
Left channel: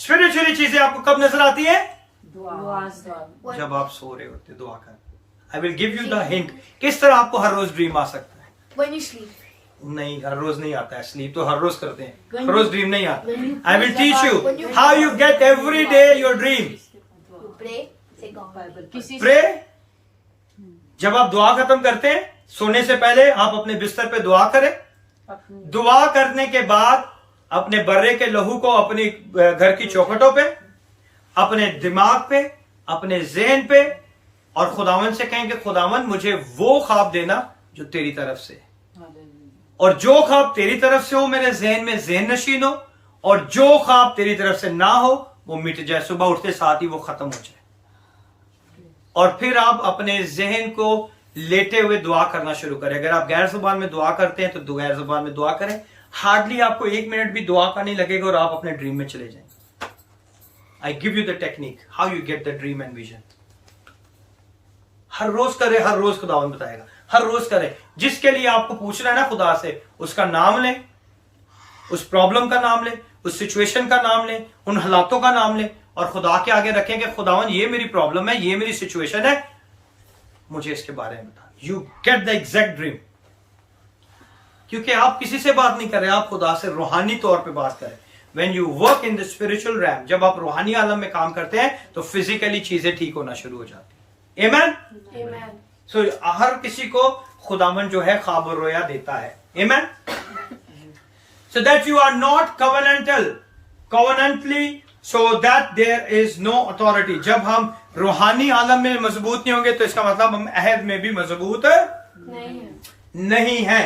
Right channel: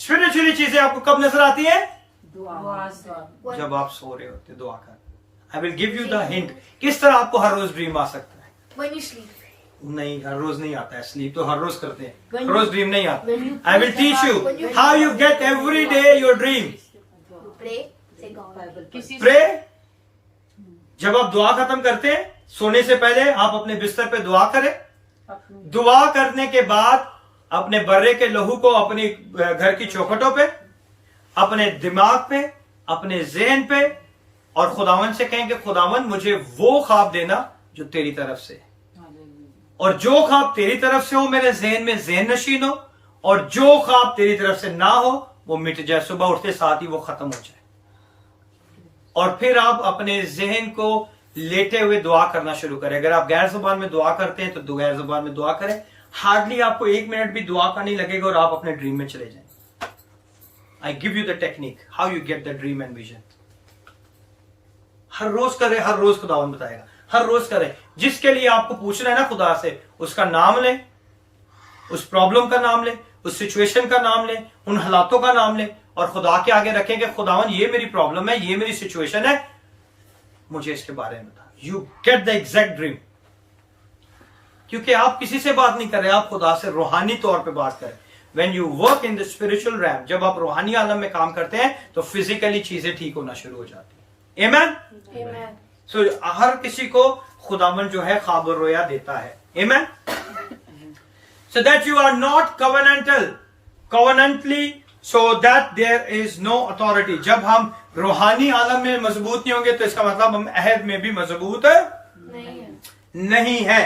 स्पिरिचुअली चीजें आपको कब नजर आती है? जब आप सो रहे होते दुआ कर. I will give you the hint. किस तरह आपको हर रोज ड्रीम आ सकता है? When you sleep. नहीं, हर रोज नहीं आता है. स्लीप तो हर रोज करते हैं, हर रोज ड्रीम नहीं आता. I will teach you how you get every day your dream. Pray. Say God. Pray. जब आप दुआ खत्म करते हैं सोने से पहले आप अपने बिस्तर पे दुआ करें. दुआ करने के बाद अपने बर्रे के लहू को अपनी घर की चौखटों पे, अपने दिमाग पे, अपने ज़हन पे और खुदावन से कहें कि खुदावन मुझे वो ख्वाब देना जो तेरी तरफ से, और जो ख्वाब तेरी तरफ से हो मेरे ज़हन में ज़हन नशीन हो, और जो ख्वाब तेरी तरफ से ना हो वो मिट जाए. सुबह उठते साथ ही वो खत्म हो जाए. और फिर आप अपने ज़हन को लेटे हुए दुआ करना शुरू करें. अगर आप गैर जुबान में दुआ करते हैं तो गैर जुबान में दुआ करें. हार्डली आपको 1 मिनट भी दुआ का नहीं लगेगा और आप अपने ड्रीम में चले जाएं. I give you the technique how you get the dream and vision. हर रोज करें, हर रोज खुदावन बताएगा. हर रोज करें. जिसके लिए आपको पूछना है ना खुदा से, उसका नाम लें, उस प्रॉब्लम का नाम लें, उस सिचुएशन का नाम लें, उन हालातों का नाम लें और खुदा के आगे रखें कि खुदावन ये मेरी प्रॉब्लम है, ये मेरी सिचुएशन है, मुझे इसके बारे में बता. You get the exact dream. क्योंकि आप किसी से बात नहीं कर रहे, आप खुदा से रूहानी तौर पे बात करें. When you work in the spiritual realm, जब आप रूहानी आलम में काम करते हैं तो फिजिकली चीजें ठीक होना शुरू हो जाती है. Amen? Amen. So, हर किसी को खुदावन जो है ख्वाब और रोया देता है. Amen? So that you are not covenantally, so that there is no authority. जब हम रूहानी आलम में मजबूत नहीं होंगे तो इसका मतलब हम अहद में भी मजबूत नहीं है.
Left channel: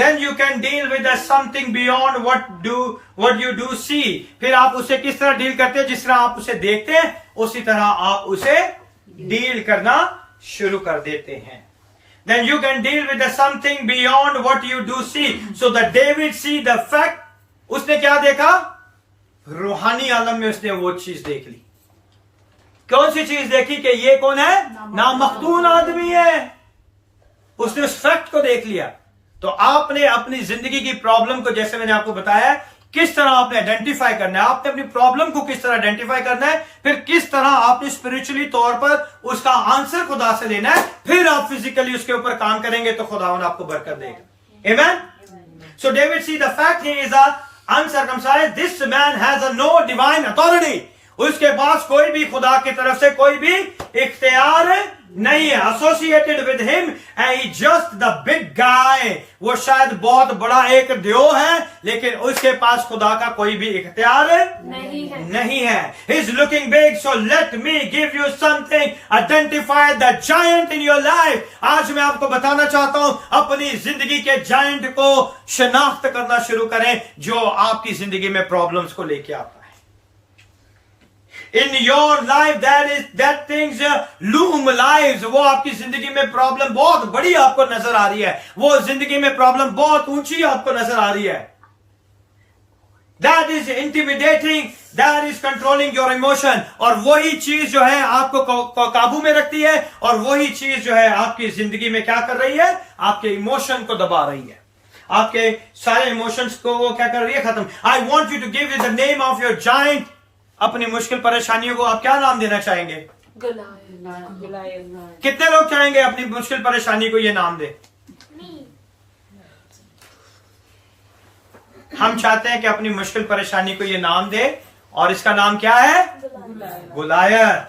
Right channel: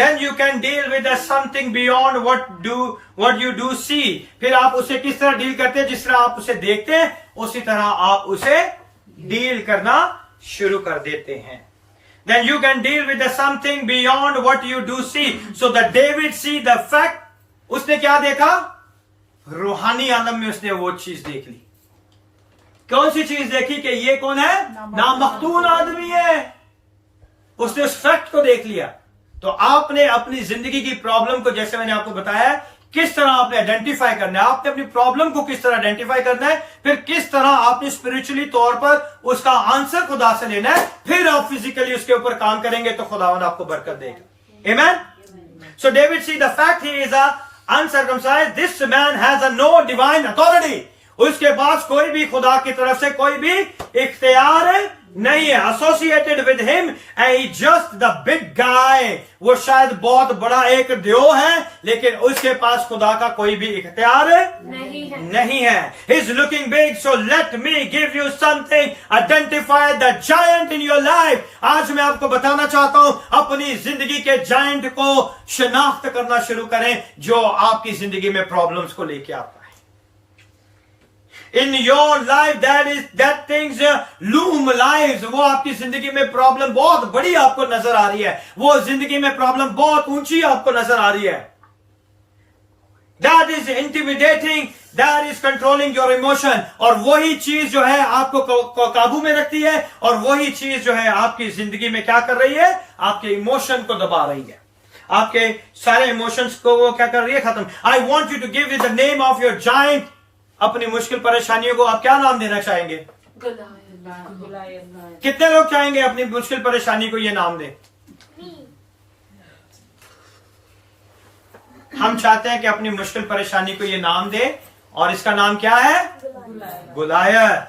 Then you can deal with the something beyond what you do see. फिर आप उसे किस तरह डील करते हैं? जिस तरह आप उसे देखते हैं उसी तरह आप उसे डील करना शुरू कर देते हैं. Then you can deal with the something beyond what you do see. So that David see the fact. उसने क्या देखा? रूहानी आलम में उसने वो चीज देख ली. कौन सी चीज देखी? कि ये कौन है? नामख्तून आदमी है. उसने उस फैक्ट को देख लिया. तो आपने अपनी जिंदगी की प्रॉब्लम को, जैसे मैंने आपको बताया, किस तरह आपने आइडेंटिफाई करना है, आपने अपनी प्रॉब्लम को किस तरह आइडेंटिफाई करना है, फिर किस तरह आपने स्पिरिचुअली तौर पर उसका आंसर खुदा से लेना है, फिर आप फिजिकली उसके ऊपर काम करेंगे तो खुदावन आपको बरकत देगा. Amen? So David see the fact he is a uncircumcised, this man has a no divine authority. उसके पास कोई भी खुदा की तरफ से कोई भी इख्तियार नहीं है. Associated with him and just the big guy. वो शायद बहुत बड़ा एक देव है लेकिन उसके पास खुदा का कोई भी इख्तियार नहीं है. He is looking big. So let me give you something. Identify the giant in your life. आज मैं आपको बताना चाहता हूं, अपनी जिंदगी के जायंट को शनाख्त करना शुरू करें जो आपकी जिंदगी में प्रॉब्लम्स को लेके आता है. In your life that things loom lives. वो आपकी जिंदगी में प्रॉब्लम बहुत बड़ी आपको नजर आ रही है, वो जिंदगी में प्रॉब्लम बहुत ऊंची आपको नजर आ रही है. That is intimidating, that is controlling your emotion. और वही चीज जो है आपको काबू में रखती है, और वही चीज जो है आपकी जिंदगी में क्या कर रही है, आपके इमोशन को दबा रही है, आपके सारे इमोशंस को वो क्या कर रही है, खत्म। I want you to give the name of your giant. अपनी मुश्किल परेशानियों को आप क्या नाम देना चाहेंगे? Goliath. कितने लोग चाहेंगे अपनी मुश्किल परेशानी को ये नाम दे? हम चाहते हैं कि अपनी मुश्किल परेशानी को ये नाम दे, और इसका नाम क्या है? गुलायत।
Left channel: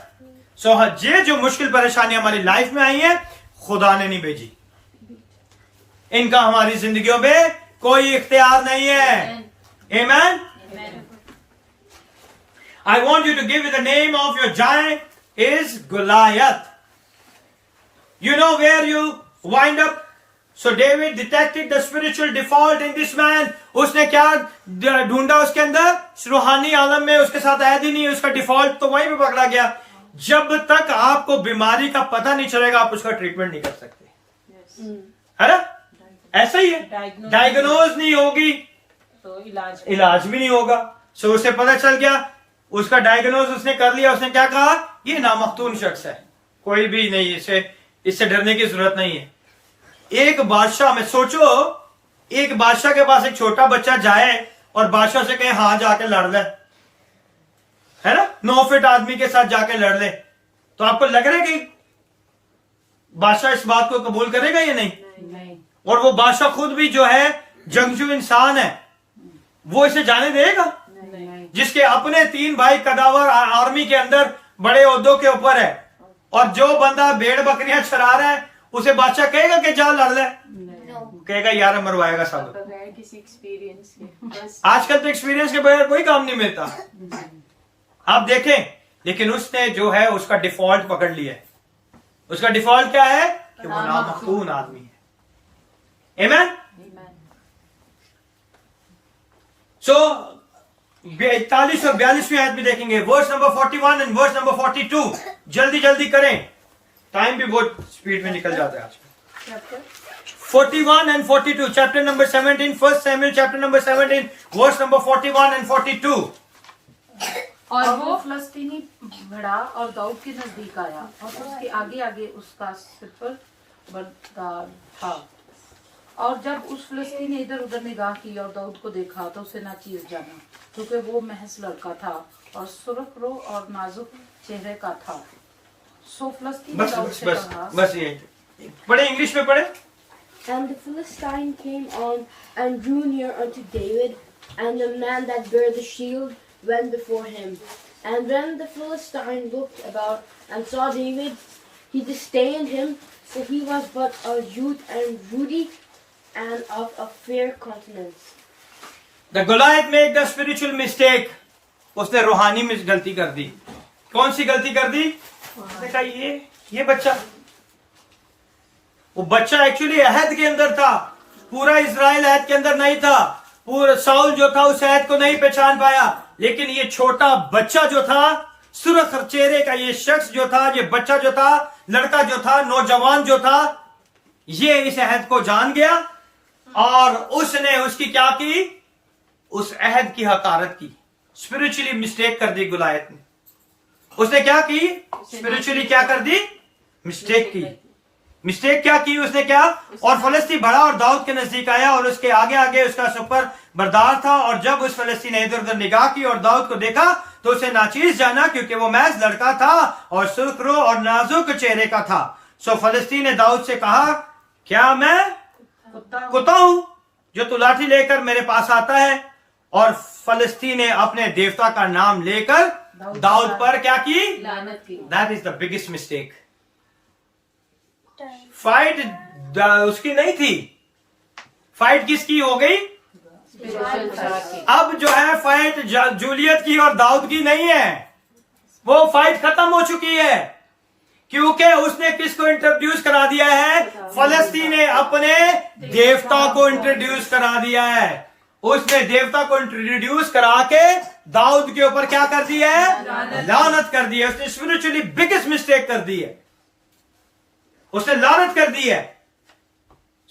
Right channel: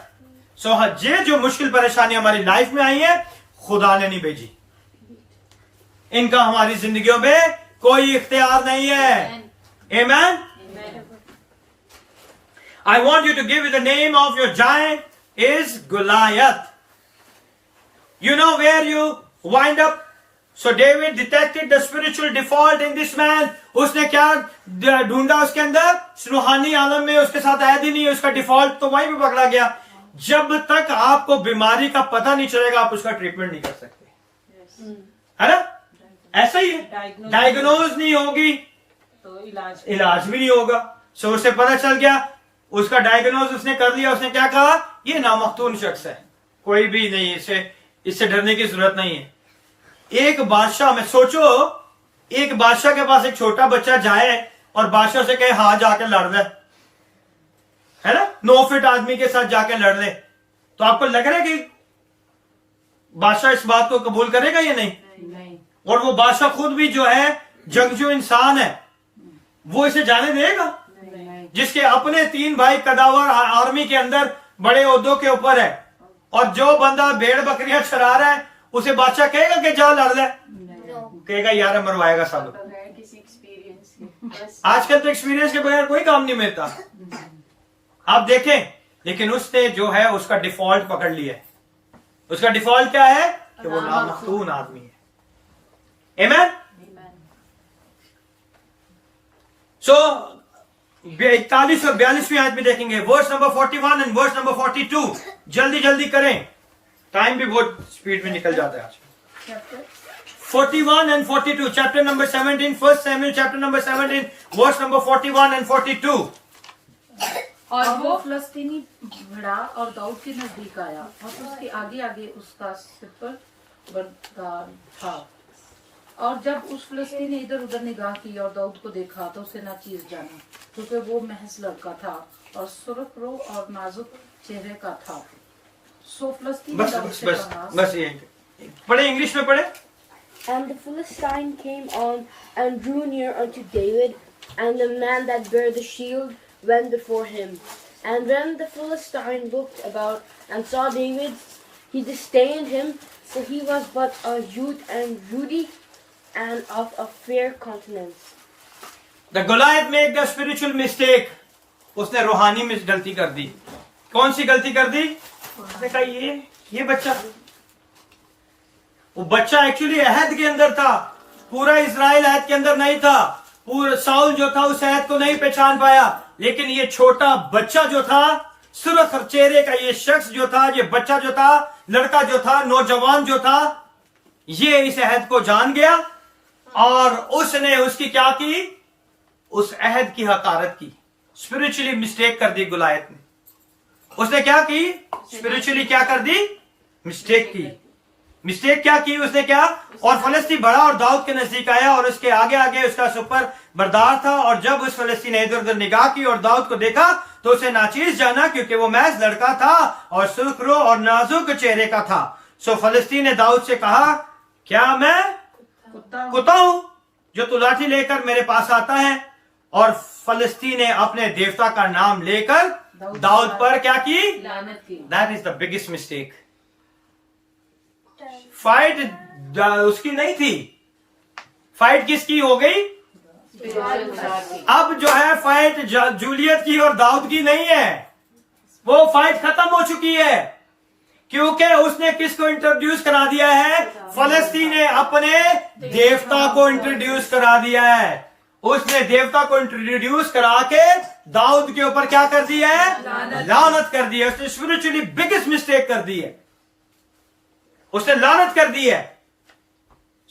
सो ये जो मुश्किल परेशानी हमारी लाइफ में आई है, खुदा ने नहीं भेजी, इनका हमारी जिंदगियों में कोई इख्तियार नहीं है। आमीन। I want you to give it the name of your giant is Goliath. You know where you wind up? So David detected the spiritual default in this man. उसने क्या ढूंढा उसके अंदर? रूहानी आलम में उसके साथ ऐद ही नहीं है, उसका डिफॉल्ट तो वहीं पे पकड़ा गया। जब तक आपको बीमारी का पता नहीं चलेगा, आप उसका ट्रीटमेंट नहीं कर सकते, है ना? ऐसा ही है, डायग्नोज नहीं होगी तो इलाज भी नहीं होगा। सो उसे पता चल गया, उसका डायग्नोज उसने कर लिया। उसने क्या कहा? ये नामख्तून शख्स है, कोई भी नहीं, इससे डरने की जरूरत नहीं है। एक बादशाह में सोचो, एक बादशाह के पास एक छोटा बच्चा जाए और बादशाह से कहे हाँ जाके लड़ ले, है ना, 9 फीट आदमी के साथ जाके लड़ ले, तो आपको लग रहा है कि बादशाह इस बात को कबूल करेगा या नहीं? और वो बादशाह खुद भी जो है जंगजू इंसान है, वो इसे जाने देगा? जिसके अपने 3 भाई कदावर आर्मी के अंदर बड़े ओहदों के ऊपर है, और जो बंदा भेड़ बकरियां चरा रहा है उसे बादशाह कहेगा कि जा लड़ ले? कहेगा यार मरवाएगा सालों। आजकल तो एक्सपीरियंस के बगैर कोई काम नहीं मिलता, आप देखें। लेकिन उसने जो है उसका डिफॉल्ट पकड़ लिया है। उसका डिफॉल्ट क्या है? कि वो नामख्तून आदमी है। आमीन। सो 41 और 42वीं आयत में देखेंगे, verse number 41 and verse number 42। जल्दी जल्दी करें, टाइम भी बहुत स्पीड में निकल जाता है आज। 41 and 42, chapter number 17, 1 Samuel chapter number 17, verse number 41 and 42. और वो फलस्तीनी भिड़ा और दाऊद के नजदीक आया, और उसके आगे आगे उसका सिपर बरदार था। और जब उस फलस्तीनी ने इधर उधर निगाह की और दाऊद को देखा, तो उसे नाचीज जाना, क्योंकि वो महज लड़का था और सुर्ख रो और नाजुक चेहरे का था। सो फलस्तीनी बस दाऊद बस से बस कहा, बस ये पढ़े, इंग्लिश में पढ़े। And the Philistine came on and drew near unto David, and the man that bare the shield went before him. And when the Philistine looked about and saw David, he disdained him, for he was but a youth and ruddy, and of a fair countenance. The Goliath made the spiritual mistake. उसने रूहानी में गलती कर दी। कौन सी गलती कर दी? उसने कहा ये बच्चा, वो बच्चा एक्चुअली अहद के अंदर था, पूरा इजराइल अहद के अंदर नहीं था। पूरा साउल जो था उस अहद को नहीं पहचान पाया, लेकिन ये छोटा बच्चा जो था, सुर्ख चेहरे का ये शख्स जो था, ये बच्चा जो था, लड़का जो था, नौजवान जो था, ये इस अहद को जान गया और उसने उसकी क्या की? उस अहद की हकारत की, स्पिरिचुअली मिस्टेक कर दी गुलायत ने। उसने क्या की? स्पिरिचुअली क्या कर दी? मिस्टेक की। मिस्टेक क्या की उसने? क्या? और फलस्ती बढ़ा और दाऊद के नजदीक आया, और उसके आगे आगे उसका सुपर बरदार था। और जब उस फलस्ती ने इधर उधर निगाह की और दाऊद को देखा, तो उसे नाचीज जाना, क्योंकि वो महज लड़का था और सुर्खरो और नाजुक चेहरे का था। सो फलस्ती ने दाऊद से कहा, क्या मैं कुत्ता हूं जो तू लाठी लेकर मेरे पास आता है? और फलस्ती ने अपने देवता का नाम लेकर दाऊद पर क्या की? लानत की। That is the biggest mistake. Fight उसकी नहीं थी, फाइट किसकी हो गई? अब जो है फाइट जूलियत की और दाऊद की नहीं है, वो फाइट खत्म हो चुकी है। क्योंकि उसने किसको इंट्रोड्यूस करा दिया है? फलस्तीन ने अपने देवता को इंट्रोड्यूस करा दिया है। उसने देवता को इंट्रोड्यूस करा के दाऊद के ऊपर क्या कर दिया है? लानत कर दी है। उसने स्पिरिचुअली बिगेस्ट मिस्टेक कर दी है, उसने लानत कर दी है।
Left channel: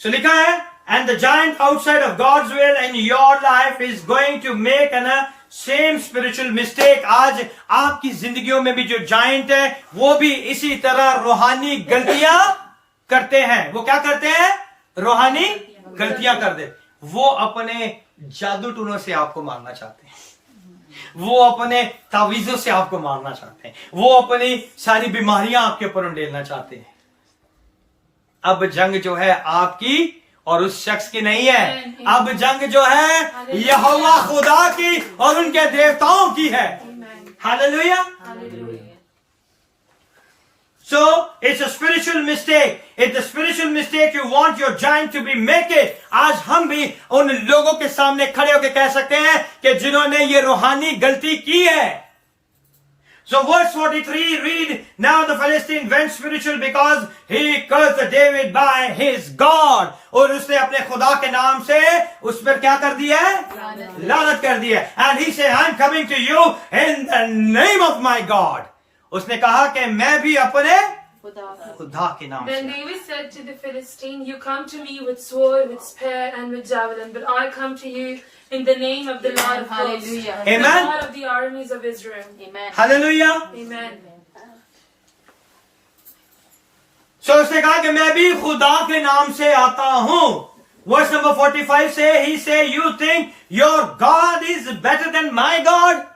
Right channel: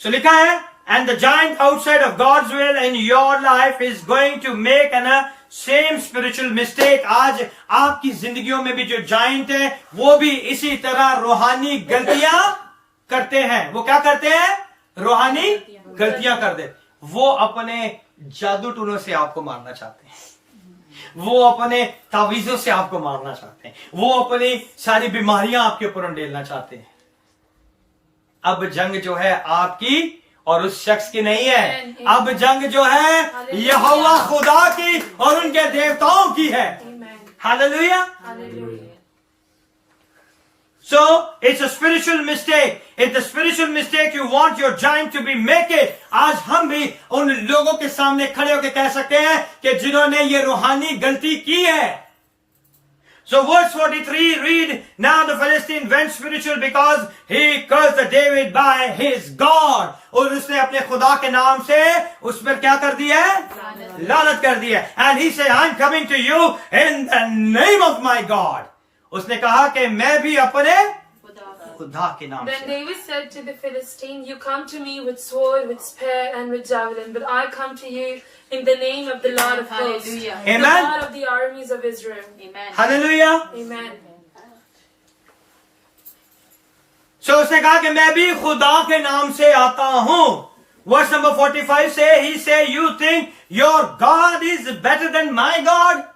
सो लिखा है, And the giant outside of God's will in your life is going to make an same spiritual mistake. आज आपकी जिंदगियों में भी जो जायंट है वो भी इसी तरह रूहानी गलतियां करते हैं. वो क्या करते हैं? रूहानी गलतियां कर दे. वो अपने जादू टूनों से आपको मारना चाहते हैं. वो अपने तावीजों से आपको मारना चाहते हैं. वो अपनी सारी बीमारियां आपके ऊपर उंडेलना चाहते हैं. अब जंग जो है आपकी और उस शख्स की नहीं है. अब जंग जो है यहोवा खुदा की और उनके देवताओं की है. Hallelujah. So it's a spiritual mistake. It's a spiritual mistake. You want your giant to be make it. आज हम भी उन लोगों के सामने खड़े होकर कह सकते हैं कि जिन्होंने ये रूहानी गलती की है. So verse 43 read, now the Philistine went spiritual because he cursed David by his God. और उसने अपने खुदा के नाम से उस पर क्या कर दिया है? लानत कर दिया. And he said, I'm coming to you in the name of my God. उसने कहा कि मैं भी अपने खुदा के नाम Then से. David said to the Philistine, you come to me with sword, with spear, and with javelin, but I come to you in the name of the Lord of hosts, Hallelujah. the Amen. God of the armies of Israel. Amen. Hallelujah. Amen. So उसने कहा कि मैं भी खुदा के नाम से आता हूं. Verse number 45 से he say, you think your God is better than my God?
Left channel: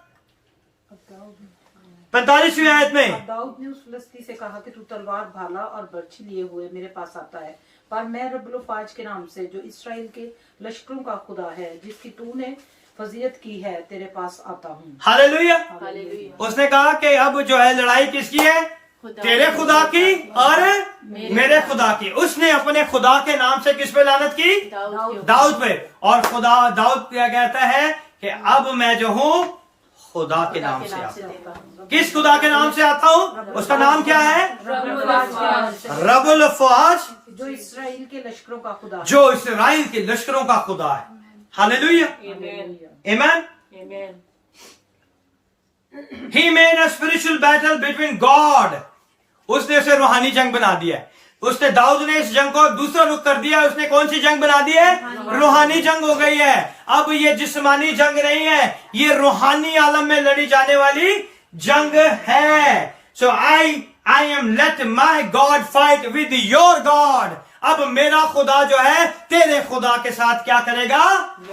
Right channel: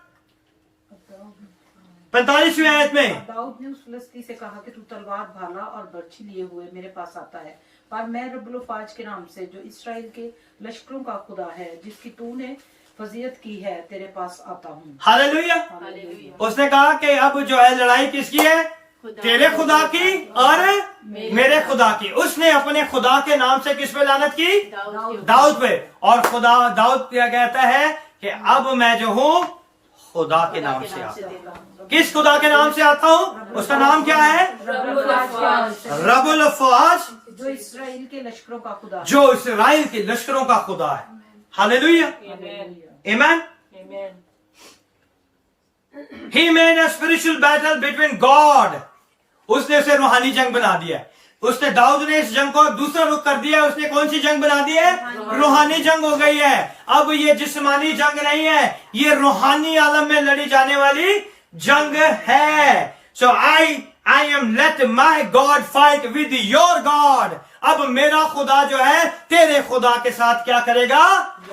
45वीं आयत में दाऊद ने उस फिलिस्ती से कहा कि तू तलवार भाला और बर्छी लिए हुए मेरे पास आता है, पर मैं रब्बुल फाज के नाम से जो इसराइल के लश्करों का खुदा है जिसकी तूने फजीयत की है तेरे पास आता हूँ. हालेलुया. Hallelujah. उसने कहा कि अब जो है लड़ाई किसकी है? तेरे खुदा की और मेरे खुदा की. उसने अपने खुदा के नाम से किस पे लानत की? दाऊद पे. और खुदा दाऊद क्या कहता है कि अब मैं जो हूं खुदा के नाम से आता हूं. किस खुदा के नाम से आता हूं? उसका नाम क्या है? रब्बुल फौज, जो इसराइल के लश्करों का खुदा है. जो इसराइल के लश्करों का खुदा है. हालेलुया. आमीन. He made a spiritual battle between God. उसने उसे रूहानी जंग बना दिया. उसने दाऊद ने इस जंग को दूसरा रुख कर दिया. उसने कौन सी जंग बना दी है? रूहानी जंग हो गई है. अब ये जिस्मानी जंग नहीं है, ये रूहानी आलम में लड़ी जाने वाली जंग है. So I am let my God fight with your God. अब मेरा खुदा जो है तेरे खुदा के साथ क्या करेगा?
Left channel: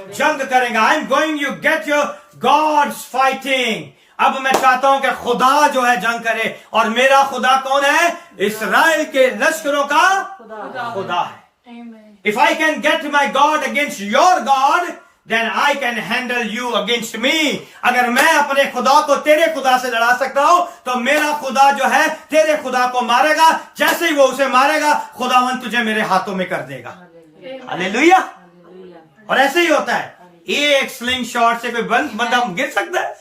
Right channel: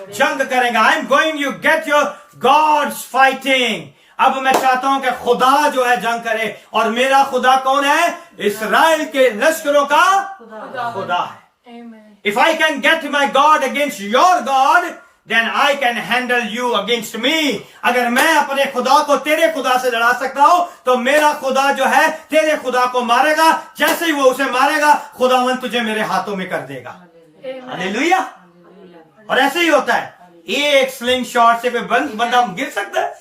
जंग करेगा. I'm going you get your God's fighting. अब मैं चाहता हूं कि खुदा जो है जंग करे. और मेरा खुदा कौन है? इसराइल के लश्करों का खुदा है. Amen. If I can get my God against your God, then I can handle you against me. अगर मैं अपने खुदा को तेरे खुदा से लड़ा सकता हूं तो मेरा खुदा जो है तेरे खुदा को मारेगा. जैसे ही वो उसे मारेगा खुदावन तुझे मेरे हाथों में कर देगा. हालेलुया. और ऐसे ही होता है. एक स्लिंग शॉट से कोई बंदा गिर सकता है?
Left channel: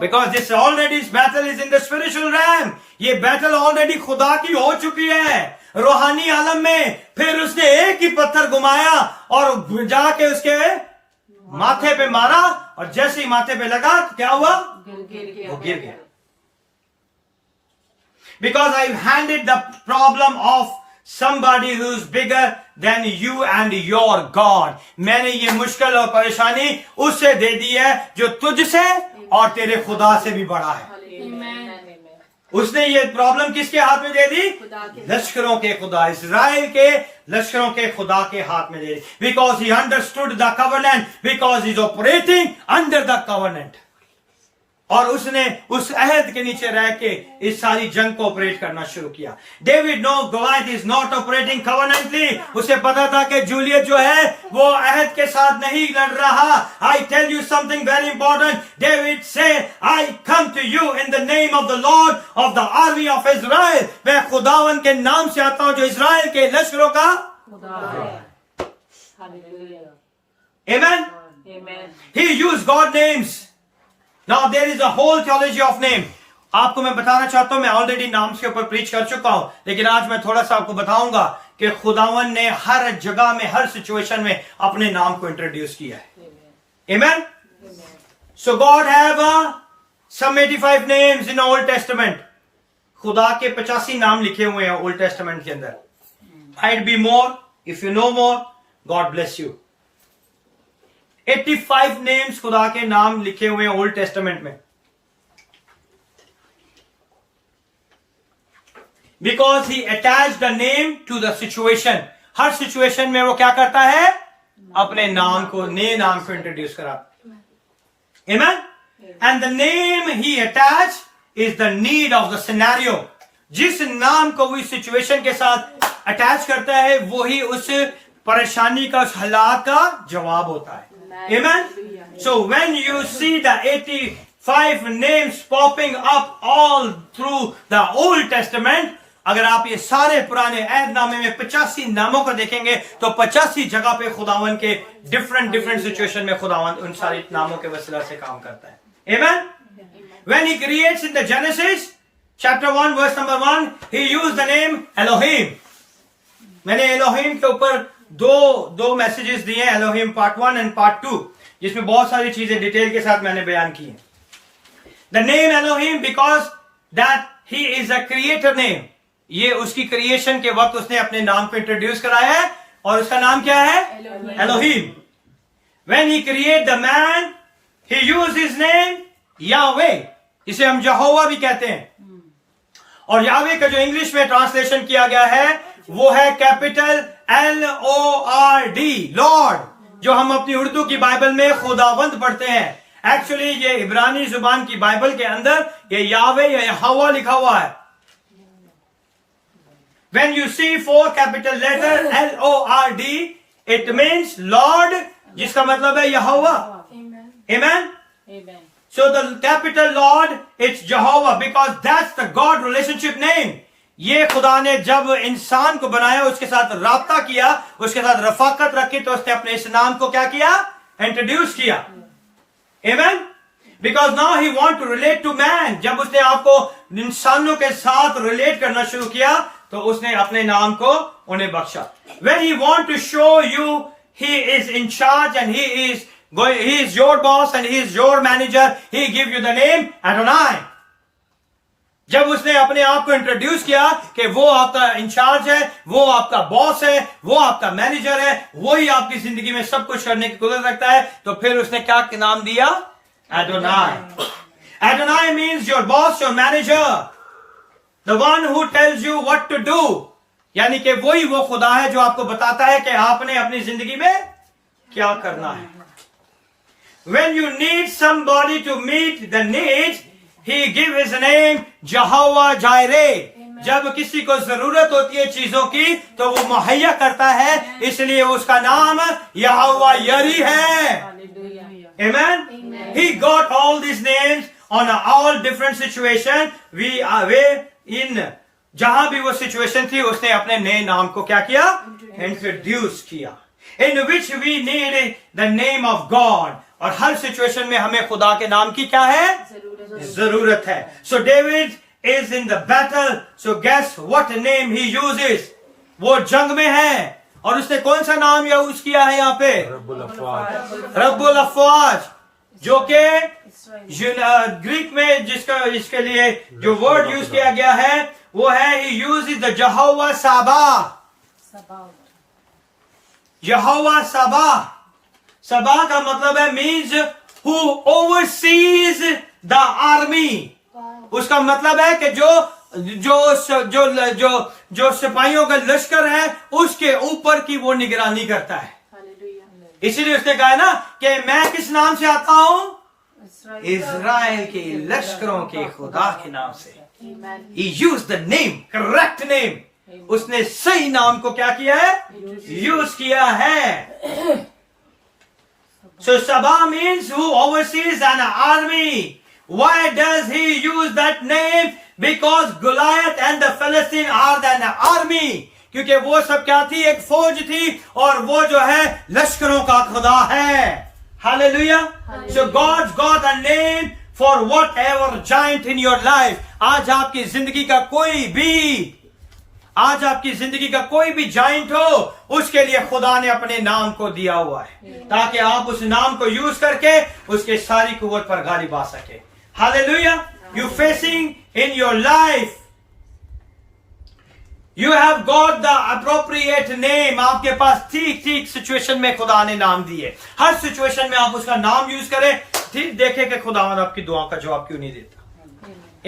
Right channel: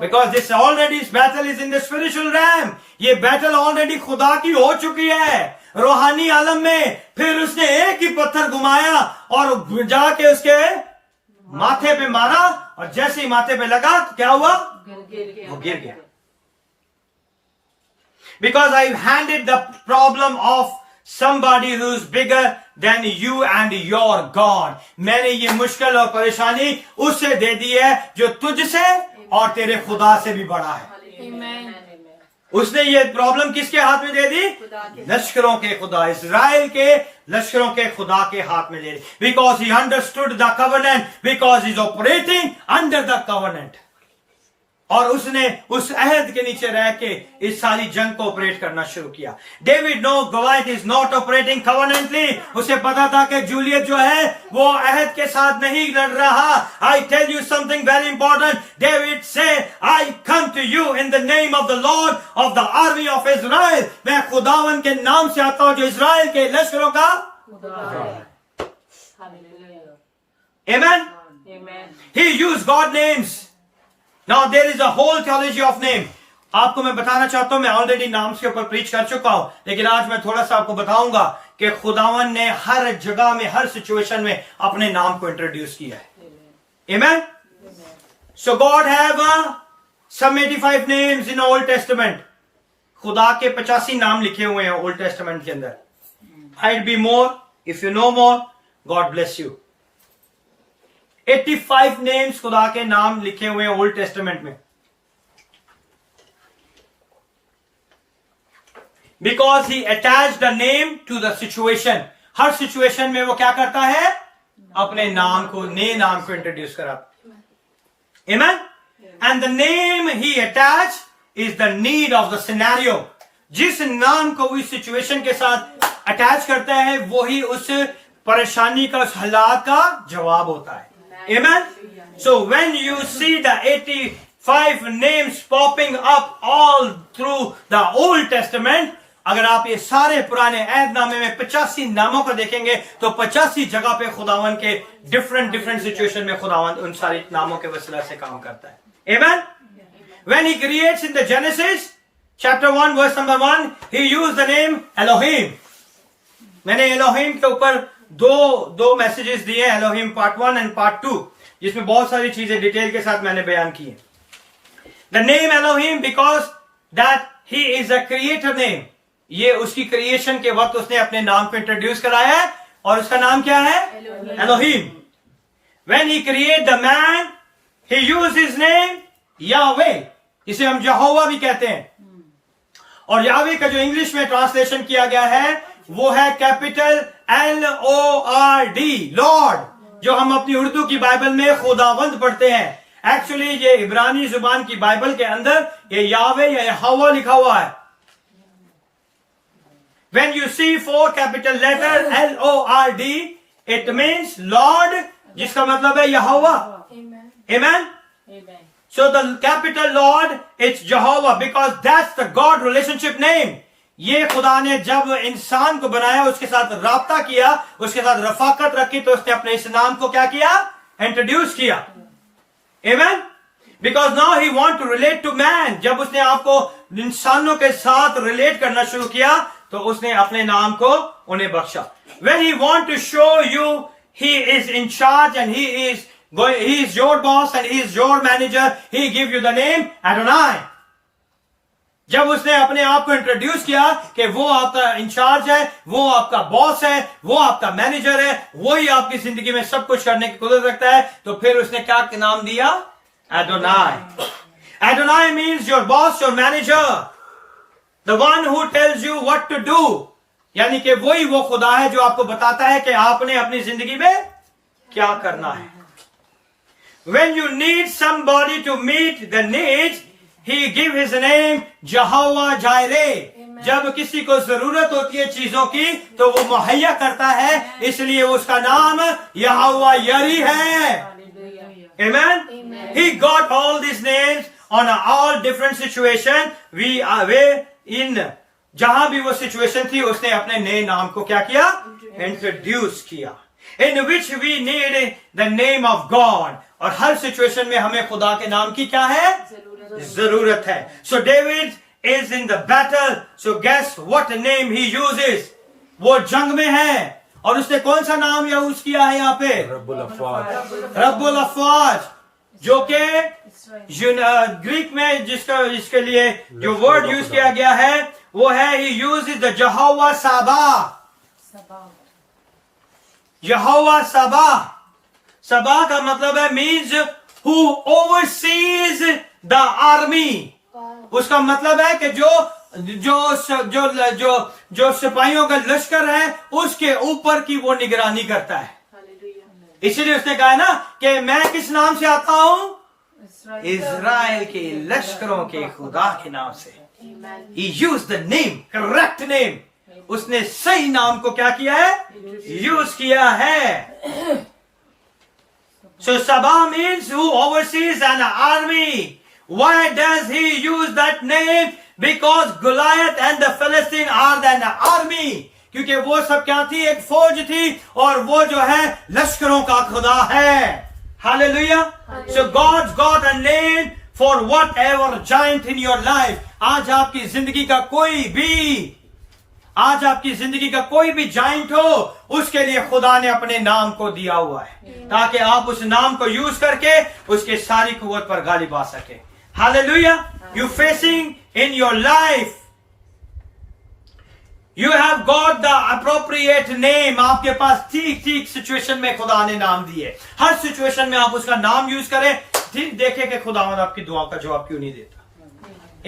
Because this already battle is in the spiritual realm. ये बैटल ऑलरेडी खुदा की हो चुकी है रूहानी आलम में. फिर उसने एक ही पत्थर घुमाया और जाके उसके माथे पे मारा और जैसे ही माथे पे लगा तो क्या हुआ? वो गिर गया. Because I handed the problem of somebody who's bigger than you and your God. मैंने ये मुश्किल और परेशानी उससे दे दी है जो तुझसे और तेरे खुदा से भी बड़ा है. Amen. उसने ये प्रॉब्लम किसके हाथ में दे दी? लश्करों के खुदा, इजराइल के लश्करों के खुदा के हाथ में दे दी. Because he understood the covenant, because he is operating under the covenant. और उसने उस अहद के नीचे रह के इस सारी जंग को ऑपरेट करना शुरू किया. David know Goliath is not operating covenantally. उसे पता था कि जूलियत जो है वो अहद के साथ नहीं लड़ रहा. I tell you something very important. David से I come to you in the name of the lord of the army of Israel. मैं खुदावन के नाम से आता हूं जो इजराइल के लश्करों का आमीन. He use God names. Now there is a whole theology of name. आपको मैं बताना चाहता हूं, मैं ऑलरेडी नाम के ऊपर प्रीच कर चुका हूं, लेकिन आज मैं थोड़ा सा आपको बताऊंगा कि खुदावन ने हर जगह में हर सिचुएशन में अपने नाम को इंट्रोड्यूस किया है. Amen. So God have some 85 names in Old Testament. खुदा के 85 नाम लिखे हुए हैं ओल्ड टेस्टामेंट के अंदर. Might be more if you know more, God bless you. 85 names खुदा के नाम लिखे हुए हैं ओल्ड टेस्टामेंट में। Because he attach the name to the situation. हर सिचुएशन में वो क्या करता है? अपने नाम को, नए नाम को इंट्रोड्यूस कराता। Amen. And the name he attach is the need of the scenario. जिस नाम को वो इस सिचुएशन के साथ अटैच करता है वही उस परेशानी का, उस हालात का जवाब होता है। Amen. So when you see the 85 names popping up all through the Old Testament, अगर आप ये सारे पुराने अहदनामे में 85 नामों को देखेंगे तो 85 जगह पे खुदावन के डिफरेंट सिचुएशन में खुदावन उन सारे नामों के वसीला से काम करता है। Amen. When he creates in the Genesis chapter 1 verse number 1, he used the name Elohim. मैंने एलोहिम के ऊपर दो मैसेजेस दिए हैं, एलोहिम पार्ट 1 एंड पार्ट 2, जिसमें बहुत सारी चीजें डिटेल के साथ मैंने बयान की है। The name Elohim because that he is a creator name. ये उसकी क्रिएशन के वक्त उसने अपने नाम को इंट्रोड्यूस कराया है और उसका नाम क्या है? Elohim. When he create the man he use his name यावे, इसे हम यहोवा भी कहते हैं। और यावे का जो इंग्लिश में ट्रांसलेशन किया गया है वो है कैपिटल LORD, लॉर्ड, जो हम अपनी उर्दू की बाइबल में खुदावंद पढ़ते हैं। एक्चुअली ये इब्रानी जुबान की बाइबल के अंदर ये यावे या यहोवा लिखा हुआ है। When you see 4 capital letter LORD, it means Lord, जिसका मतलब है यहोवा। Amen. So the capital Lord, it's Jehovah because that's the God relationship name. ये खुदा ने जब इंसान को बनाया, उसके साथ राब्ता किया, उसके साथ रफाकत रखी, तो उसने अपने इस नाम को क्या किया? इंट्रोड्यूस किया। Amen. Because now he want to relate to man. जब उसने आपको इंसानों के साथ रिलेट करना शुरू किया तो उसने अपने नाम को उन्हें बख्शा। When he want to show you he is in charge and he is your boss and he is your manager, he give you the name Adonai. जब उसने अपने आप को इंट्रोड्यूस किया कि वो आपका इंचार्ज है, वो आपका बॉस है, वो आपका मैनेजर है, वही आपकी जिंदगी में सब कुछ करने की कुदरत रखता है, तो फिर उसने क्या नाम दिया? Adonai. Adonai means your boss, your manager, the one who tells you what to do. यानी कि वही वो खुदा है जो आपको बताता है कि आपने अपनी जिंदगी में क्या करना है। When you need somebody to meet the needs, he give his name Jehovah Jireh. जब किसी को जरूरत होती है चीजों की तो वो मुहैया करता है, इसलिए उसका नाम यहोवा यरी है। Amen. He got all these names on all different situation. We are in जहां भी वो सिचुएशन थी उसने अपने नए नाम को क्या किया? इंट्रोड्यूस किया। In which we need the name of God. और हर सिचुएशन में हमें खुदा के नाम की क्या है? जरूरत है। So David is in the battle. So guess what name he uses? वो जंग में है और उसने कौन सा नाम यूज किया है यहाँ पे? रब्बुल अफवाज, जो कि ग्रीक में जिसके लिए जो वर्ड यूज किया गया है वो है he uses the Jehovah Sabah. यहोवा सबा। सबा का मतलब है means who overseas the army. उसका मतलब है कि जो सिपाहियों का लश्कर है उसके ऊपर की वो निगरानी करता है। इसीलिए उसने कहा ना कि मैं किस नाम से आता हूं? इज़राइल के लश्करों के खुदा के नाम से। He used the name, correct name. उसने सही नाम को क्या किया है? यूज किया है। So Sabah means who oversees an army. Why does he use that name? Because Goliath and the Philistine are an army. क्योंकि वो सब क्या थी? एक फौज थी और वो जो है लश्करों का खुदा है। Hallelujah. So God's got a name for whatever giant in your life. आज आपकी जिंदगी का कोई भी जाइंट हो, उसके लिए खुदा ने अपने नाम को दिया हुआ है ताकि आप उस नाम को यूज करके उसके सारी कुव्वत पर गालिब आ सके। Hallelujah. You facing in your life you have got the appropriate name, आपके पास ठीक ठीक सिचुएशन में खुदा ने नाम दिए। हर सिचुएशन में आप उसका नाम यूज करें, ठीक देखें कि खुदावंद आपकी दुआ का जवाब क्यों नहीं देता।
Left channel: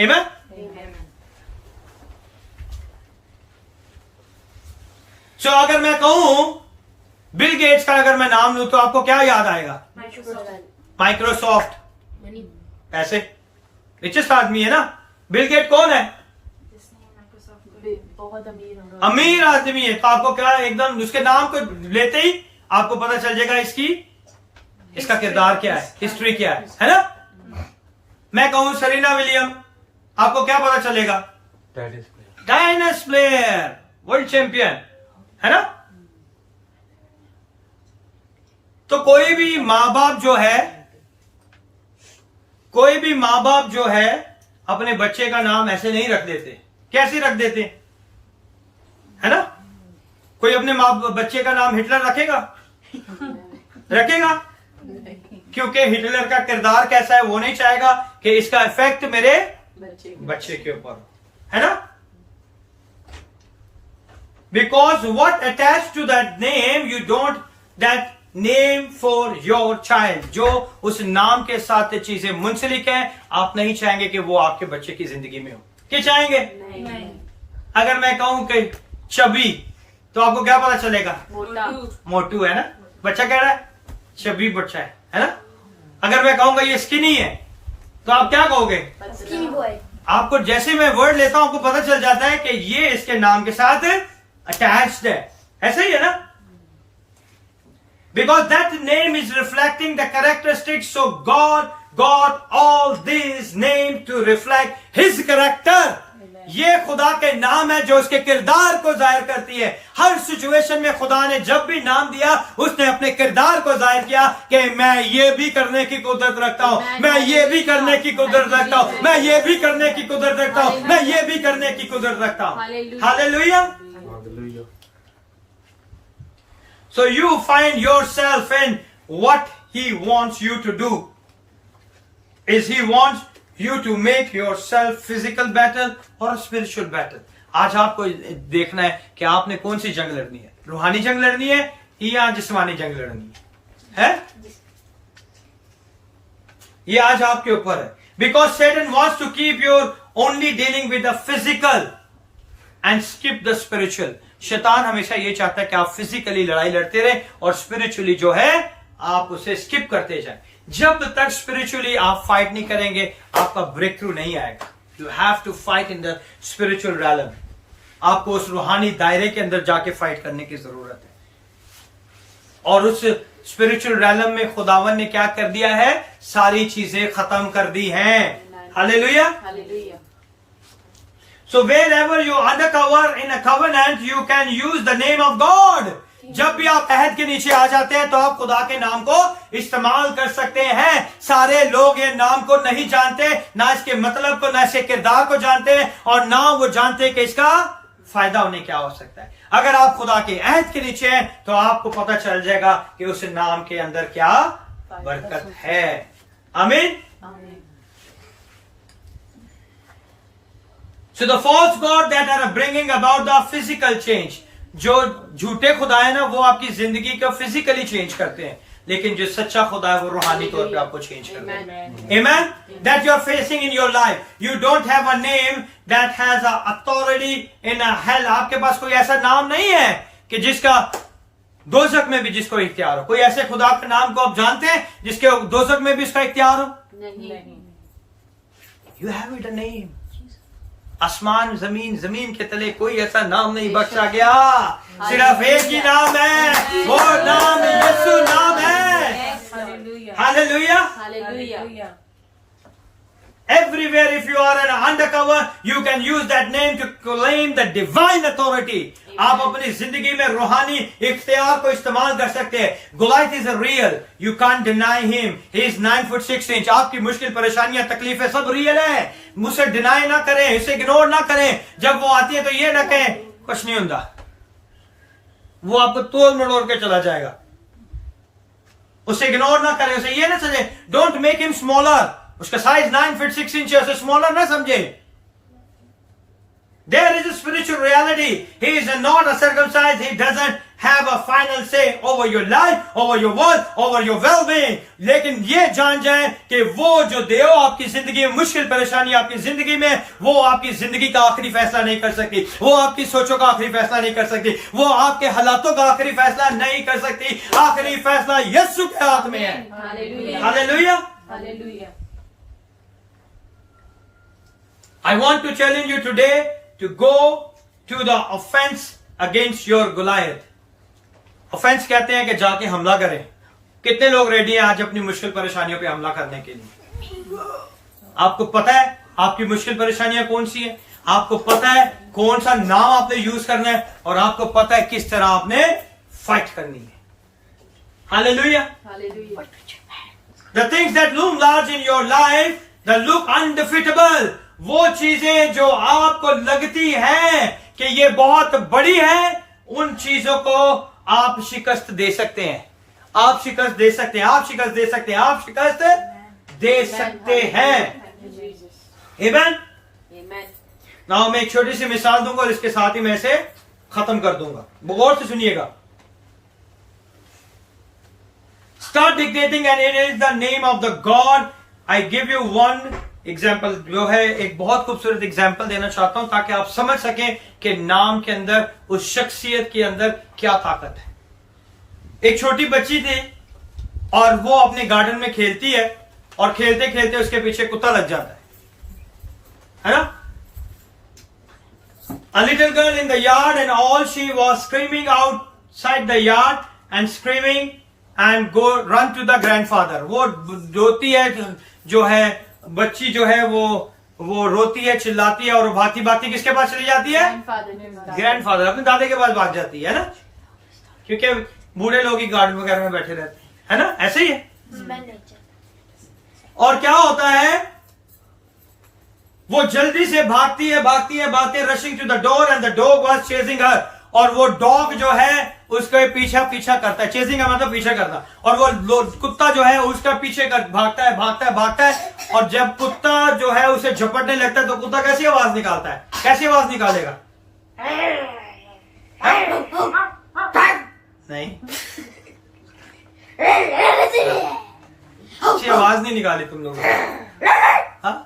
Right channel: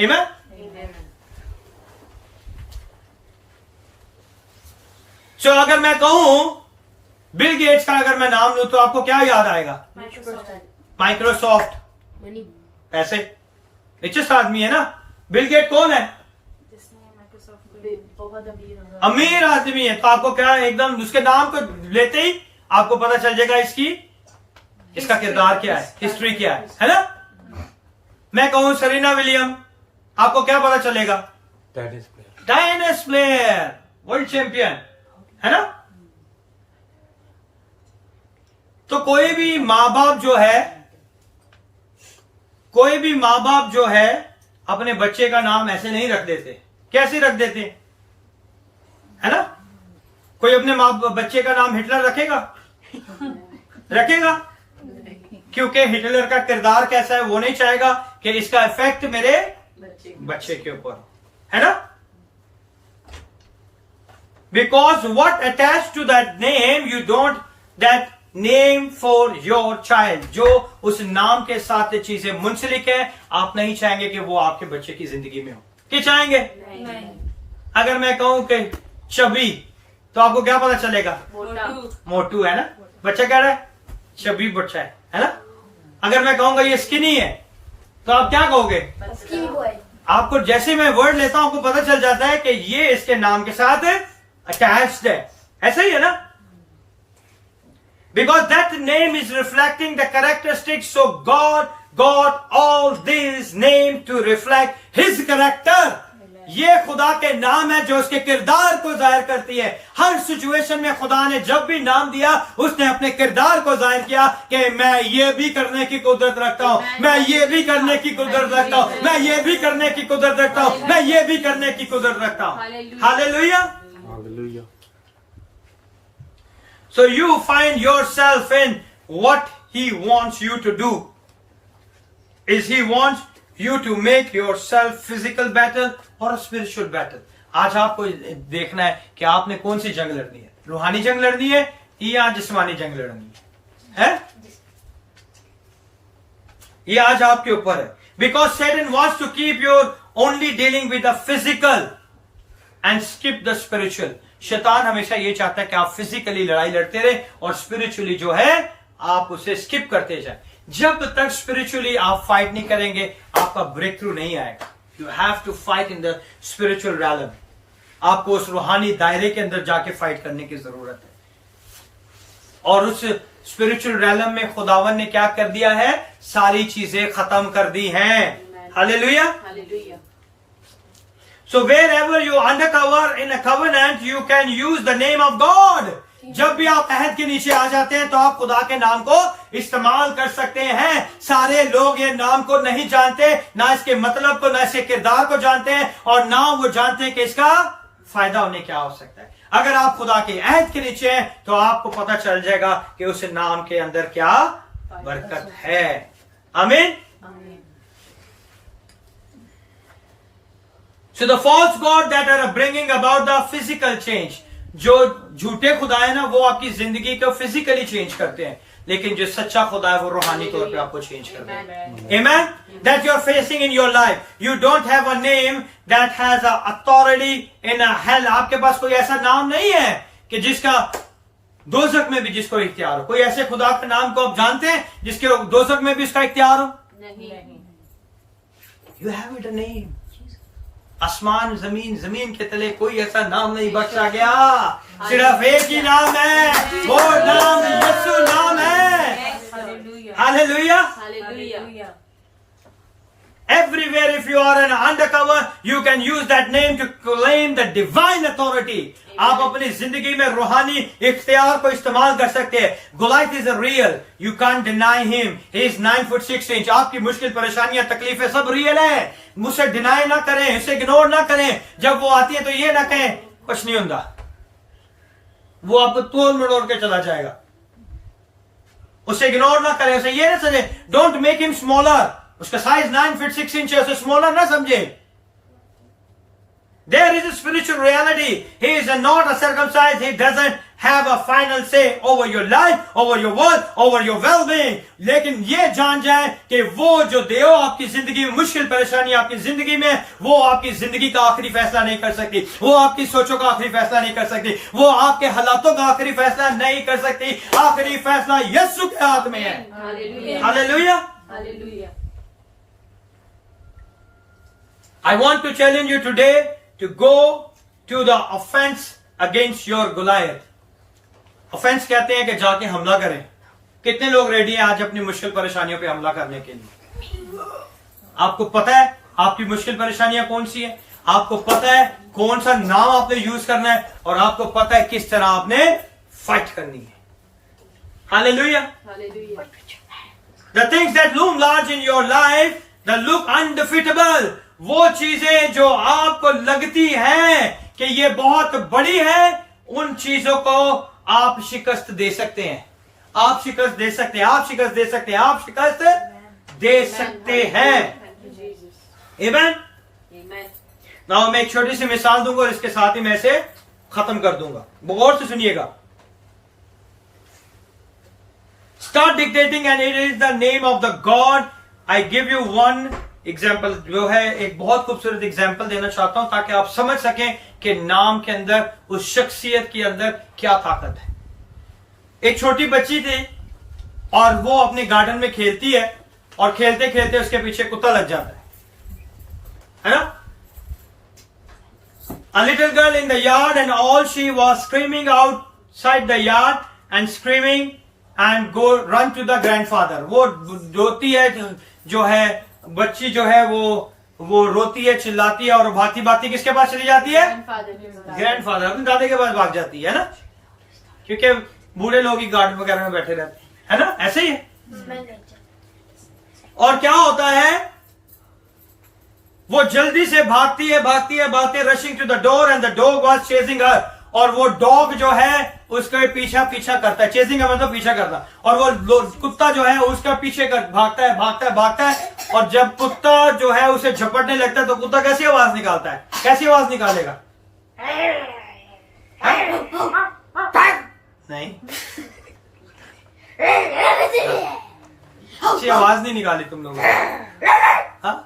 आमीन। सो अगर मैं कहूं बिल गेट्स का अगर मैं नाम लूं तो आपको क्या याद आएगा? माइक्रोसॉफ्ट, पैसे, रिचेस्ट आदमी है ना। बिल गेट कौन है? बहुत अमीर होगा, अमीर आदमी है। तो आपको क्या एकदम उसके नाम को लेते ही आपको पता चल जाएगा इसका किरदार क्या है, हिस्ट्री क्या है ना। मैं कहूं सरीना विलियम, आपको क्या पता चलेगा? टेनिस प्लेयर, वर्ल्ड चैंपियन, है ना। तो कोई भी मां बाप जो है अपने बच्चे का नाम ऐसे नहीं रख देते। कैसे रख देते, है ना। कोई अपने बच्चे का नाम हिटलर रखेगा? क्योंकि हिटलर का किरदार कैसा है वो नहीं चाहेगा कि इसका इफेक्ट मेरे बच्चे के ऊपर हो, है ना। Because what attach to that name you don't that name for your child. जो उस नाम के साथ चीजें मुंसलिक है, आप नहीं चाहेंगे कि वो आपके बच्चे की जिंदगी में हो। क्या चाहेंगे? नहीं। अगर मैं कहूं कि चबी, तो आपको क्या पता चलेगा? मोटू है ना। बच्चा कह रहा है चबी बच्चा है ना। अगर मैं कहूंगा ये स्किनी है तो आप क्या कहोगे? Skinny boy. आपको जैसे मैं वर्ड लेता हूं आपको पता चल जाता है कि ये इसके नाम के साथ अटैच्ड है। ऐसा ही है ना। Because that name is reflecting the characteristics, so God got all these names to reflect His character. ये खुदा के नाम है जो उसके किरदार को जाहिर करती है। हर सिचुएशन में खुदा ने जब भी नाम दिया उसने अपने किरदार को जाहिर किया कि मैं ये भी करने की कुदरत रखता हूं, मैं ये भी करने की कुदरत रखता हूं, मैं ये भी करने की कुदरत रखता हूं, मैं ये भी करने की कुदरत रखता हूं। Hallelujah. So you find yourself in what He wants you to do. Is He wants you to make yourself physical battle or a spiritual battle? आज आपको देखना है कि आपने कौन सी जंग लड़नी है, रूहानी जंग लड़नी है या जिस्मानी जंग लड़नी है? ये आज आपके ऊपर है। Because Satan wants to keep you only dealing with the physical and skip the spiritual. शैतान हमेशा ये चाहता है कि आप फिजिकली लड़ाई लड़ते रहे और स्पिरिचुअली जो है आप उसे स्किप करते जाए। जब तक स्पिरिचुअली आप फाइट नहीं करेंगे आपका ब्रेक थ्रू नहीं आएगा। You have to fight in the spiritual realm. आपको उस रूहानी दायरे के अंदर जाके फाइट करने की जरूरत है। और उस स्पिरिचुअल रैलम में खुदावन ने क्या कर दिया है? सारी चीजें खत्म कर दी हैं। Hallelujah. So wherever you undercover in a covenant, you can use the name of God. जब भी आप अहद के नीचे आ जाते हैं तो आप खुदा के नाम को इस्तेमाल कर सकते हैं। सारे लोग ये नाम को नहीं जानते, ना इसके मतलब को, ना इसके किरदार को जानते हैं और ना वो जानते हैं कि इसका फायदा उन्हें क्या हो सकता है। अगर आप खुदा के अहद के नीचे हैं तो आपको पता चल जाएगा कि उस नाम के अंदर क्या बरकत है। आमीन। So the false god that are bringing about the physical change, जो झूठे खुदा है ना वो आपकी जिंदगी को फिजिकली चेंज करते हैं, लेकिन जो सच्चा खुदा है वो रूहानी तौर पे आपको चेंज करते हैं। Amen. That you are facing in your life, you don't have a name that has a authority in a hell. आपके पास कोई ऐसा नाम नहीं है कि जिसका दोजख में भी जिसको इख्तियार हो। कोई ऐसे खुदा का नाम को आप जानते हैं जिसके दोजख में भी उसका इख्तियार हो? नहीं। You have it a name. आसमान जमीन, जमीन के तले कोई ऐसा नाम नहीं बख्शा गया, सिर्फ एक ही नाम है, वो नाम यीशु नाम है। Hallelujah. Everywhere if you are an undercover, you can use that name to claim the divine authority. आप अपनी जिंदगी में रूहानी इख्तियार को इस्तेमाल कर सकते हैं। Goliath is a real. You can't deny him. He is 9 foot 6 inch. आपकी मुश्किल परेशानियां तकलीफें सब रियल है। मुझसे डिनाई ना करें, इसे इग्नोर ना करें। जब वो आती है तो ये ना कहें कुछ नहीं होता, वो आपको तोड़ मरोड़ के चला जाएगा। उसे इग्नोर ना करें, उसे ये ना समझे। Don't make him smaller. उसका साइज 9 फीट 6 इंच है, उसे स्मॉलर ना समझे। There is a spiritual reality. He is not a circumcised. He doesn't have a final say over your life, over your world, over your well-being. लेकिन ये जान जाए कि वो जो देव आपकी जिंदगी में मुश्किल परेशानी आपकी जिंदगी में, वो आपकी जिंदगी का आखिरी फैसला नहीं कर सकती, वो आपकी सोचों का आखिरी फैसला नहीं कर सकती, वो आपके हालातों का आखिरी फैसला नहीं कर सकती. आखिरी फैसला यीशु के हाथ में है. Hallelujah. Hallelujah. I want to challenge you today to go to the offense against your Goliath. Offence कहते हैं कि जाके हमला करें. कितने लोग रेडी हैं आज अपनी मुश्किल परेशानियों पे हमला करने के लिए? आपको पता है आपकी मुश्किल परेशानियां कौन सी है, आपको पता है कौन सा नाम आपने यूज करना है, और आपको पता है किस तरह आपने फाइट करनी है. Hallelujah. Hallelujah. The things that loom large in your life, that look undefeatable, वो चीजें जो आपको लगती हैं कि ये बहुत बड़ी है, उन चीजों को आप शिकस्त दे सकते हैं. आप शिकस्त दे सकते हैं. आप शिकस्त दे सकते हैं. आप शिकस्त दे सकते हैं. Amen? Amen. नाउ मैं एक छोटी सी मिसाल दूंगा और इसके साथ ही मैं इसे खत्म कर दूंगा. गौर से सुनिएगा. Start dictating and it is the name of the God. I give you one example जो है, एक बहुत खूबसूरत एग्जाम्पल देना चाहता हूं ताकि आप समझ सकें कि नाम के अंदर, उस शख्सियत के अंदर क्या ताकत है. एक छोटी बच्ची थी और वो अपने गार्डन में खेलती है और खेलते खेलते उसके पीछे कुत्ता लग जाता है ना. A little girl in the yard and all she was screaming outside the yard and screaming and go run to the grandfather. वो रोती है, जो है बच्ची जो है वो रोती है, चिल्लाती है और भाती भाती किसके पास चली जाती है? ग्रैंडफादर, अपने दादे के पास भाग जाती है ना, क्योंकि बूढ़े लोग ही गार्डन वगैरह में बैठे रहते हैं, है ना. ऐसे ही है. और क्या होता है, वो जल्दी से भागती है, rushing to the door and the dog was chasing her. और वो डॉग जो है उसका पीछा करता है. चेजिंग का मतलब पीछा करता. और वो कुत्ता जो है उसका पीछे भागता है. और जब कुत्ता जो है उसे झपटने लगता है तो कुत्ता कैसी आवाज निकालता है? कैसी आवाज निकालेगा? नहीं, अच्छी आवाज नहीं निकाली तुम लोगों ने. हाँ?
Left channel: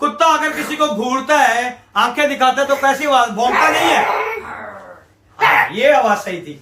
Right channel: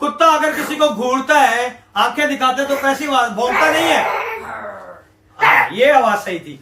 कुत्ता अगर किसी को घूरता है, आंखें दिखाता है, तो कैसी आवाज? भौंकता नहीं है. ये आवाज सही थी.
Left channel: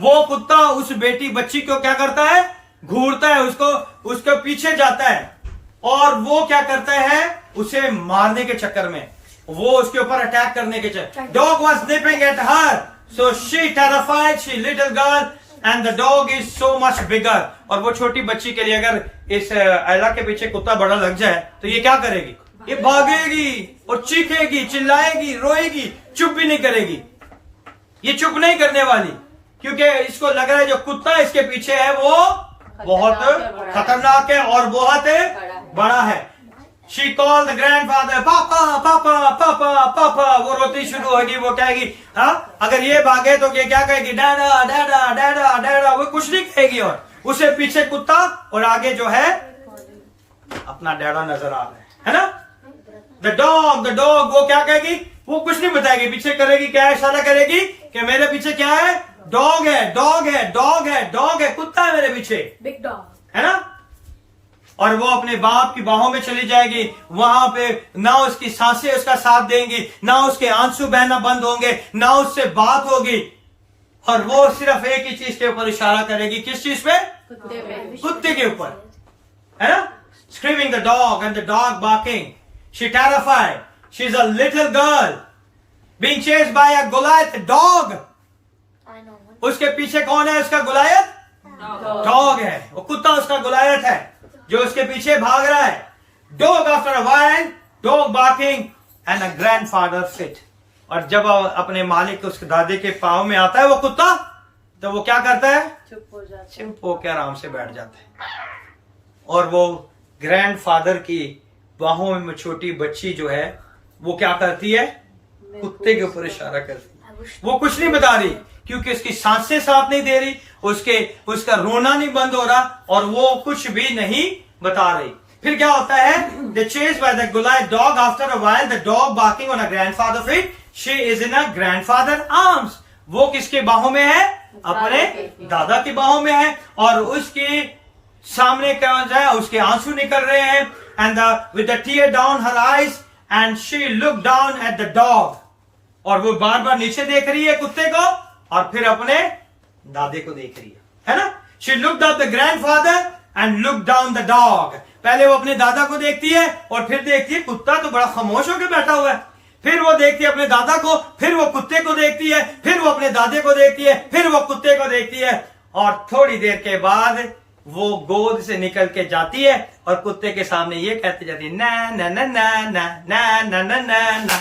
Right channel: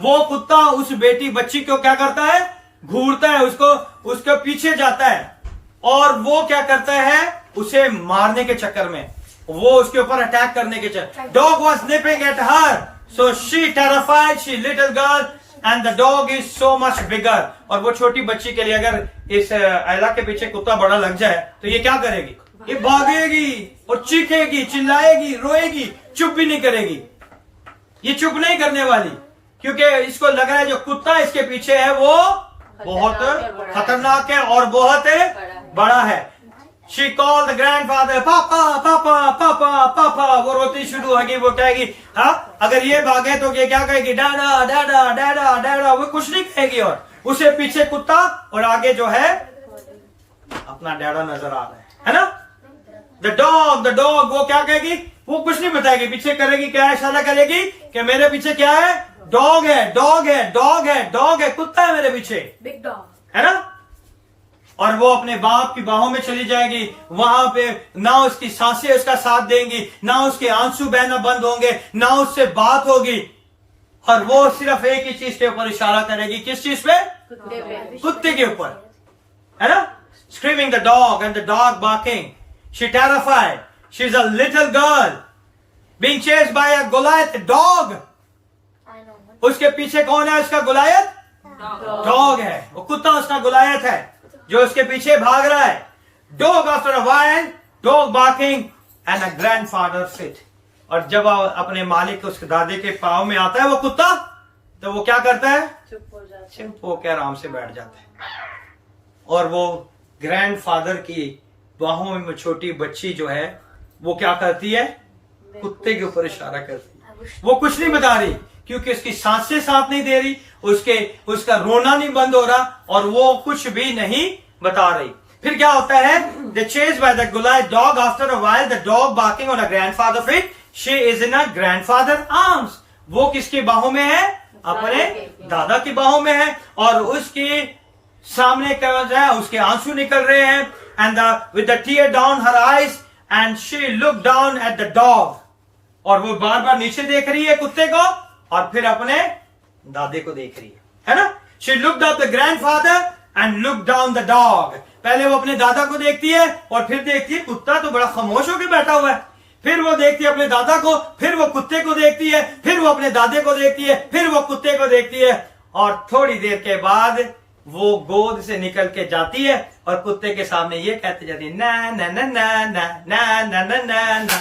वो कुत्ता उस बच्ची को क्या करता है? घूरता है, उसके पीछे जाता है. और वो क्या करता है? उसे मारने के चक्कर में, वो उसके ऊपर अटैक करने के चक्कर. Dog was snipping at her, so she terrified, she little girl, and the dog is so much bigger. और वो छोटी बच्ची के लिए अगर इस एला के पीछे कुत्ता बड़ा लग जाए तो ये क्या करेगी? ये भागेगी और चीखेगी, चिल्लाएगी, रोएगी, चुप भी नहीं करेगी. ये चुप नहीं करने वाली, क्योंकि इसको लग रहा है जो कुत्ता इसके पीछे है वो बहुत खतरनाक है और बहुत बड़ा है. शी कॉल द ग्रैंडफादर, पापा पापा पापा पापा. वो रोती शुरू होगी. वो कहेगी, हाँ, अगर ये भागे तो ये क्या कहेगी? डैडा डैडा डैडा डैडा. वो कुछ नहीं कहेगी. और उसे पीछे कुत्ता और आगे जो है अपना डैडा नजर आ रहा है ना. द डॉग वो क्या कहेगी? वो कुछ नहीं बताएगी, पीछे करेगी, क्या इशारा करेगी कि मेरे पीछे क्या है? डॉग है, कुत्ता है मेरे पीछे, Big dog. है ना. और वो अपने बाप की बाहों में चली जाएगी. वहां पे ना उसकी सांसें उसका साथ देंगी, ना उसके आंसू बहना बंद होंगे, ना उससे बात होगी. और वो सिर्फ एक ही चीज के ऊपर इशारा करेगी. किस चीज पे? कुत्ते के ऊपर, है ना. Screaming the dog and the dog barking. She terrified. She's a little girl being chased by a Goliath dog. उसके पीछे कौन है? उसका गुलायत डॉग है. वो कुत्ता उसका गुलायत है जो उसके पीछे भाग रहा है. Dog after a while, dog barking and a grandfather sit. और जब अपने मालिक उसके दादे के पाँव में आता है वो कुत्ता, तो वो क्या करता है? चुप होकर आराम से बैठ जाता है. और वो ग्रैंडफादर की बाहों में छोटी बच्ची जो है वो क्या करती है? कुत्ते के ऊपर इशारा करती है. वो कुछ नहीं बता रही, क्योंकि उसकी सांसें साथ नहीं दे रही, उसका रोना नहीं बंद हो रहा, और वो कुछ भी नहीं बता रही. फिर क्या होता है? The chase by the Goliath dog. After a while, the dog barking on a grandfather feet. She is in a grandfather arms. वो किसके बाहों में है? अपने दादा की बाहों में है, और उसके सामने क्या हो जाए, उसके आंसू निकल रहे हैं. And with the tear down her eyes, and she looked down at the dog. और वो बार बार नीचे देख रही है कुत्ते को, और फिर अपने दादे को देख रही है ना? She looked at the grandfather and looked down the dog. पहले वो अपने दादा को देखती है, और फिर देखती है कुत्ता तो बड़ा खामोश होकर बैठा हुआ है. फिर वो देखती है अपने दादा को, फिर वो कुत्ते को देखती है, फिर वो अपने दादे को देखती है, फिर वो कुत्ते को देखती है, और थोड़ी देर के बाद वो गोद से निकल के जाती है और कुत्ते के सामने ये कहती जाती है, ना ना ना ना ना ना ना ना ना ना.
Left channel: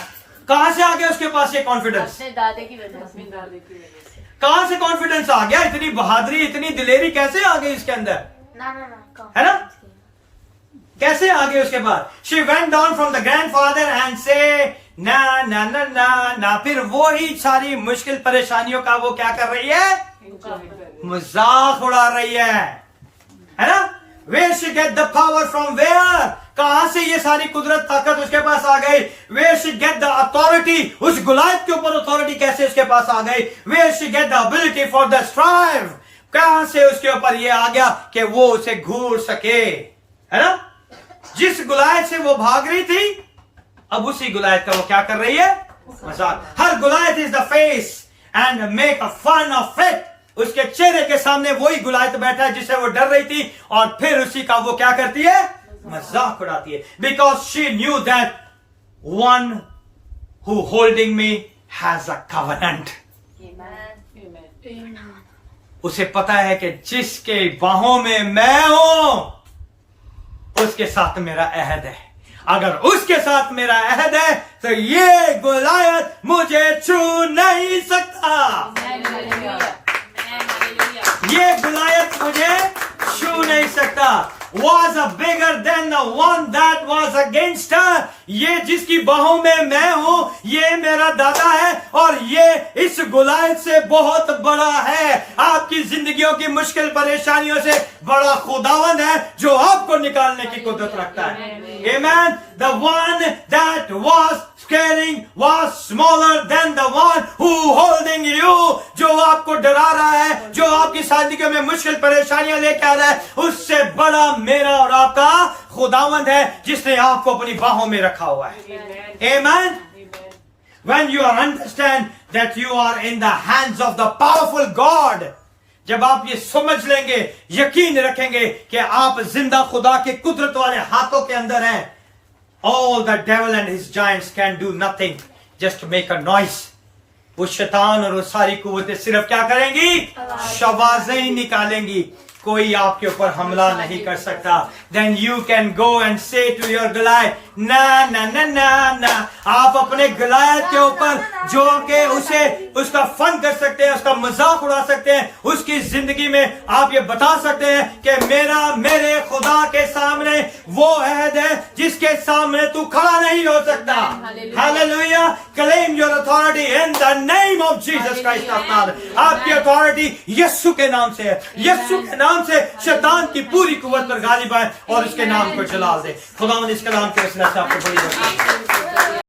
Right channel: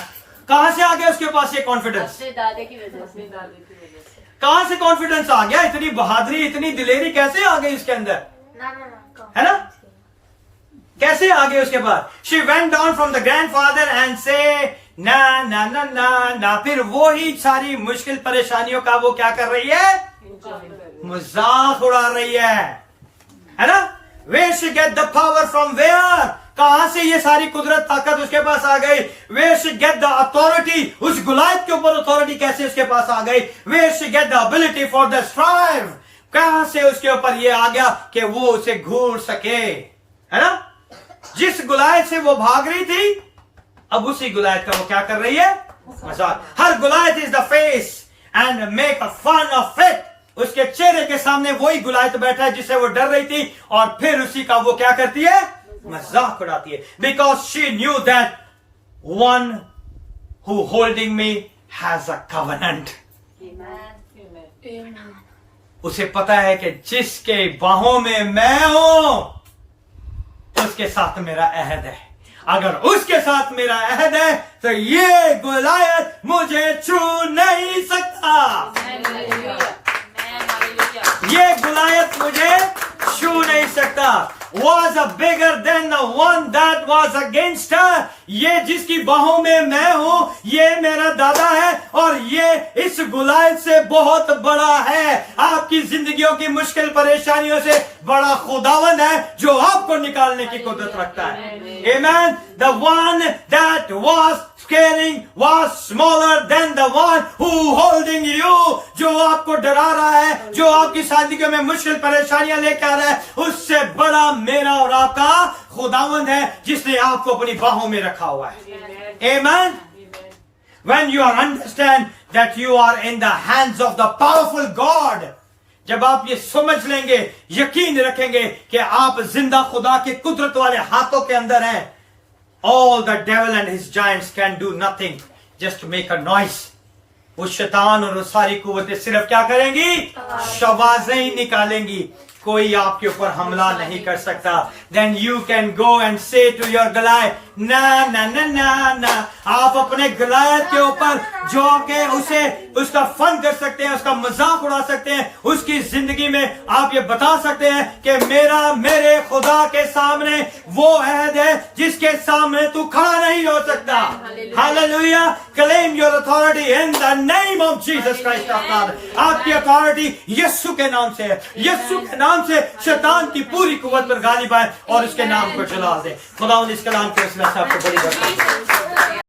कहां से आ गया उसके पास ये कॉन्फिडेंस? अपने दादे की वजह से. कहां से कॉन्फिडेंस आ गया? इतनी बहादुरी, इतनी दिलेरी कैसे आ गई इसके अंदर? है ना? कैसे आ गई उसके पास? She went down from the grandfather and से ना ना ना ना ना. फिर वो ही सारी मुश्किल परेशानियों का वो क्या कर रही है? मजाक उड़ा रही है ना? Where she get the power from where? कहां से ये सारी कुदरत ताकत उसके पास आ गई? Where she get the authority? उस गुलायत के ऊपर अथॉरिटी कैसे उसके पास आ गई? Where she get the ability for the strive? कहां से उसके ऊपर ये आ गया कि वो उसे घूर सके? है ना? जिस गुलायत से वो भाग रही थी, अब उसी गुलायत का वो क्या कर रही है? मजाक. हर Goliath is the face and make a fun of it. उसके चेहरे के सामने वही गुलायत बैठा है जिससे वो डर रही थी, और फिर उसी का वो क्या करती है? मजाक उड़ाती है. Because she knew that one who holding me has a covenant. उसे पता है कि जिसके बाहों में मैं हूं उसके साथ मेरा अहद है. अगर उसके साथ मेरा अहद है तो ये गुलायत मुझे छू नहीं सकता. ये गुलायत मुझे छू नहीं सकता. Was a bigger than the one that was against her. ये जिसकी बाहों में मैं हूं, ये मेरा दादा है, और ये इस गुलायत से बहुत बड़ा है. आपकी जिंदगियों की मुश्किल परेशानियों से बड़ा खुदावंद है जो आपको निकालने की कुदरत रखता है. Amen. The one that was scaring was smaller than the one who holding you. जो आपको डरा रहा है, जो आपकी जिंदगी में मुश्किल परेशानियां लेकर आ रहा है, उससे बड़ा मेरा और आपका खुदावंद है जिसने आपको अपनी बाहों में रखा हुआ है. Amen. When you understand that you are in the hands of the powerful God, जब आप ये समझ लेंगे, यकीन रखेंगे कि आप जिंदा खुदा के कुदरत वाले हाथों के अंदर हैं, all the devil and his giants can do nothing, just make a noise. वो शैतान और वो सारी कुव्वतें सिर्फ क्या करेंगी? शवाज़ें ही निकालेंगी. कोई आपके ऊपर हमला नहीं कर सकता. Then you can go and say to your Goliath, ना ना ना ना ना. आप अपने गलायत के ऊपर जो के उसे उसका फन कर सकते हैं, उसका मजाक उड़ा सकते हैं. उसकी जिंदगी में आप ये बता सकते हैं कि मेरे खुदा के सामने वो अहद है जिसके सामने तू खड़ा नहीं हो सकता. Hallelujah. Claim your authority in the name of Jesus Christ of Nazareth. आपकी अथॉरिटी यीशु के नाम से है. यीशु के नाम से शैतान की पूरी कुव्वत पर गालिब आए और उसके नाम को जलाल दे. खुदा इस कलाम के इसमें आपको बड़ी बरकत दे.